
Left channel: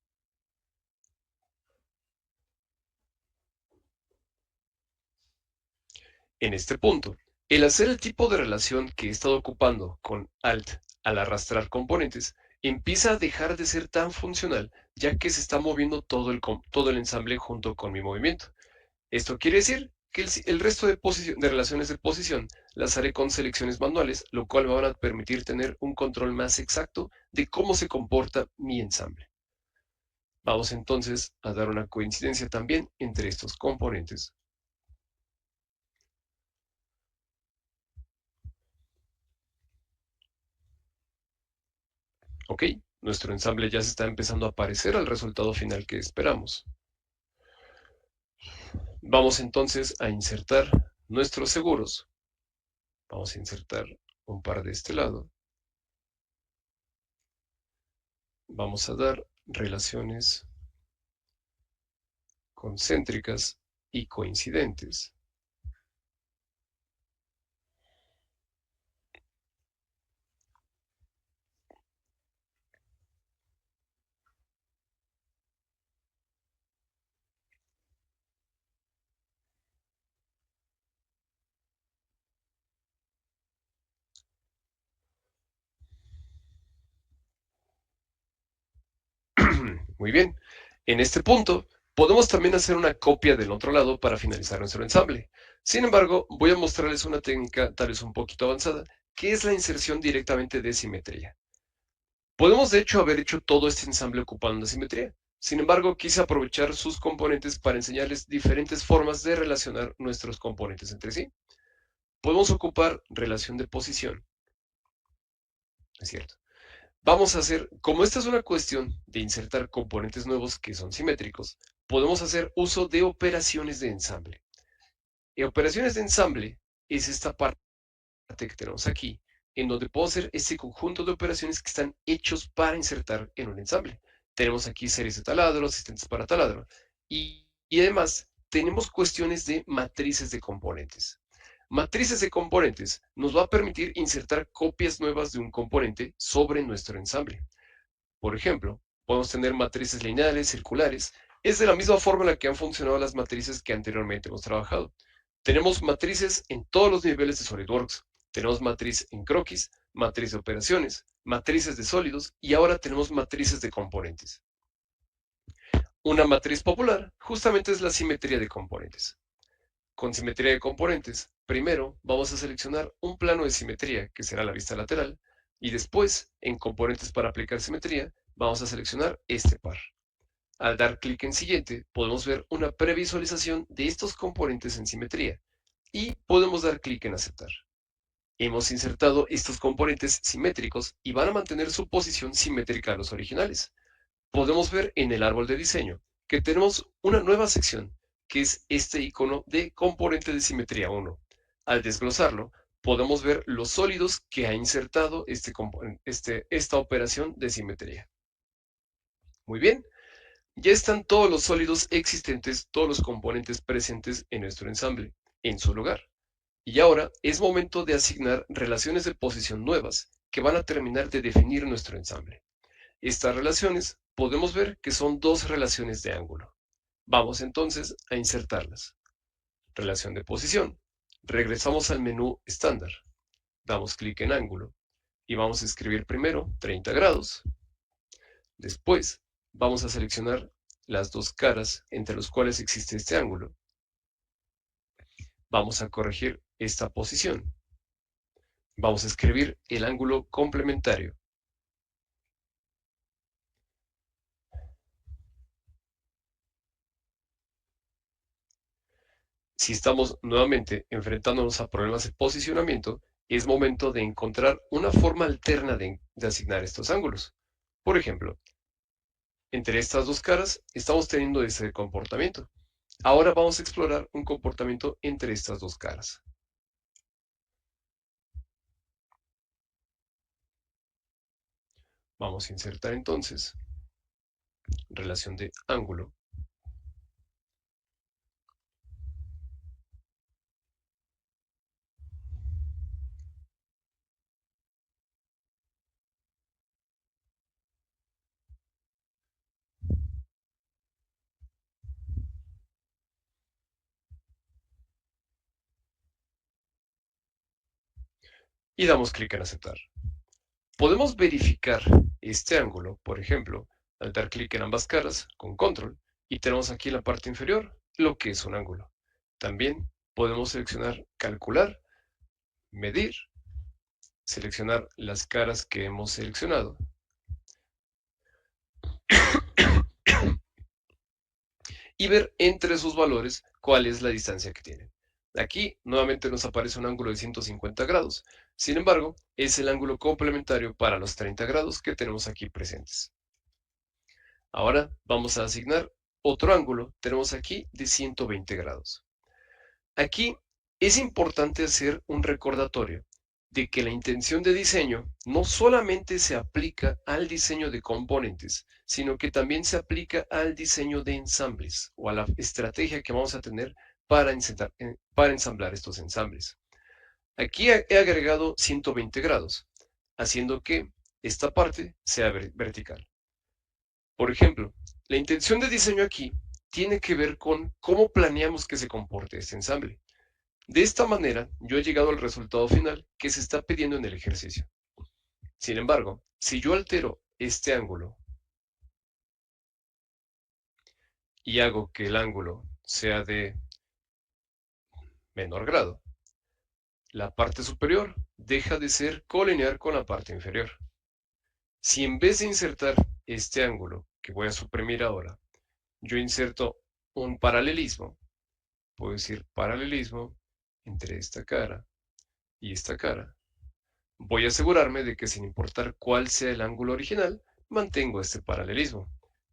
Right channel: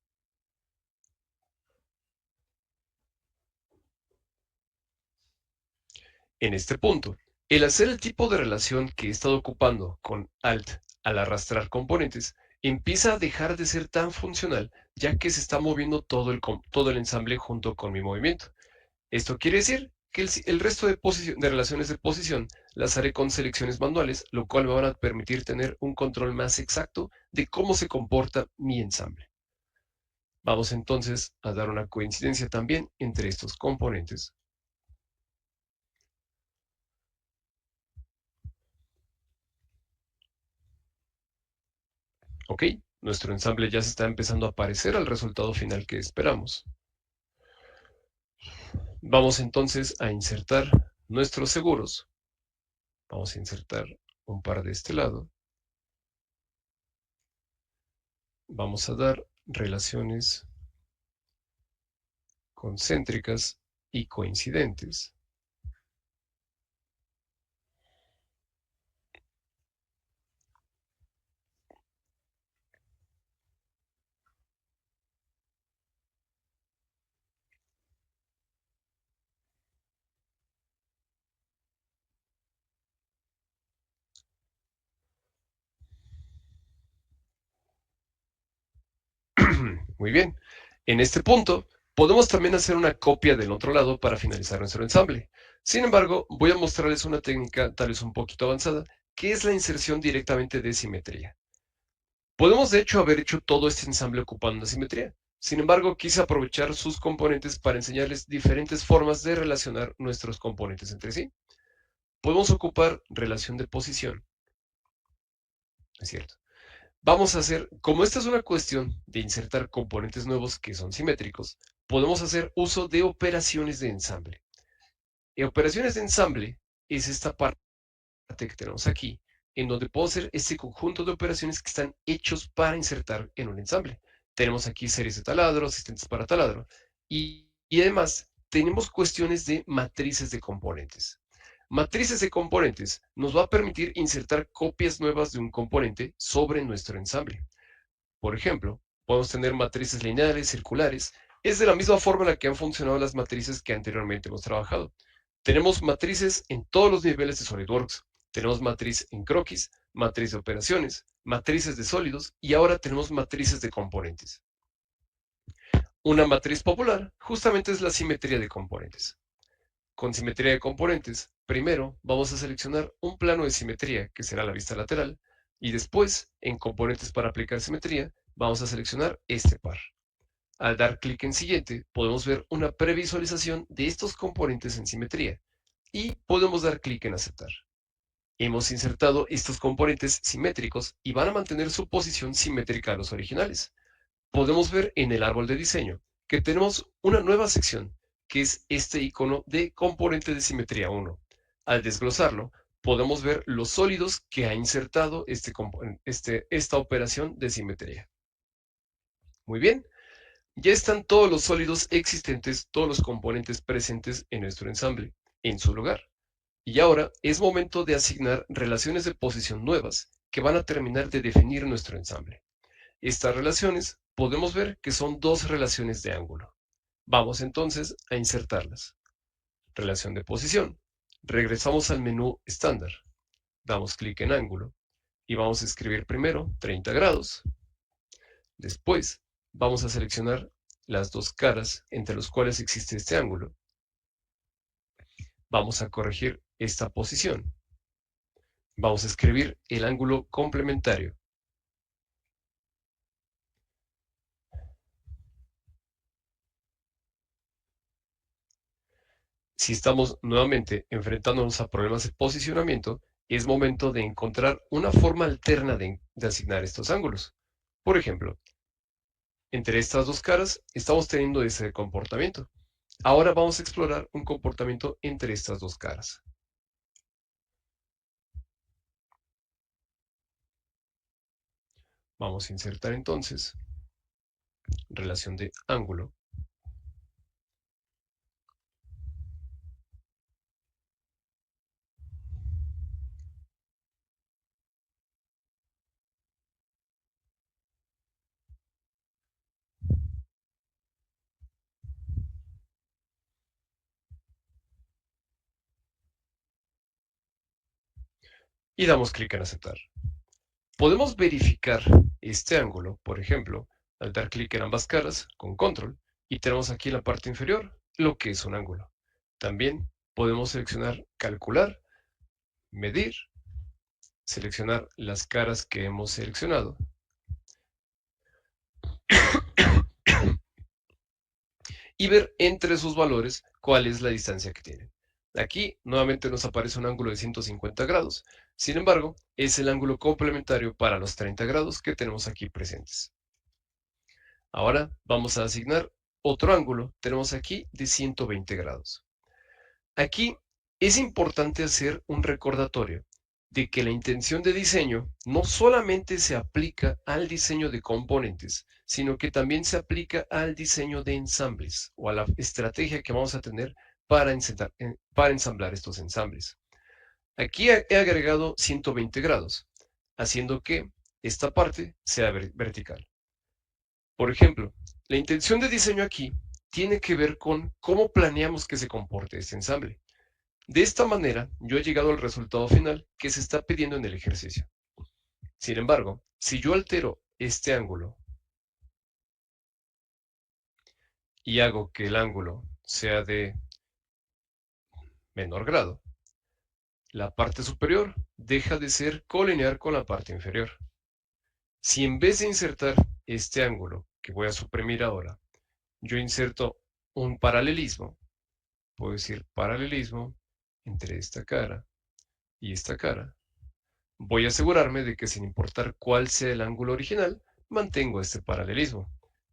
En este punto, el hacer el tipo de relación que he estado ocupando con Alt al arrastrar componentes empieza a dejar de ser tan funcional, ya que se está moviendo todo el ensamble junto con mi movimiento. Esto quiere decir que el resto de relaciones de posición las haré con selecciones manuales, lo cual me van a permitir tener un control más exacto de cómo se comporta mi ensamble. Vamos entonces a dar una coincidencia también entre estos componentes. Ok, nuestro ensamble ya se está empezando a parecer al resultado final que esperamos. Vamos entonces a insertar nuestros seguros. Vamos a insertar un par de este lado. Vamos a dar relaciones concéntricas y coincidentes. Muy bien. En este punto, podemos también hacer una copia del otro lado para finalizar nuestro ensamble. Sin embargo, voy a mostrarles una técnica tal vez un poquito avanzada, que es la inserción directamente de simetría. Podemos de hecho haber hecho todo este ensamble ocupando una simetría. Sin embargo, quise aprovechar sus componentes para enseñarles diferentes formas de relacionar nuestros componentes entre sí. Podemos ocupar relación de posición, es cierto. Vamos a hacer, como esta es una cuestión de insertar componentes nuevos que son simétricos, podemos hacer uso de operaciones de ensamble. Y operaciones de ensamble es esta parte que tenemos aquí, en donde puedo hacer este conjunto de operaciones que están hechos para insertar en un ensamble. Tenemos aquí series de taladro, asistentes para taladro, y además tenemos cuestiones de matrices de componentes. Matrices de componentes nos va a permitir insertar copias nuevas de un componente sobre nuestro ensamble. Por ejemplo, podemos tener matrices lineales, circulares. Es de la misma forma en la que han funcionado las matrices que anteriormente hemos trabajado. Tenemos matrices en todos los niveles de SolidWorks. Tenemos matriz en croquis, matriz de operaciones, matrices de sólidos y ahora tenemos matrices de componentes. Una matriz popular justamente es la simetría de componentes. Con simetría de componentes, primero vamos a seleccionar un plano de simetría, que será la vista lateral, Y después, en componentes para aplicar simetría, vamos a seleccionar este par. Al dar clic en siguiente, podemos ver una previsualización de estos componentes en simetría y podemos dar clic en aceptar. Hemos insertado estos componentes simétricos y van a mantener su posición simétrica a los originales. Podemos ver en el árbol de diseño que tenemos una nueva sección, que es este icono de componente de simetría 1. Al desglosarlo, podemos ver los sólidos que ha insertado esta operación de simetría. Muy bien, ya están todos los sólidos existentes, todos los componentes presentes en nuestro ensamble, en su lugar. Y ahora es momento de asignar relaciones de posición nuevas que van a terminar de definir nuestro ensamble. Estas relaciones podemos ver que son dos relaciones de ángulo. Vamos entonces a insertarlas. Relación de posición. Regresamos al menú estándar. Damos clic en ángulo y vamos a escribir primero 30 grados. Después vamos a seleccionar las dos caras entre las cuales existe este ángulo. Vamos a corregir esta posición. Vamos a escribir el ángulo complementario. Si estamos nuevamente enfrentándonos a problemas de posicionamiento, es momento de encontrar una forma alterna de asignar estos ángulos. Por ejemplo, entre estas dos caras estamos teniendo ese comportamiento. Ahora vamos a explorar un comportamiento entre estas dos caras. Vamos a insertar entonces relación de ángulo. Y damos clic en aceptar. Podemos verificar este ángulo, por ejemplo, al dar clic en ambas caras con control y tenemos aquí en la parte inferior lo que es un ángulo. También podemos seleccionar calcular, medir, seleccionar las caras que hemos seleccionado y ver entre sus valores cuál es la distancia que tienen. Aquí nuevamente nos aparece un ángulo de 150 grados. Sin embargo, es el ángulo complementario para los 30 grados que tenemos aquí presentes. Ahora vamos a asignar otro ángulo. Tenemos aquí de 120 grados. Aquí es importante hacer un recordatorio de que la intención de diseño no solamente se aplica al diseño de componentes, sino que también se aplica al diseño de ensambles o a la estrategia que vamos a tener para ensamblar estos ensambles. Aquí he agregado 120 grados, haciendo que esta parte sea vertical. Por ejemplo, la intención de diseño aquí tiene que ver con cómo planeamos que se comporte este ensamble. De esta manera, yo he llegado al resultado final que se está pidiendo en el ejercicio. Sin embargo, si yo altero este ángulo y hago que el ángulo sea de menor grado, la parte superior deja de ser colinear con la parte inferior. Si en vez de insertar este ángulo, que voy a suprimir ahora, yo inserto un paralelismo, puedo decir paralelismo entre esta cara y esta cara, voy a asegurarme de que sin importar cuál sea el ángulo original, mantengo este paralelismo.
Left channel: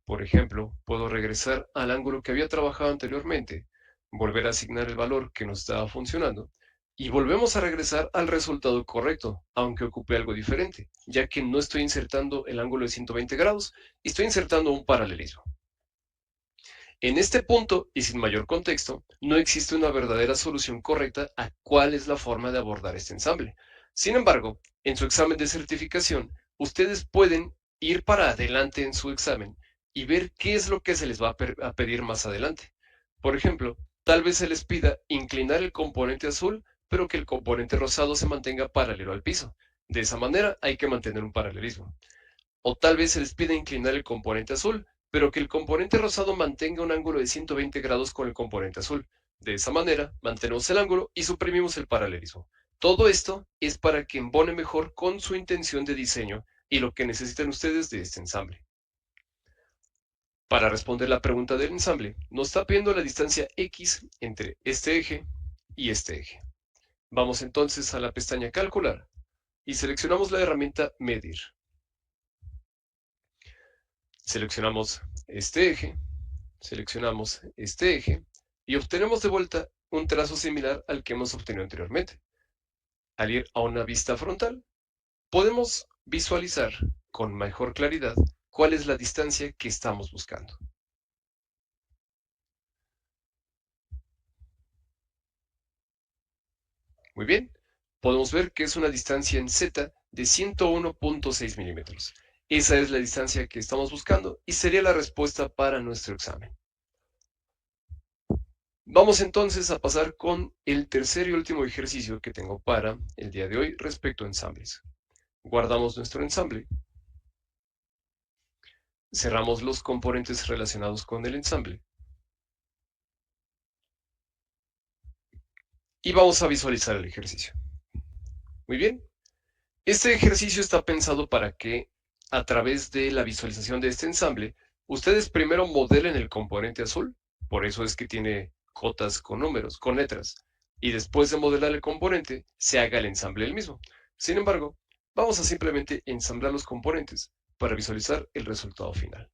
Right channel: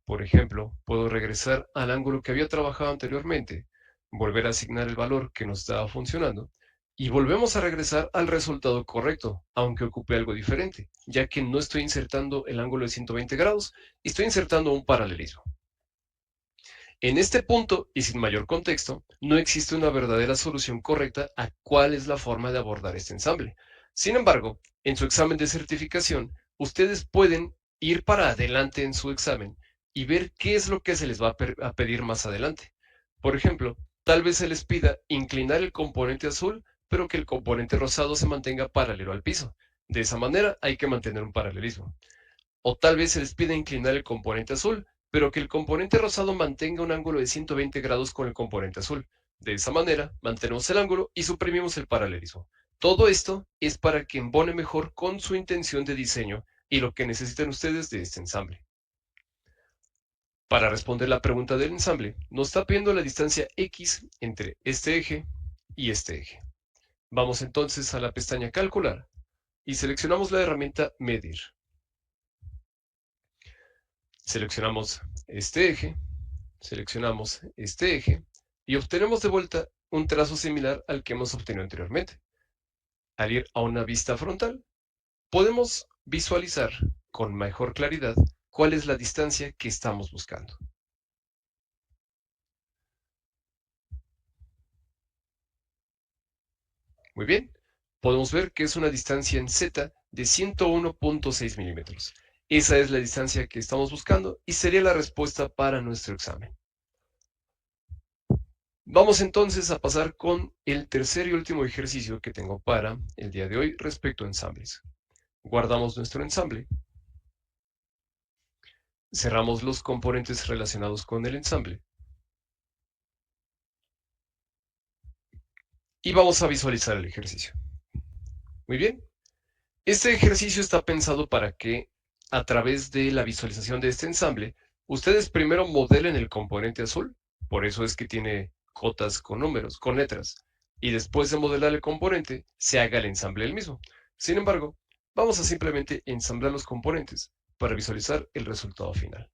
Por ejemplo, puedo regresar al ángulo que había trabajado anteriormente, volver a asignar el valor que nos estaba funcionando y volvemos a regresar al resultado correcto, aunque ocupe algo diferente, ya que no estoy insertando el ángulo de 120 grados y estoy insertando un paralelismo. En este punto, y sin mayor contexto, no existe una verdadera solución correcta a cuál es la forma de abordar este ensamble. Sin embargo, en su examen de certificación, ustedes pueden ir para adelante en su examen y ver qué es lo que se les va a pedir más adelante. Por ejemplo, tal vez se les pida inclinar el componente azul, pero que el componente rosado se mantenga paralelo al piso. De esa manera hay que mantener un paralelismo. O tal vez se les pida inclinar el componente azul, pero que el componente rosado mantenga un ángulo de 120 grados con el componente azul. De esa manera, mantenemos el ángulo y suprimimos el paralelismo. Todo esto es para que embone mejor con su intención de diseño y lo que necesitan ustedes de este ensamble. Para responder la pregunta del ensamble, nos está pidiendo la distancia X entre este eje y este eje. Vamos entonces a la pestaña Calcular y seleccionamos la herramienta Medir. Seleccionamos este eje y obtenemos de vuelta un trazo similar al que hemos obtenido anteriormente. Al ir a una vista frontal, podemos visualizar con mejor claridad cuál es la distancia que estamos buscando. Muy bien, podemos ver que es una distancia en Z de 101.6 milímetros. Esa es la distancia que estamos buscando y sería la respuesta para nuestro examen. Vamos entonces a pasar con el tercer y último ejercicio que tengo para el día de hoy respecto a ensambles. Guardamos nuestro ensamble, cerramos los componentes relacionados con el ensamble y vamos a visualizar el ejercicio. Muy bien, este ejercicio está pensado para que, a través de la visualización de este ensamble, ustedes primero modelen el componente azul, por eso es que tiene cotas con números, con letras, y después de modelar el componente, se haga el ensamble el mismo. Sin embargo, vamos a simplemente ensamblar los componentes para visualizar el resultado final.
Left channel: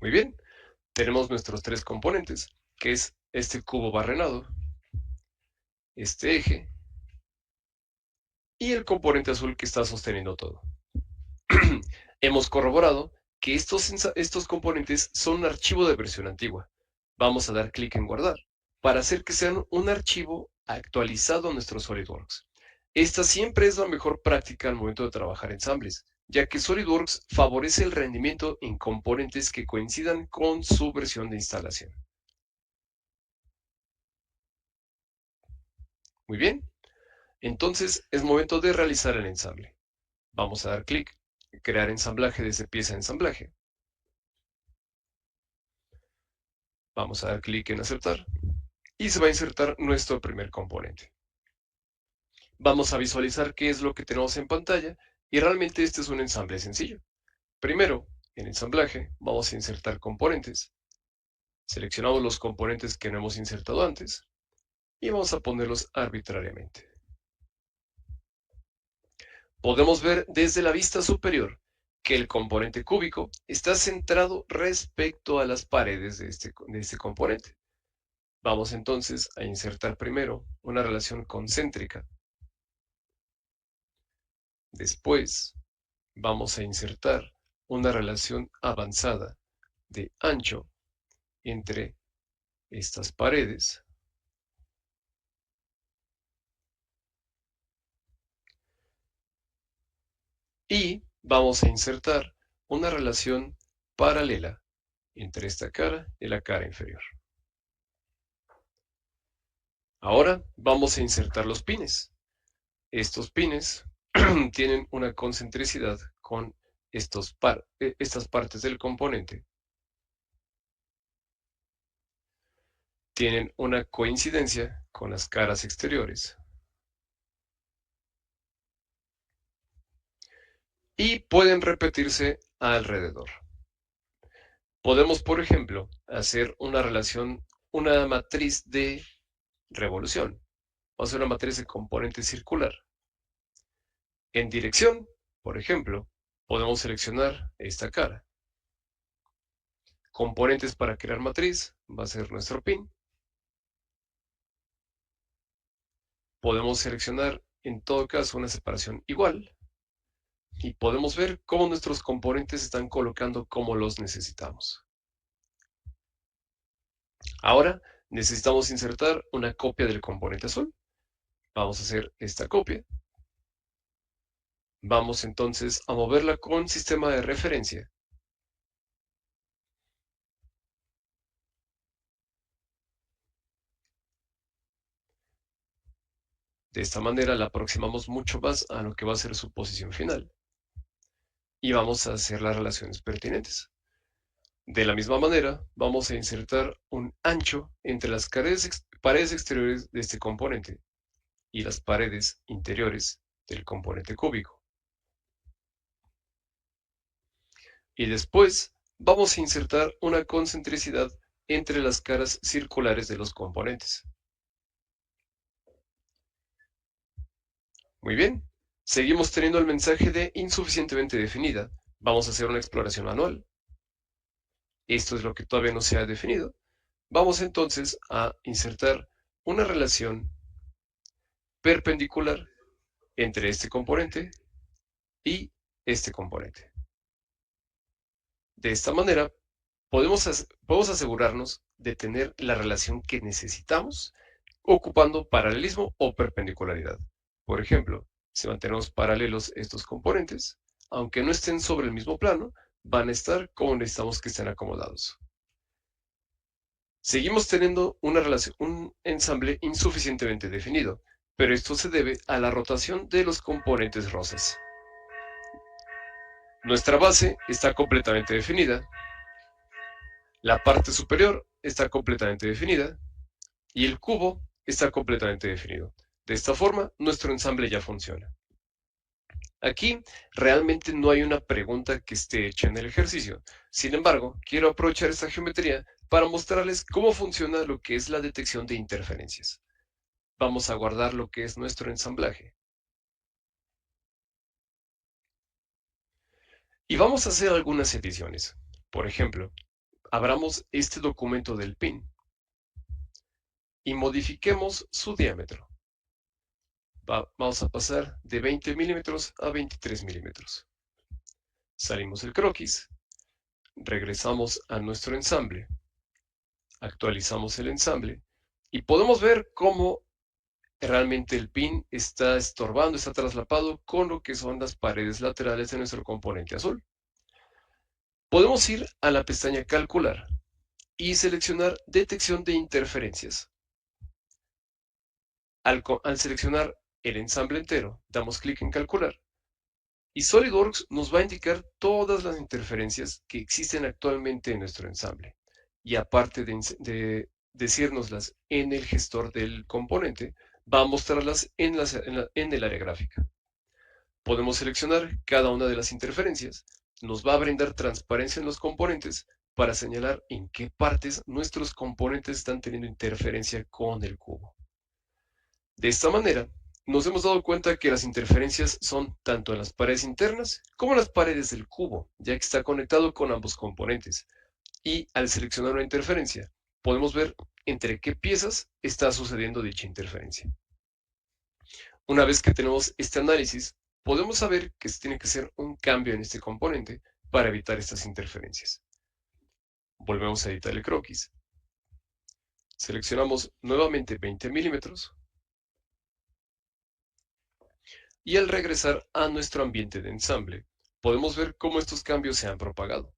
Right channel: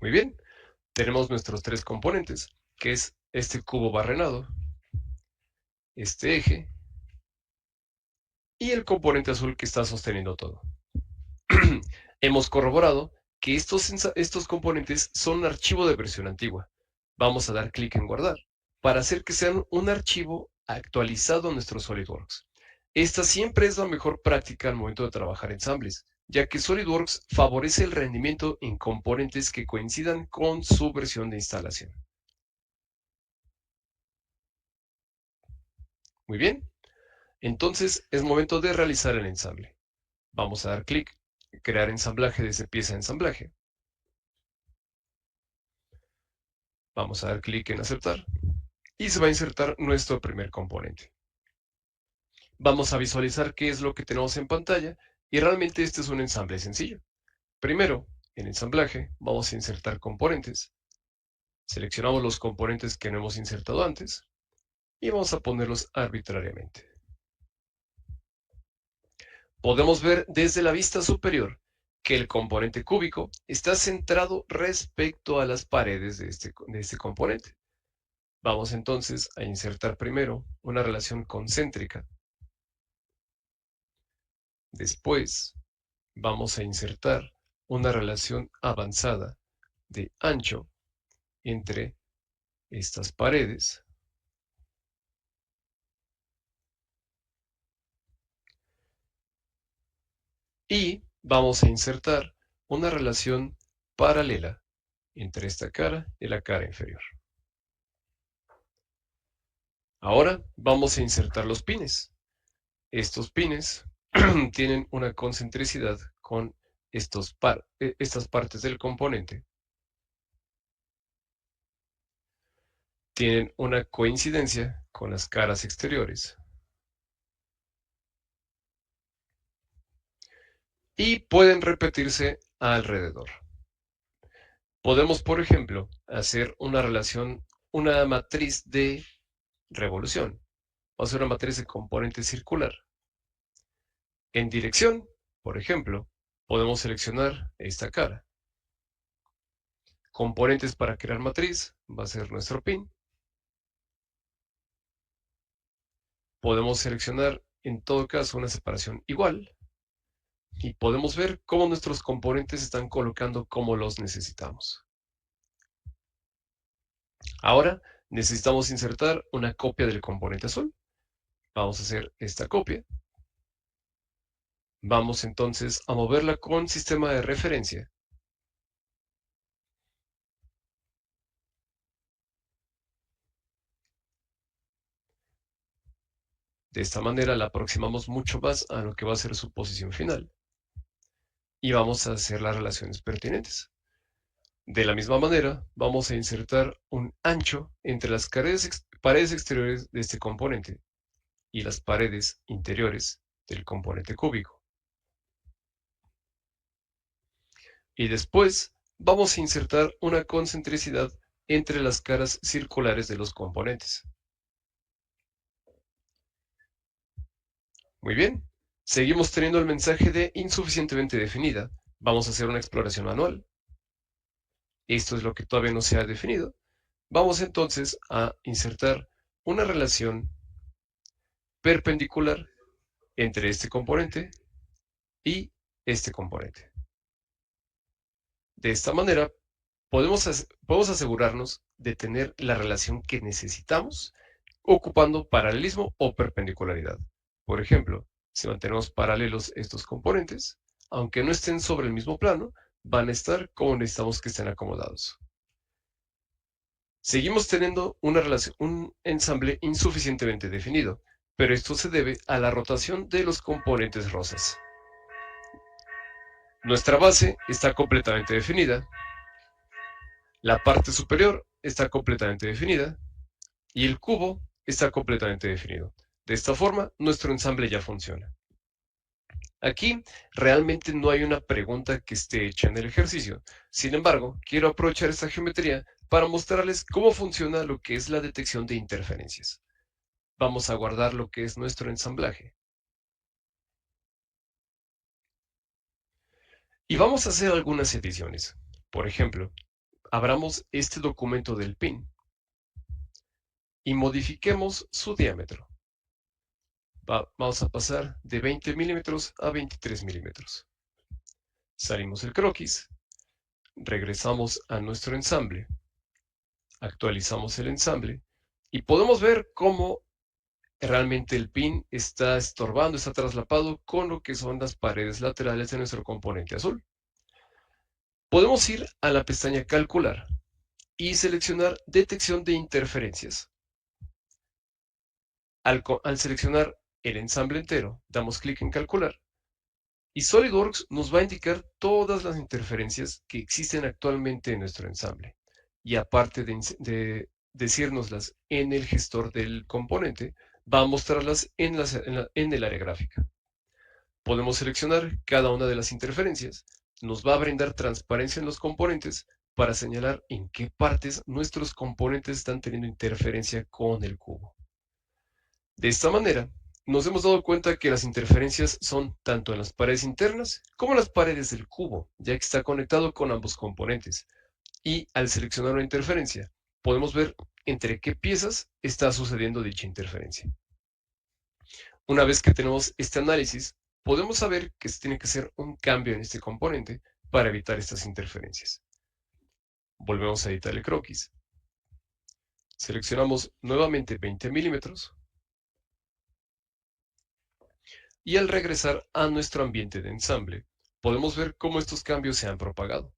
Muy bien, tenemos nuestros tres componentes, que es este cubo barrenado, este eje y el componente azul que está sosteniendo todo. Hemos corroborado que estos componentes son un archivo de versión antigua. Vamos a dar clic en guardar para hacer que sean un archivo actualizado a nuestro SolidWorks. Esta siempre es la mejor práctica al momento de trabajar ensambles, ya que SolidWorks favorece el rendimiento en componentes que coincidan con su versión de instalación. Muy bien, entonces es momento de realizar el ensamble. Vamos a dar clic, crear ensamblaje desde pieza de ensamblaje. Vamos a dar clic en aceptar y se va a insertar nuestro primer componente. Vamos a visualizar qué es lo que tenemos en pantalla y realmente este es un ensamble sencillo. Primero, en ensamblaje, vamos a insertar componentes. Seleccionamos los componentes que no hemos insertado antes y vamos a ponerlos arbitrariamente. Podemos ver desde la vista superior que el componente cúbico está centrado respecto a las paredes de este componente. Vamos entonces a insertar primero una relación concéntrica. Después vamos a insertar una relación avanzada de ancho entre estas paredes y vamos a insertar una relación paralela entre esta cara y la cara inferior. Ahora vamos a insertar los pines. Estos pines tienen una concentricidad con estas partes del componente. Tienen una coincidencia con las caras exteriores. Y pueden repetirse alrededor. Podemos, por ejemplo, hacer una relación, una matriz de revolución. O sea, una matriz de componente circular. En dirección, por ejemplo, podemos seleccionar esta cara. Componentes para crear matriz va a ser nuestro pin. Podemos seleccionar, en todo caso, una separación igual. Y podemos ver cómo nuestros componentes se están colocando como los necesitamos. Ahora necesitamos insertar una copia del componente azul. Vamos a hacer esta copia. Vamos entonces a moverla con sistema de referencia. De esta manera la aproximamos mucho más a lo que va a ser su posición final. Y vamos a hacer las relaciones pertinentes. De la misma manera, vamos a insertar un ancho entre las paredes exteriores de este componente y las paredes interiores del componente cúbico. Y después vamos a insertar una concentricidad entre las caras circulares de los componentes. Muy bien, seguimos teniendo el mensaje de insuficientemente definida. Vamos a hacer una exploración manual. Esto es lo que todavía no se ha definido. Vamos entonces a insertar una relación perpendicular entre este componente y este componente. De esta manera, podemos asegurarnos de tener la relación que necesitamos ocupando paralelismo o perpendicularidad. Por ejemplo, si mantenemos paralelos estos componentes, aunque no estén sobre el mismo plano, van a estar como necesitamos que estén acomodados. Seguimos teniendo un ensamble insuficientemente definido, pero esto se debe a la rotación de los componentes rosas. Nuestra base está completamente definida, la parte superior está completamente definida y el cubo está completamente definido. De esta forma, nuestro ensamble ya funciona. Aquí realmente no hay una pregunta que esté hecha en el ejercicio. Sin embargo, quiero aprovechar esta geometría para mostrarles cómo funciona lo que es la detección de interferencias. Vamos a guardar lo que es nuestro ensamblaje. Y vamos a hacer algunas ediciones. Por ejemplo, abramos este documento del pin y modifiquemos su diámetro. Vamos a pasar de 20 milímetros a 23 milímetros. Salimos del croquis, regresamos a nuestro ensamble, actualizamos el ensamble y podemos ver cómo realmente el pin está estorbando, está traslapado con lo que son las paredes laterales de nuestro componente azul. Podemos ir a la pestaña Calcular y seleccionar Detección de interferencias. Al seleccionar el ensamble entero, damos clic en Calcular y SolidWorks nos va a indicar todas las interferencias que existen actualmente en nuestro ensamble. Y aparte de decírnoslas en el gestor del componente, va a mostrarlas en el área gráfica. Podemos seleccionar cada una de las interferencias. Nos va a brindar transparencia en los componentes para señalar en qué partes nuestros componentes están teniendo interferencia con el cubo. De esta manera, nos hemos dado cuenta que las interferencias son tanto en las paredes internas como en las paredes del cubo, ya que está conectado con ambos componentes. Y al seleccionar una interferencia, podemos ver entre qué piezas está sucediendo dicha interferencia. Una vez que tenemos este análisis, podemos saber que se tiene que hacer un cambio en este componente para evitar estas interferencias. Volvemos a editar el croquis. Seleccionamos nuevamente 20 milímetros y al regresar a nuestro ambiente de ensamble, podemos ver cómo estos cambios se han propagado.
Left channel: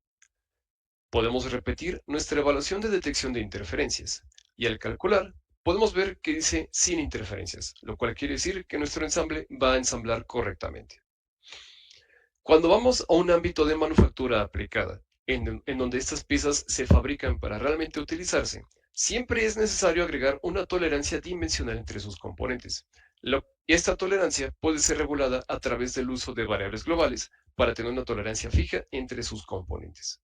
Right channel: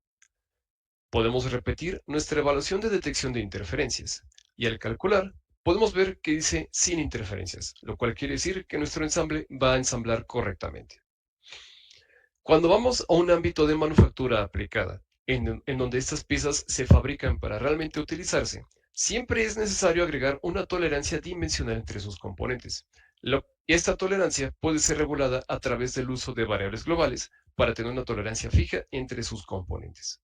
Podemos repetir nuestra evaluación de detección de interferencias y al calcular podemos ver que dice sin interferencias, lo cual quiere decir que nuestro ensamble va a ensamblar correctamente. Cuando vamos a un ámbito de manufactura aplicada, en donde estas piezas se fabrican para realmente utilizarse, siempre es necesario agregar una tolerancia dimensional entre sus componentes. Esta tolerancia puede ser regulada a través del uso de variables globales para tener una tolerancia fija entre sus componentes.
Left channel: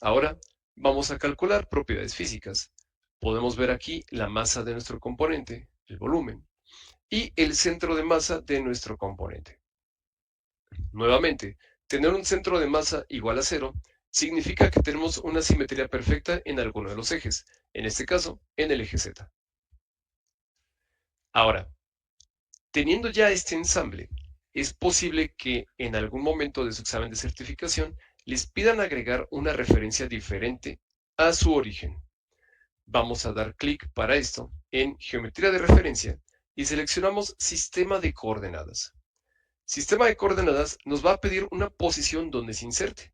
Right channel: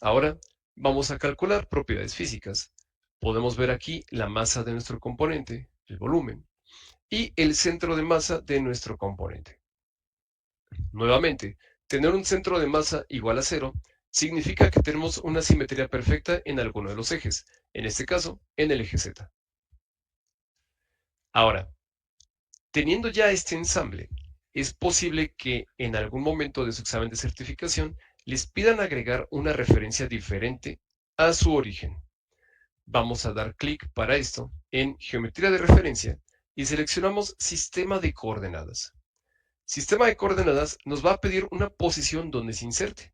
Ahora vamos a calcular propiedades físicas. Podemos ver aquí la masa de nuestro componente, el volumen, y el centro de masa de nuestro componente. Nuevamente, tener un centro de masa igual a cero significa que tenemos una simetría perfecta en alguno de los ejes, en este caso, en el eje Z. Ahora, teniendo ya este ensamble, es posible que en algún momento de su examen de certificación les pidan agregar una referencia diferente a su origen. Vamos a dar clic para esto en Geometría de referencia y seleccionamos Sistema de coordenadas. Sistema de coordenadas nos va a pedir una posición donde se inserte.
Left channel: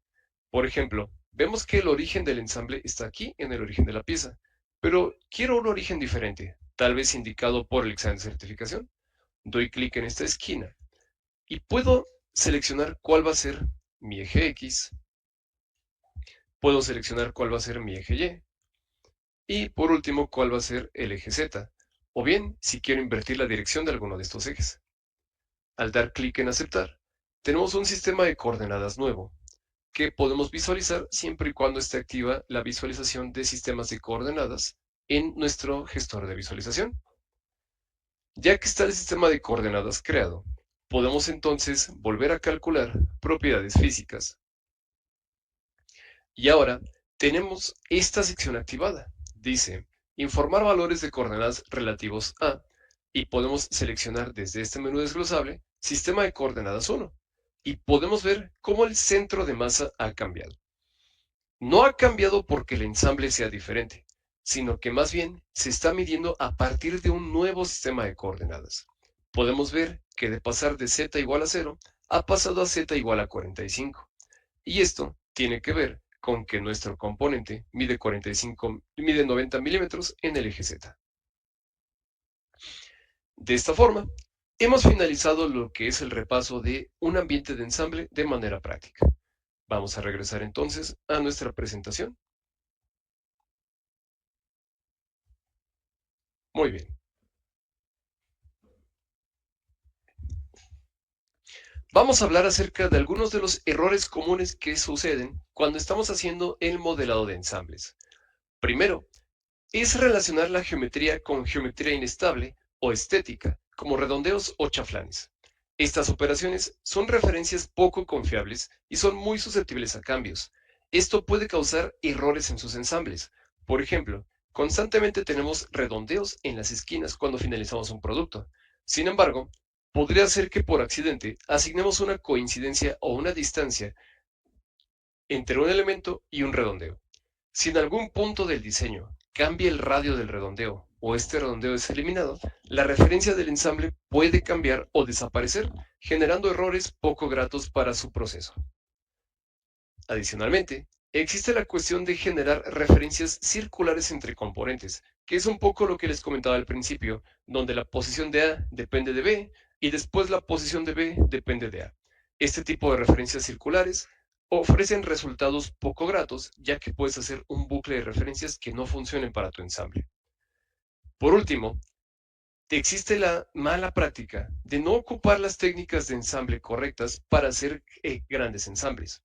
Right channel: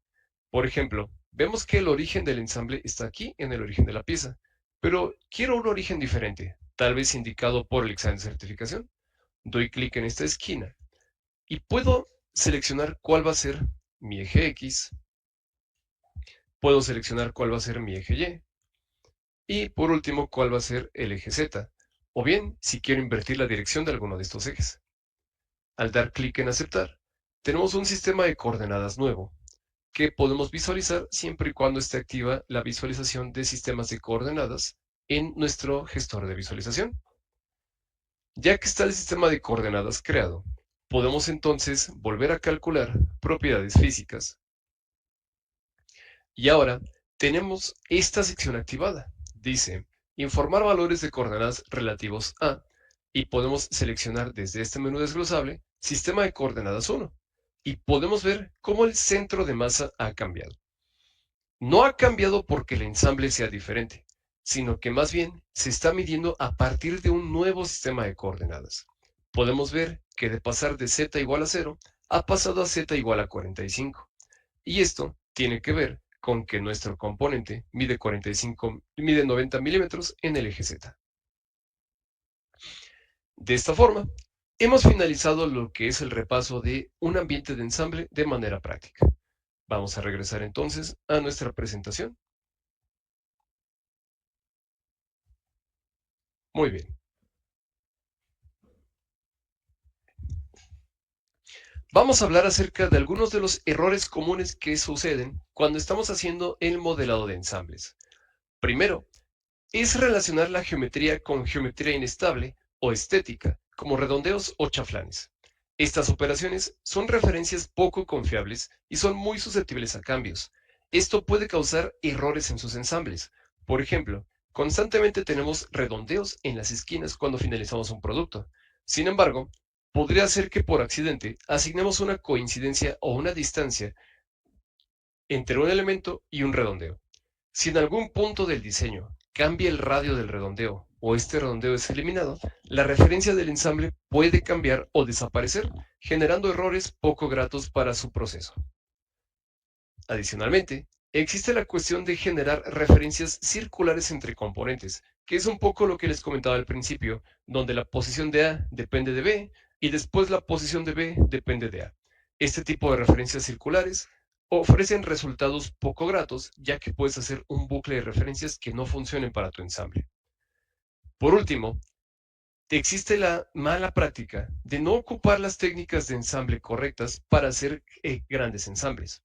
Por ejemplo, vemos que el origen del ensamble está aquí en el origen de la pieza, pero quiero un origen diferente, tal vez indicado por el examen de certificación. Doy clic en esta esquina y puedo seleccionar cuál va a ser mi eje X, puedo seleccionar cuál va a ser mi eje Y. Y por último, cuál va a ser el eje Z. O bien, si quiero invertir la dirección de alguno de estos ejes. Al dar clic en aceptar, tenemos un sistema de coordenadas nuevo, que podemos visualizar siempre y cuando esté activa la visualización de sistemas de coordenadas en nuestro gestor de visualización. Ya que está el sistema de coordenadas creado, podemos entonces volver a calcular propiedades físicas. Y ahora tenemos esta sección activada. Dice, informar valores de coordenadas relativos a, y podemos seleccionar desde este menú desglosable, sistema de coordenadas 1, y podemos ver cómo el centro de masa ha cambiado. No ha cambiado porque el ensamble sea diferente, sino que más bien se está midiendo a partir de un nuevo sistema de coordenadas. Podemos ver que de pasar de z igual a 0, ha pasado a z igual a 45. Y esto tiene que ver con que nuestro componente mide 90 milímetros en el eje Z. De esta forma, hemos finalizado lo que es el repaso de un ambiente de ensamble de manera práctica. Vamos a regresar entonces a nuestra presentación. Muy bien. Vamos a hablar acerca de algunos de los errores comunes que suceden cuando estamos haciendo el modelado de ensambles. Primero, es relacionar la geometría con geometría inestable o estética, como redondeos o chaflanes. Estas operaciones son referencias poco confiables y son muy susceptibles a cambios. Esto puede causar errores en sus ensambles. Por ejemplo, constantemente tenemos redondeos en las esquinas cuando finalizamos un producto. Sin embargo, podría ser que por accidente asignemos una coincidencia o una distancia entre un elemento y un redondeo. Si en algún punto del diseño cambia el radio del redondeo o este redondeo es eliminado, la referencia del ensamble puede cambiar o desaparecer, generando errores poco gratos para su proceso. Adicionalmente, existe la cuestión de generar referencias circulares entre componentes, que es un poco lo que les comentaba al principio, donde la posición de A depende de B y después la posición de B depende de A. Este tipo de referencias circulares ofrecen resultados poco gratos, ya que puedes hacer un bucle de referencias que no funcionen para tu ensamble. Por último, existe la mala práctica de no ocupar las técnicas de ensamble correctas para hacer grandes ensambles.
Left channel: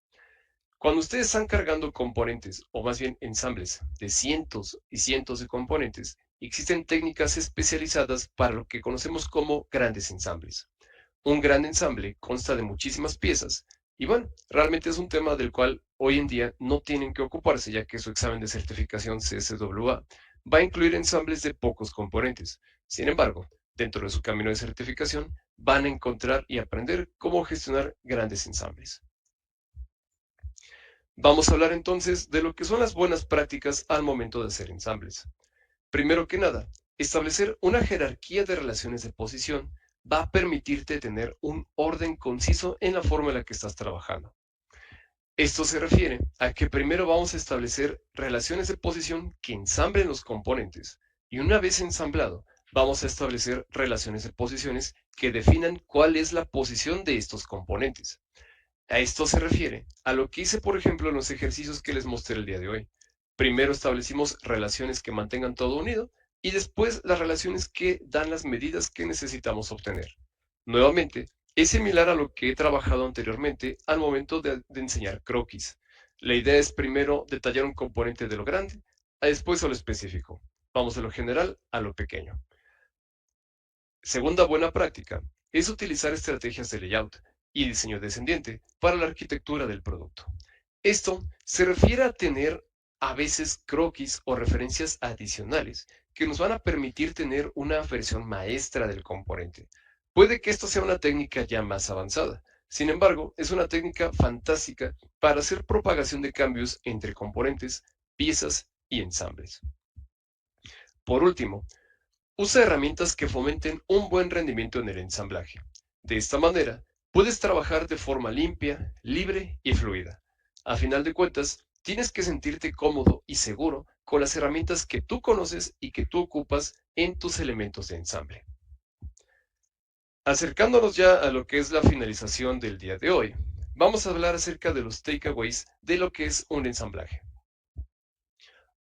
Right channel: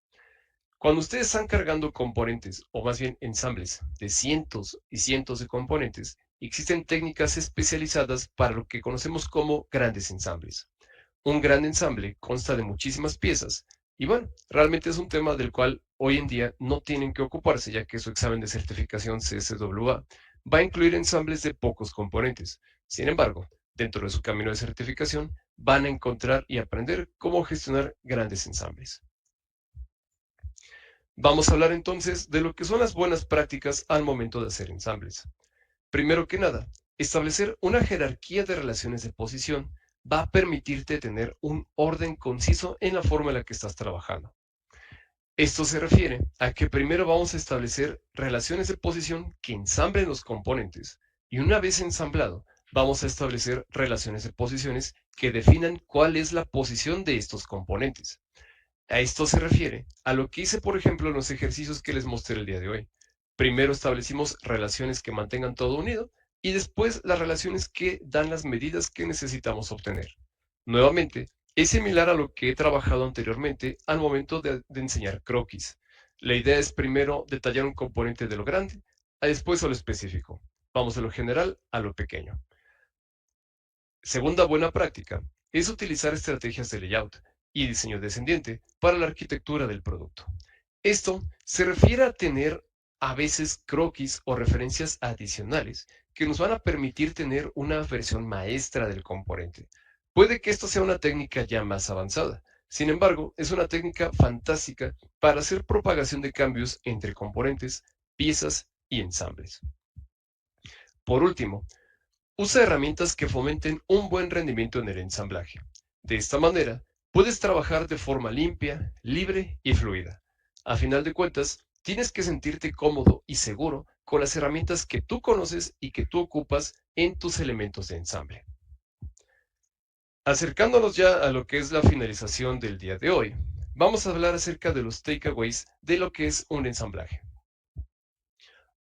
Cuando ustedes están cargando componentes, o más bien ensambles, de cientos y cientos de componentes, existen técnicas especializadas para lo que conocemos como grandes ensambles. Un gran ensamble consta de muchísimas piezas y bueno, realmente es un tema del cual hoy en día no tienen que ocuparse ya que su examen de certificación CSWA va a incluir ensambles de pocos componentes. Sin embargo, dentro de su camino de certificación van a encontrar y aprender cómo gestionar grandes ensambles. Vamos a hablar entonces de lo que son las buenas prácticas al momento de hacer ensambles. Primero que nada, establecer una jerarquía de relaciones de posición va a permitirte tener un orden conciso en la forma en la que estás trabajando. Esto se refiere a que primero vamos a establecer relaciones de posición que ensamblen los componentes y una vez ensamblado, vamos a establecer relaciones de posiciones que definan cuál es la posición de estos componentes. A esto se refiere a lo que hice, por ejemplo, en los ejercicios que les mostré el día de hoy. Primero establecimos relaciones que mantengan todo unido y después las relaciones que dan las medidas que necesitamos obtener. Nuevamente, es similar a lo que he trabajado anteriormente al momento de enseñar croquis. La idea es primero detallar un componente de lo grande, a después a lo específico. Vamos de lo general a lo pequeño. Segunda buena práctica es utilizar estrategias de layout y diseño descendiente para la arquitectura del producto. Esto se refiere a tener a veces croquis o referencias adicionales que nos van a permitir tener una versión maestra del componente. Puede que esto sea una técnica ya más avanzada, sin embargo, es una técnica fantástica para hacer propagación de cambios entre componentes, piezas y ensambles. Por último, usa herramientas que fomenten un buen rendimiento en el ensamblaje. De esta manera, puedes trabajar de forma limpia, libre y fluida. A final de cuentas, tienes que sentirte cómodo y seguro con las herramientas que tú conoces y que tú ocupas en tus elementos de ensamble. Acercándonos ya a lo que es la finalización del día de hoy, vamos a hablar acerca de los takeaways de lo que es un ensamblaje.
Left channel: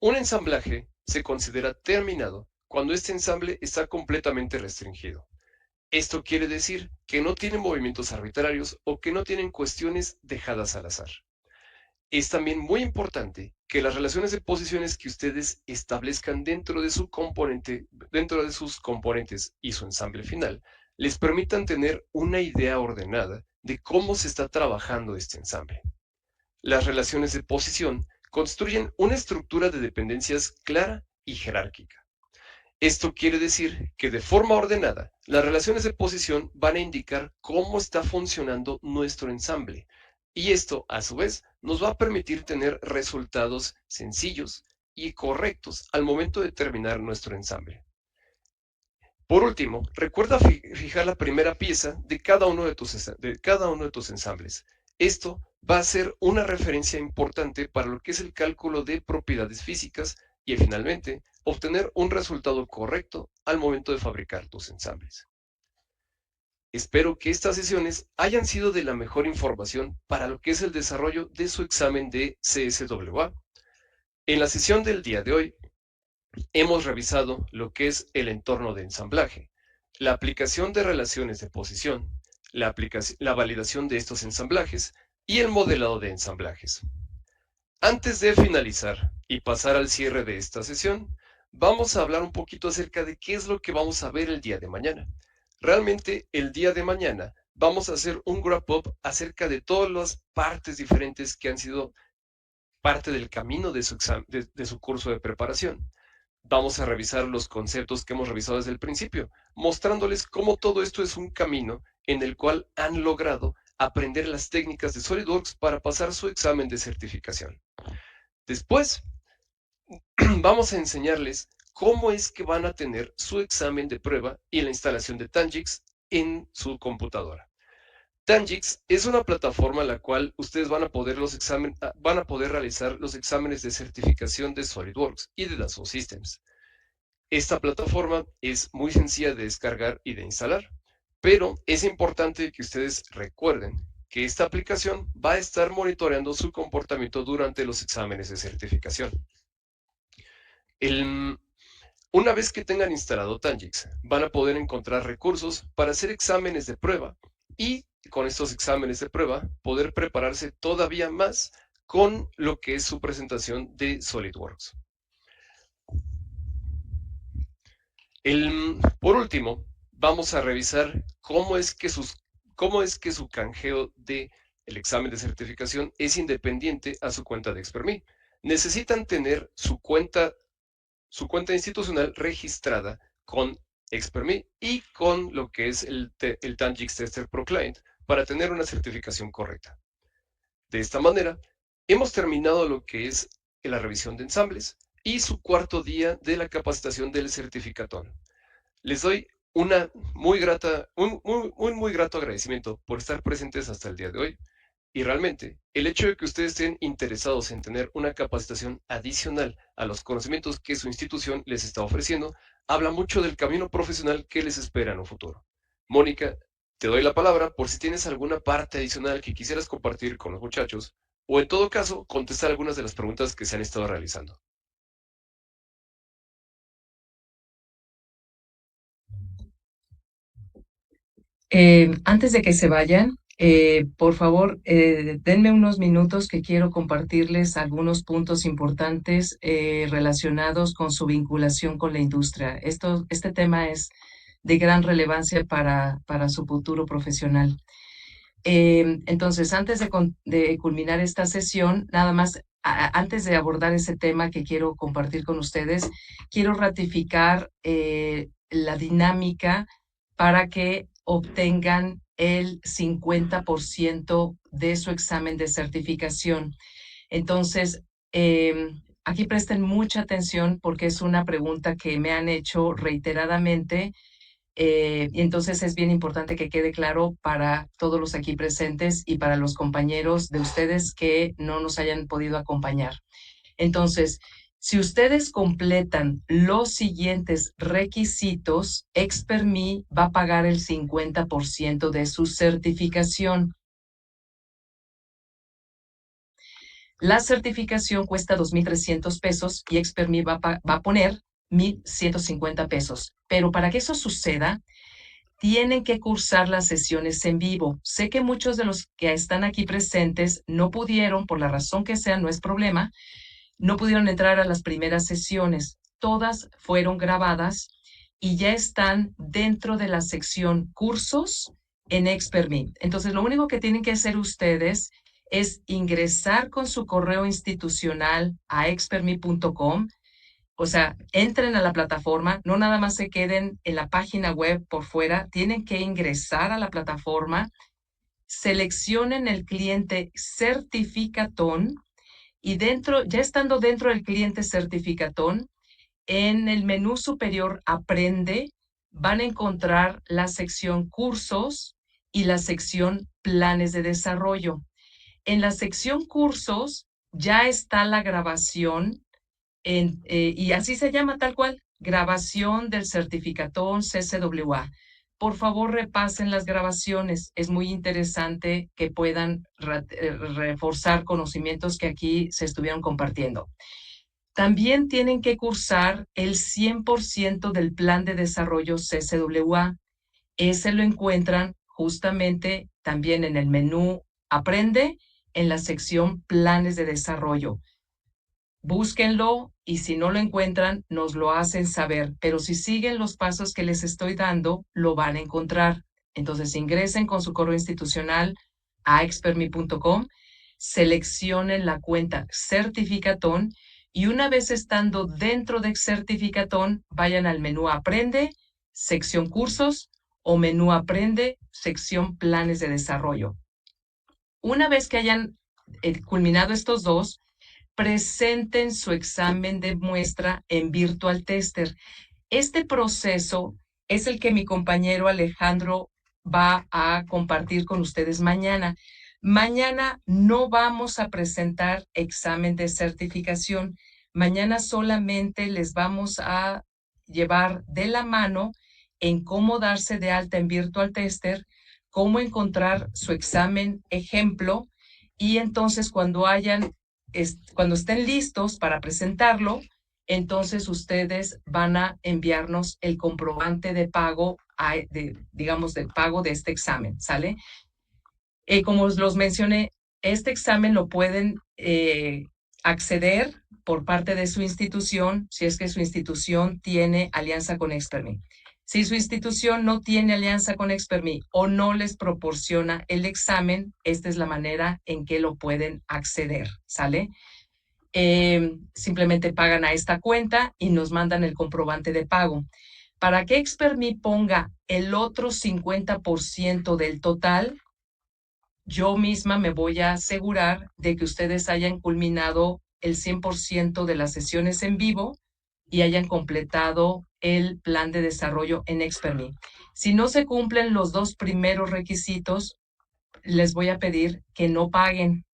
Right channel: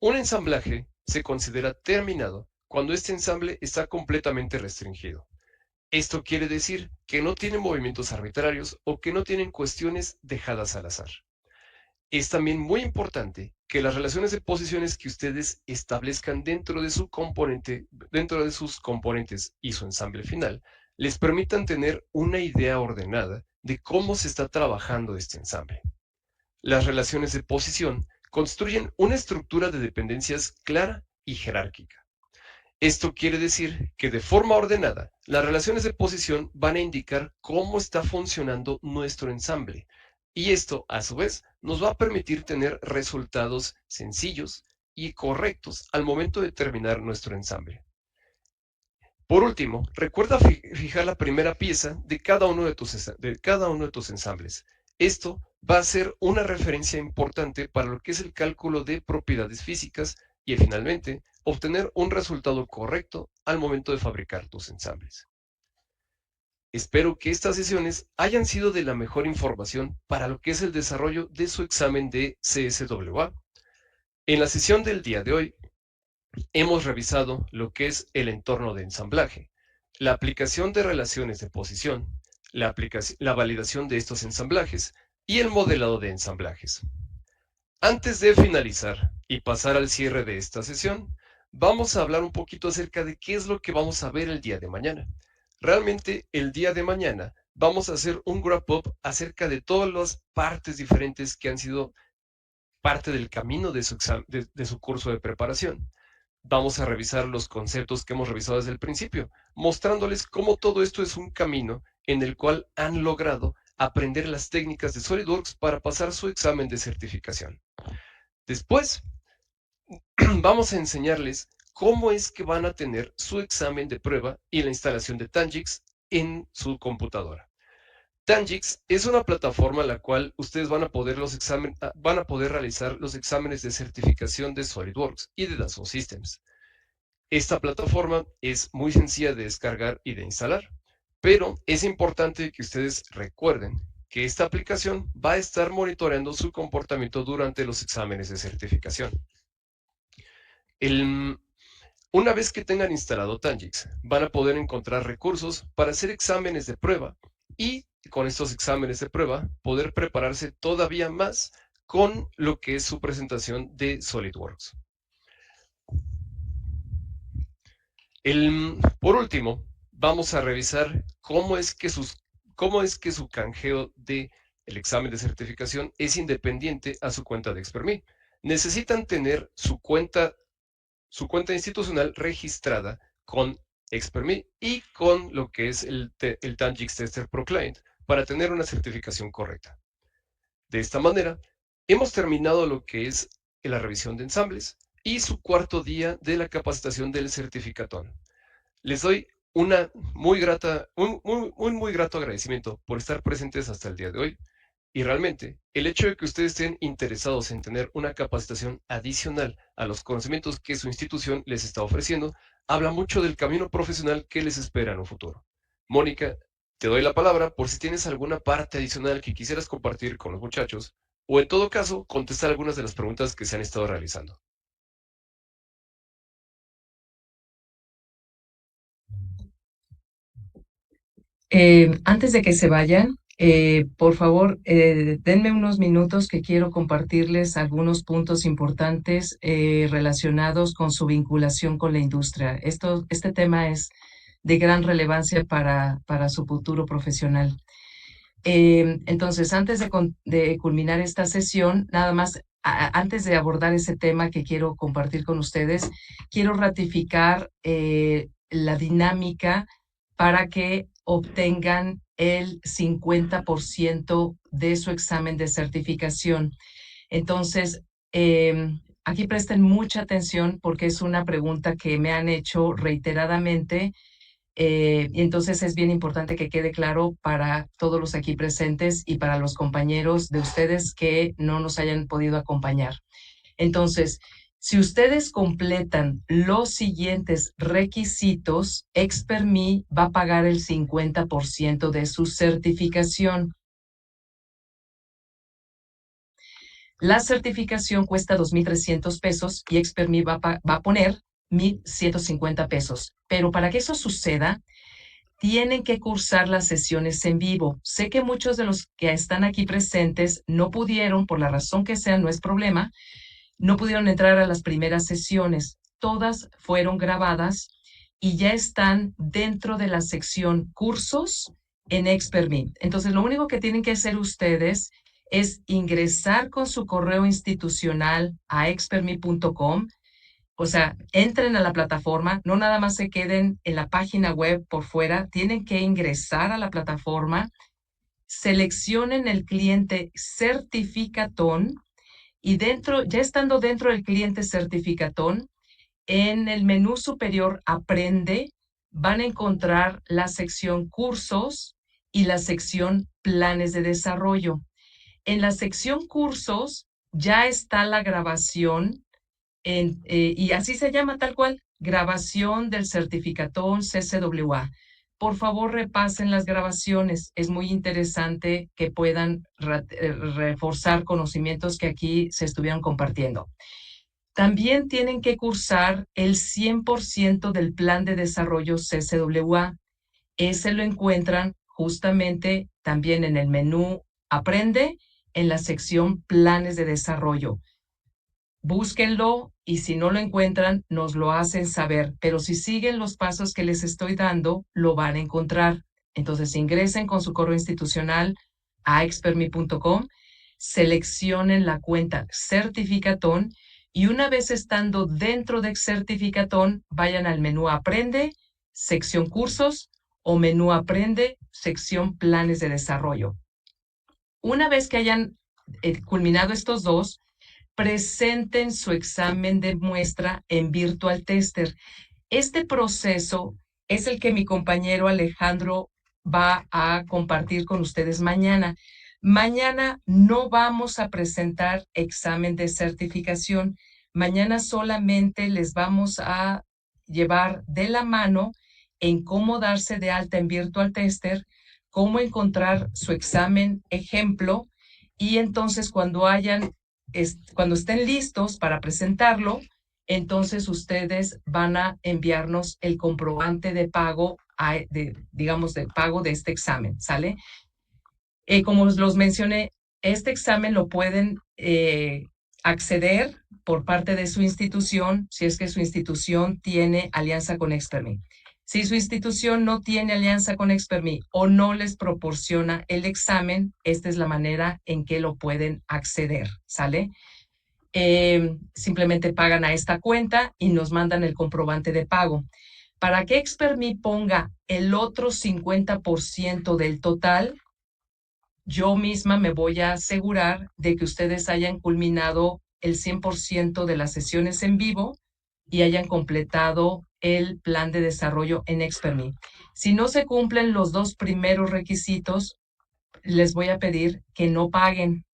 Un ensamblaje se considera terminado cuando este ensamble está completamente restringido. Esto quiere decir que no tiene movimientos arbitrarios o que no tienen cuestiones dejadas al azar. Es también muy importante que las relaciones de posiciones que ustedes establezcan dentro de sus componentes y su ensamble final, les permitan tener una idea ordenada de cómo se está trabajando este ensamble. Las relaciones de posición construyen una estructura de dependencias clara y jerárquica. Esto quiere decir que de forma ordenada, las relaciones de posición van a indicar cómo está funcionando nuestro ensamble. Y esto, a su vez, nos va a permitir tener resultados sencillos y correctos al momento de terminar nuestro ensamble. Por último, recuerda fijar la primera pieza de cada uno de tus ensambles. Esto va a ser una referencia importante para lo que es el cálculo de propiedades físicas y finalmente obtener un resultado correcto al momento de fabricar tus ensambles. Espero que estas sesiones hayan sido de la mejor información para lo que es el desarrollo de su examen de CSWA. En la sesión del día de hoy hemos revisado lo que es el entorno de ensamblaje, la aplicación de relaciones de posición, la validación de estos ensamblajes y el modelado de ensamblajes. Antes de finalizar y pasar al cierre de esta sesión, vamos a hablar un poquito acerca de qué es lo que vamos a ver el día de mañana. Realmente el día de mañana vamos a hacer un wrap-up acerca de todas las partes diferentes que han sido parte del camino de su curso de preparación. Vamos a revisar los conceptos que hemos revisado desde el principio, mostrándoles cómo todo esto es un camino en el cual han logrado aprender las técnicas de SolidWorks para pasar su examen de certificación. Después, vamos a enseñarles cómo es que van a tener su examen de prueba y la instalación de Tangix en su computadora. Tangix es una plataforma en la cual ustedes van a poder realizar los exámenes de certificación de SolidWorks y de Dassault Systems. Esta plataforma es muy sencilla de descargar y de instalar, pero es importante que ustedes recuerden que esta aplicación va a estar monitoreando su comportamiento durante los exámenes de certificación. Una vez que tengan instalado Tangix, van a poder encontrar recursos para hacer exámenes de prueba y con estos exámenes de prueba poder prepararse todavía más con lo que es su presentación de SolidWorks. Por último, vamos a revisar cómo es que su canjeo de el examen de certificación es independiente a su cuenta de Expertme. Necesitan tener su cuenta institucional registrada con Expertme y con lo que es el Tangix Tester Pro Client para tener una certificación correcta. De esta manera, hemos terminado lo que es la revisión de ensambles y su cuarto día de la capacitación del certificatón. Les doy un muy grato agradecimiento por estar presentes hasta el día de hoy. Y realmente, el hecho de que ustedes estén interesados en tener una capacitación adicional a los conocimientos que su institución les está ofreciendo, habla mucho del camino profesional que les espera en un futuro. Mónica, te doy la palabra por si tienes alguna parte adicional que quisieras compartir con los muchachos, o en todo caso, contestar algunas de las preguntas que se han estado realizando. Antes de que se vayan, por favor, denme unos minutos que quiero compartirles algunos puntos importantes relacionados con su vinculación con la industria. Este tema es de gran relevancia para su futuro profesional. Entonces, antes de culminar esta sesión, nada más, antes de abordar ese tema que quiero compartir con ustedes, quiero ratificar la dinámica para que obtengan el 50% de su examen de certificación. Entonces, aquí presten mucha atención porque es una pregunta que me han hecho reiteradamente. Y entonces es bien importante que quede claro para todos los aquí presentes y para los compañeros de ustedes que no nos hayan podido acompañar. Entonces, si ustedes completan los siguientes requisitos, Expertme va a pagar el 50% de su certificación. La certificación cuesta 2,300 pesos y Expertme va a poner 1,150 pesos. Pero para que eso suceda, tienen que cursar las sesiones en vivo. Sé que muchos de los que están aquí presentes no pudieron, por la razón que sea, no es problema, no pudieron entrar a las primeras sesiones. Todas fueron grabadas y ya están dentro de la sección cursos en Expertme. Entonces, lo único que tienen que hacer ustedes es ingresar con su correo institucional a expertme.com. O sea, entren a la plataforma, no nada más se queden en la página web por fuera, tienen que ingresar a la plataforma, seleccionen el cliente Certificatón y dentro, ya estando dentro del cliente Certificatón, en el menú superior Aprende, van a encontrar la sección Cursos y la sección Planes de Desarrollo. En la sección Cursos ya está la grabación y así se llama tal cual, grabación del certificatón CCWA. Por favor, repasen las grabaciones. Es muy interesante que puedan reforzar conocimientos que aquí se estuvieron compartiendo. También tienen que cursar el 100% del plan de desarrollo CCWA. Ese lo encuentran justamente también en el menú Aprende, en la sección Planes de Desarrollo. Búsquenlo y si no lo encuentran, nos lo hacen saber. Pero si siguen los pasos que les estoy dando, lo van a encontrar. Entonces ingresen con su correo institucional a expertme.com, seleccionen la cuenta Certificatón y una vez estando dentro de Certificatón, vayan al menú Aprende, sección Cursos o menú Aprende, sección Planes de Desarrollo. Una vez que hayan culminado estos dos, presenten su examen de muestra en Virtual Tester. Este proceso es el que mi compañero Alejandro va a compartir con ustedes mañana. Mañana no vamos a presentar examen de certificación. Mañana solamente les vamos a llevar de la mano en cómo darse de alta en Virtual Tester, cómo encontrar su examen ejemplo y entonces cuando estén listos para presentarlo, entonces ustedes van a enviarnos el comprobante de pago, digamos, de pago de este examen, ¿sale? Como los mencioné, este examen lo pueden acceder por parte de su institución, si es que su institución tiene alianza con Expertme. Si su institución no tiene alianza con Expertme o no les proporciona el examen, esta es la manera en que lo pueden acceder, ¿sale? Simplemente pagan a esta cuenta y nos mandan el comprobante de pago. Para que Expertme ponga el otro 50% del total, yo misma me voy a asegurar de que ustedes hayan culminado el 100% de las sesiones en vivo y hayan completado el plan de desarrollo en Expertme. Si no se cumplen los dos primeros requisitos, les voy a pedir que no paguen,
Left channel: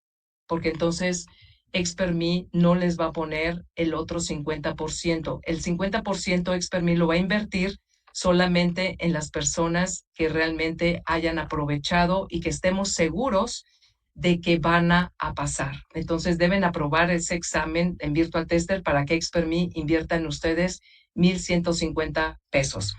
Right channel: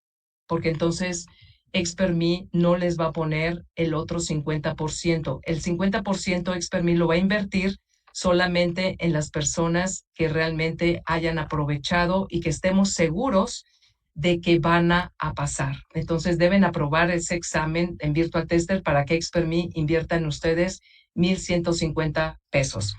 porque entonces Expertme no les va a poner el otro 50%. El 50% Expertme lo va a invertir solamente en las personas que realmente hayan aprovechado y que estemos seguros de que van a pasar. Entonces deben aprobar ese examen en Virtual Tester para que Expertme invierta en ustedes 1,150 pesos.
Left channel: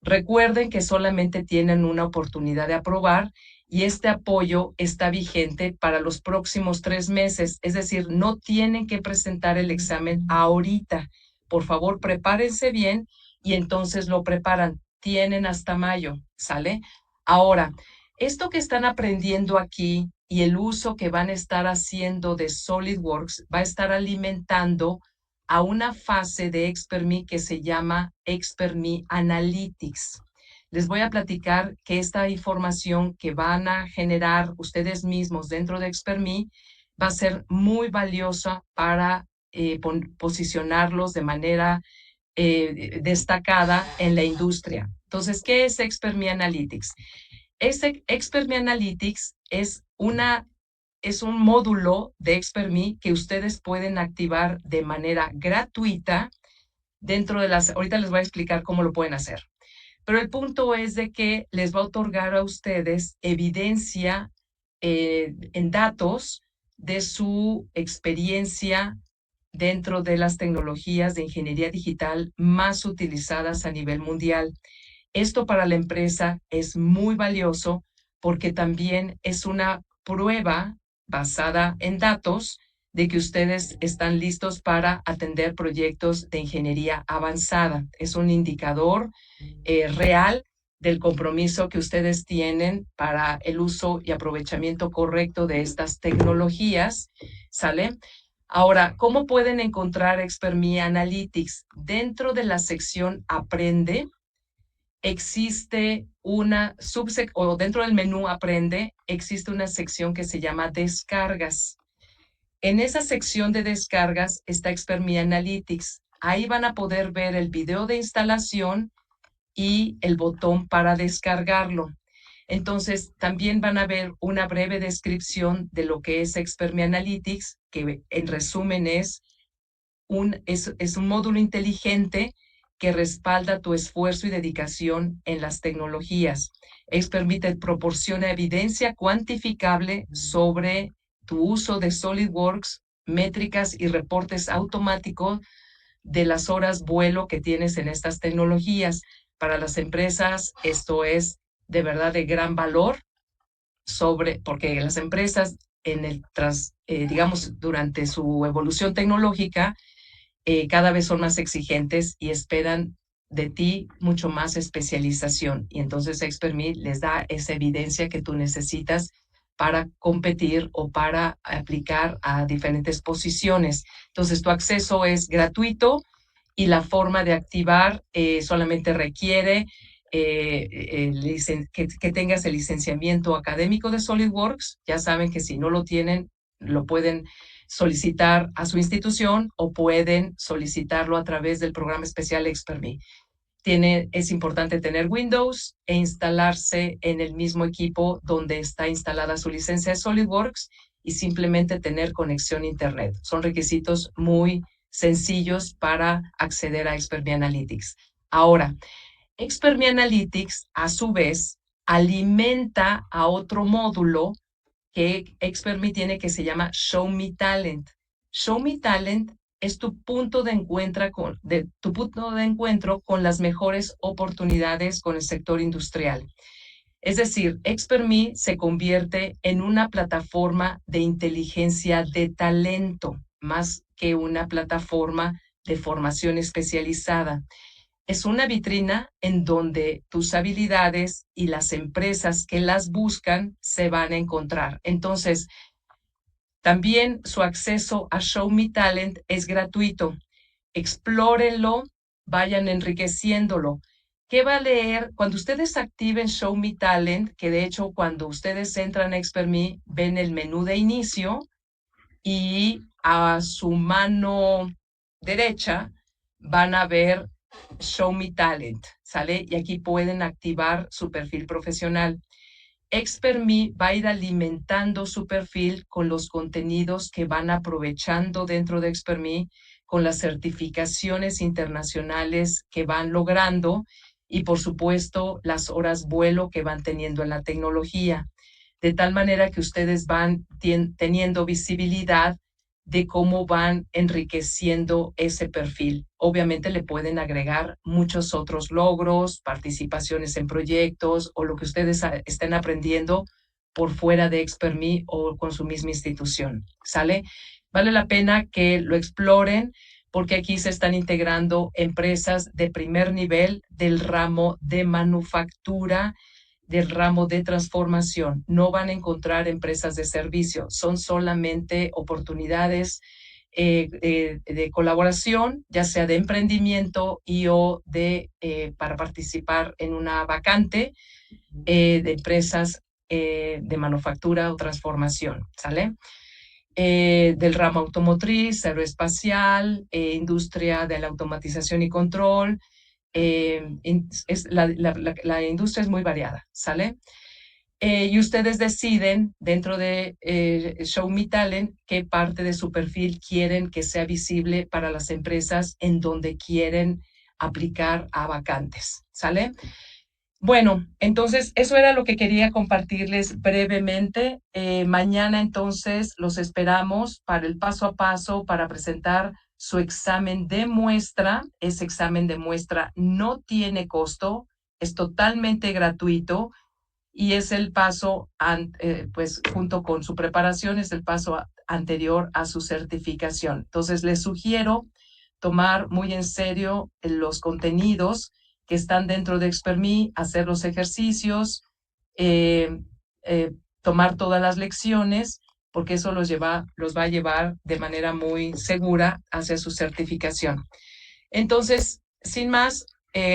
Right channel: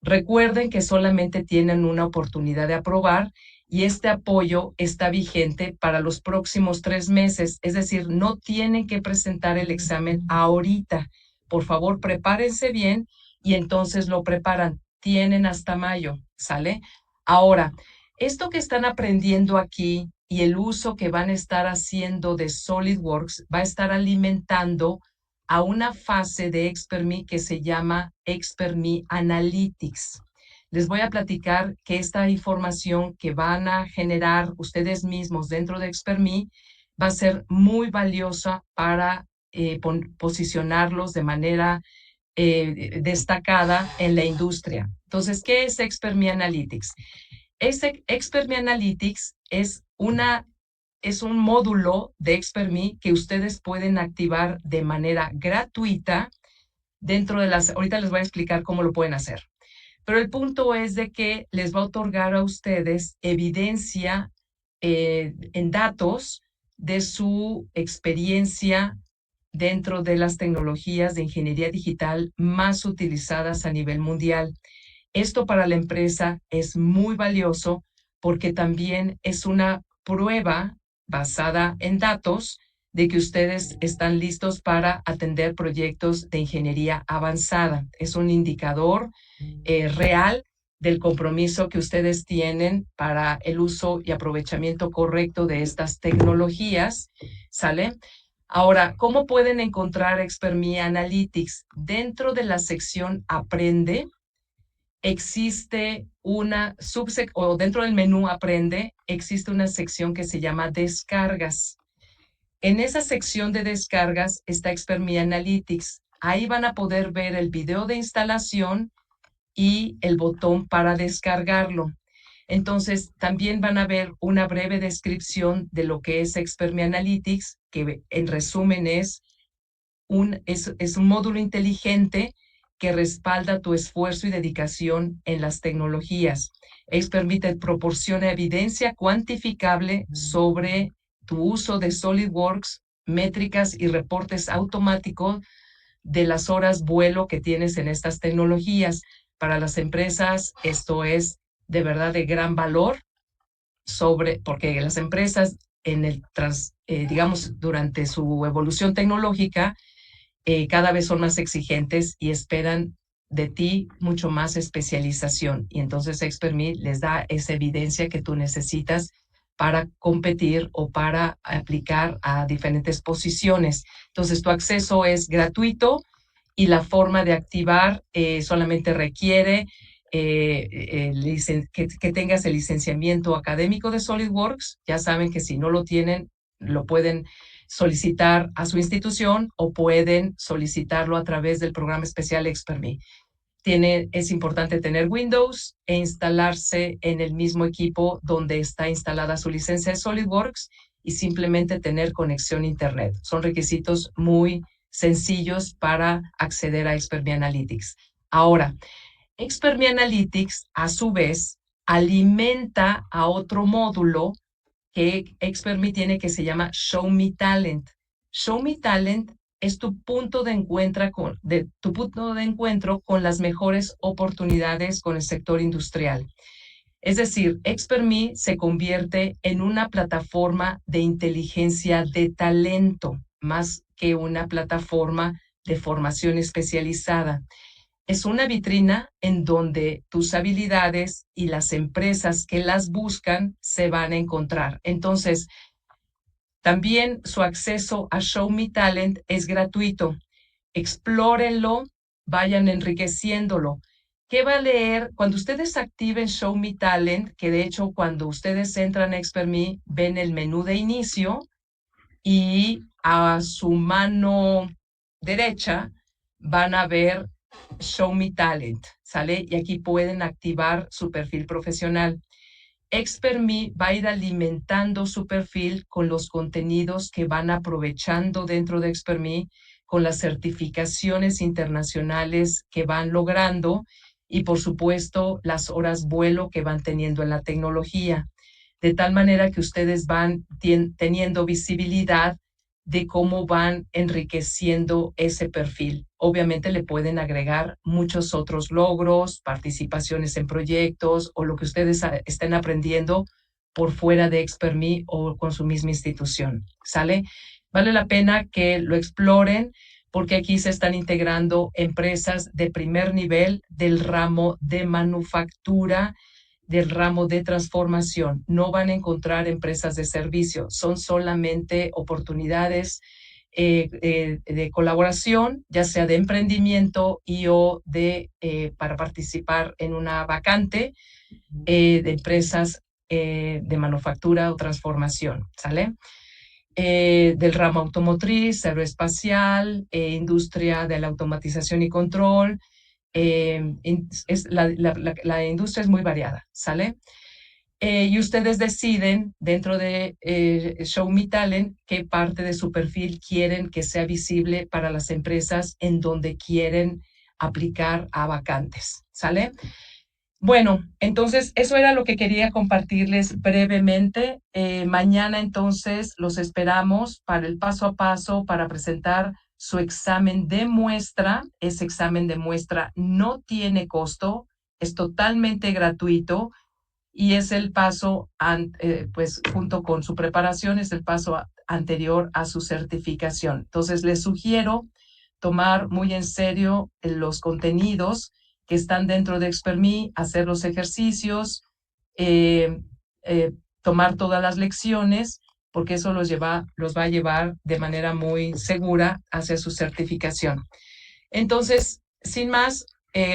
Recuerden que solamente tienen una oportunidad de aprobar y este apoyo está vigente para los próximos 3 meses, es decir, no tienen que presentar el examen ahorita. Por favor, prepárense bien y entonces lo preparan. Tienen hasta mayo, ¿sale? Ahora, esto que están aprendiendo aquí y el uso que van a estar haciendo de SolidWorks va a estar alimentando a una fase de Expertme que se llama Expertme Analytics. Les voy a platicar que esta información que van a generar ustedes mismos dentro de Expertme va a ser muy valiosa para posicionarlos de manera destacada en la industria. Entonces, ¿qué es Expertme Analytics? Expertme Analytics es un módulo de Expertme que ustedes pueden activar de manera gratuita dentro de ahorita les voy a explicar cómo lo pueden hacer. Pero el punto es de que les va a otorgar a ustedes evidencia en datos de su experiencia dentro de las tecnologías de ingeniería digital más utilizadas a nivel mundial. Esto para la empresa es muy valioso porque también es una prueba basada en datos de que ustedes están listos para atender proyectos de ingeniería avanzada. Es un indicador real del compromiso que ustedes tienen para el uso y aprovechamiento correcto de estas tecnologías, ¿sale? Ahora, ¿cómo pueden encontrar Expertme Analytics? Dentro de la sección Aprende, existe una o dentro del menú Aprende, existe una sección que se llama Descargas. En esa sección de descargas está Expertme Analytics. Ahí van a poder ver el video de instalación y el botón para descargarlo. Entonces, también van a ver una breve descripción de lo que es Expertme Analytics, que en resumen es un módulo inteligente que respalda tu esfuerzo y dedicación en las tecnologías. Expertme te proporciona evidencia cuantificable sobre tu uso de SolidWorks, métricas y reportes automáticos de las horas vuelo que tienes en estas tecnologías. Para las empresas, esto es de verdad de gran valor porque las empresas digamos, durante su evolución tecnológica, cada vez son más exigentes y esperan de ti mucho más especialización. Y entonces Expertme les da esa evidencia que tú necesitas para competir o para aplicar a diferentes posiciones. Entonces, tu acceso es gratuito y la forma de activar solamente requiere que tengas el licenciamiento académico de SolidWorks. Ya saben que si no lo tienen, lo pueden solicitar a su institución o pueden solicitarlo a través del programa especial Expertme. Es importante tener Windows e instalarse en el mismo equipo donde está instalada su licencia de SolidWorks y simplemente tener conexión a Internet. Son requisitos muy sencillos para acceder a Expertme Analytics. Ahora, Expertme Analytics, a su vez, alimenta a otro módulo que Expertme tiene que se llama Show Me Talent. Show Me Talent es tu punto de encuentro con las mejores oportunidades con el sector industrial. Es decir, Expertme se convierte en una plataforma de inteligencia de talento, más que una plataforma de formación especializada. Es una vitrina en donde tus habilidades y las empresas que las buscan se van a encontrar. Entonces, también su acceso a Show Me Talent es gratuito. Explórenlo, vayan enriqueciéndolo. ¿Qué va a leer? Cuando ustedes activen Show Me Talent, que de hecho cuando ustedes entran a Expertme, ven el menú de inicio y a su mano derecha van a ver Show Me Talent, ¿sale? Y aquí pueden activar su perfil profesional. Expertme va a ir alimentando su perfil con los contenidos que van aprovechando dentro de Expertme, con las certificaciones internacionales que van logrando y, por supuesto, las horas vuelo que van teniendo en la tecnología, de tal manera que ustedes van teniendo visibilidad de cómo van enriqueciendo ese perfil. Obviamente le pueden agregar muchos otros logros, participaciones en proyectos o lo que ustedes estén aprendiendo por fuera de Expertme o con su misma institución. ¿Sale? Vale la pena que lo exploren porque aquí se están integrando empresas de primer nivel del ramo de manufactura, del ramo de transformación. No van a encontrar empresas de servicio, son solamente oportunidades de colaboración, ya sea de emprendimiento y o para participar en una vacante de empresas de manufactura o transformación, ¿sale? Del ramo automotriz, aeroespacial, industria de la automatización y control. La industria es muy variada, ¿sale? Y ustedes deciden dentro de Show Me Talent qué parte de su perfil quieren que sea visible para las empresas en donde quieren aplicar a vacantes, ¿sale? Bueno, entonces eso era lo que quería compartirles brevemente. Mañana entonces los esperamos para el paso a paso para presentar su examen de muestra. Ese examen de muestra no tiene costo, es totalmente gratuito y es el paso, pues junto con su preparación, es el paso anterior a su certificación. Entonces les sugiero tomar muy en serio los contenidos que están dentro de Expertme, hacer los ejercicios, eh, eh, tomar todas las lecciones, porque eso los va a llevar de manera muy segura hacia su certificación. Entonces, sin más,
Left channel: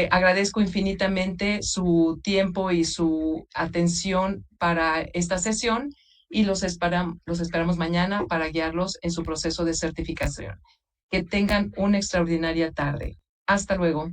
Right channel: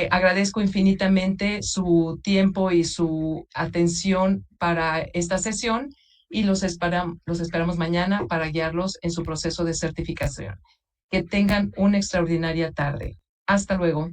agradezco infinitamente su tiempo y su atención para esta sesión y los esperamos mañana para guiarlos en su proceso de certificación. Que tengan una extraordinaria tarde. Hasta luego.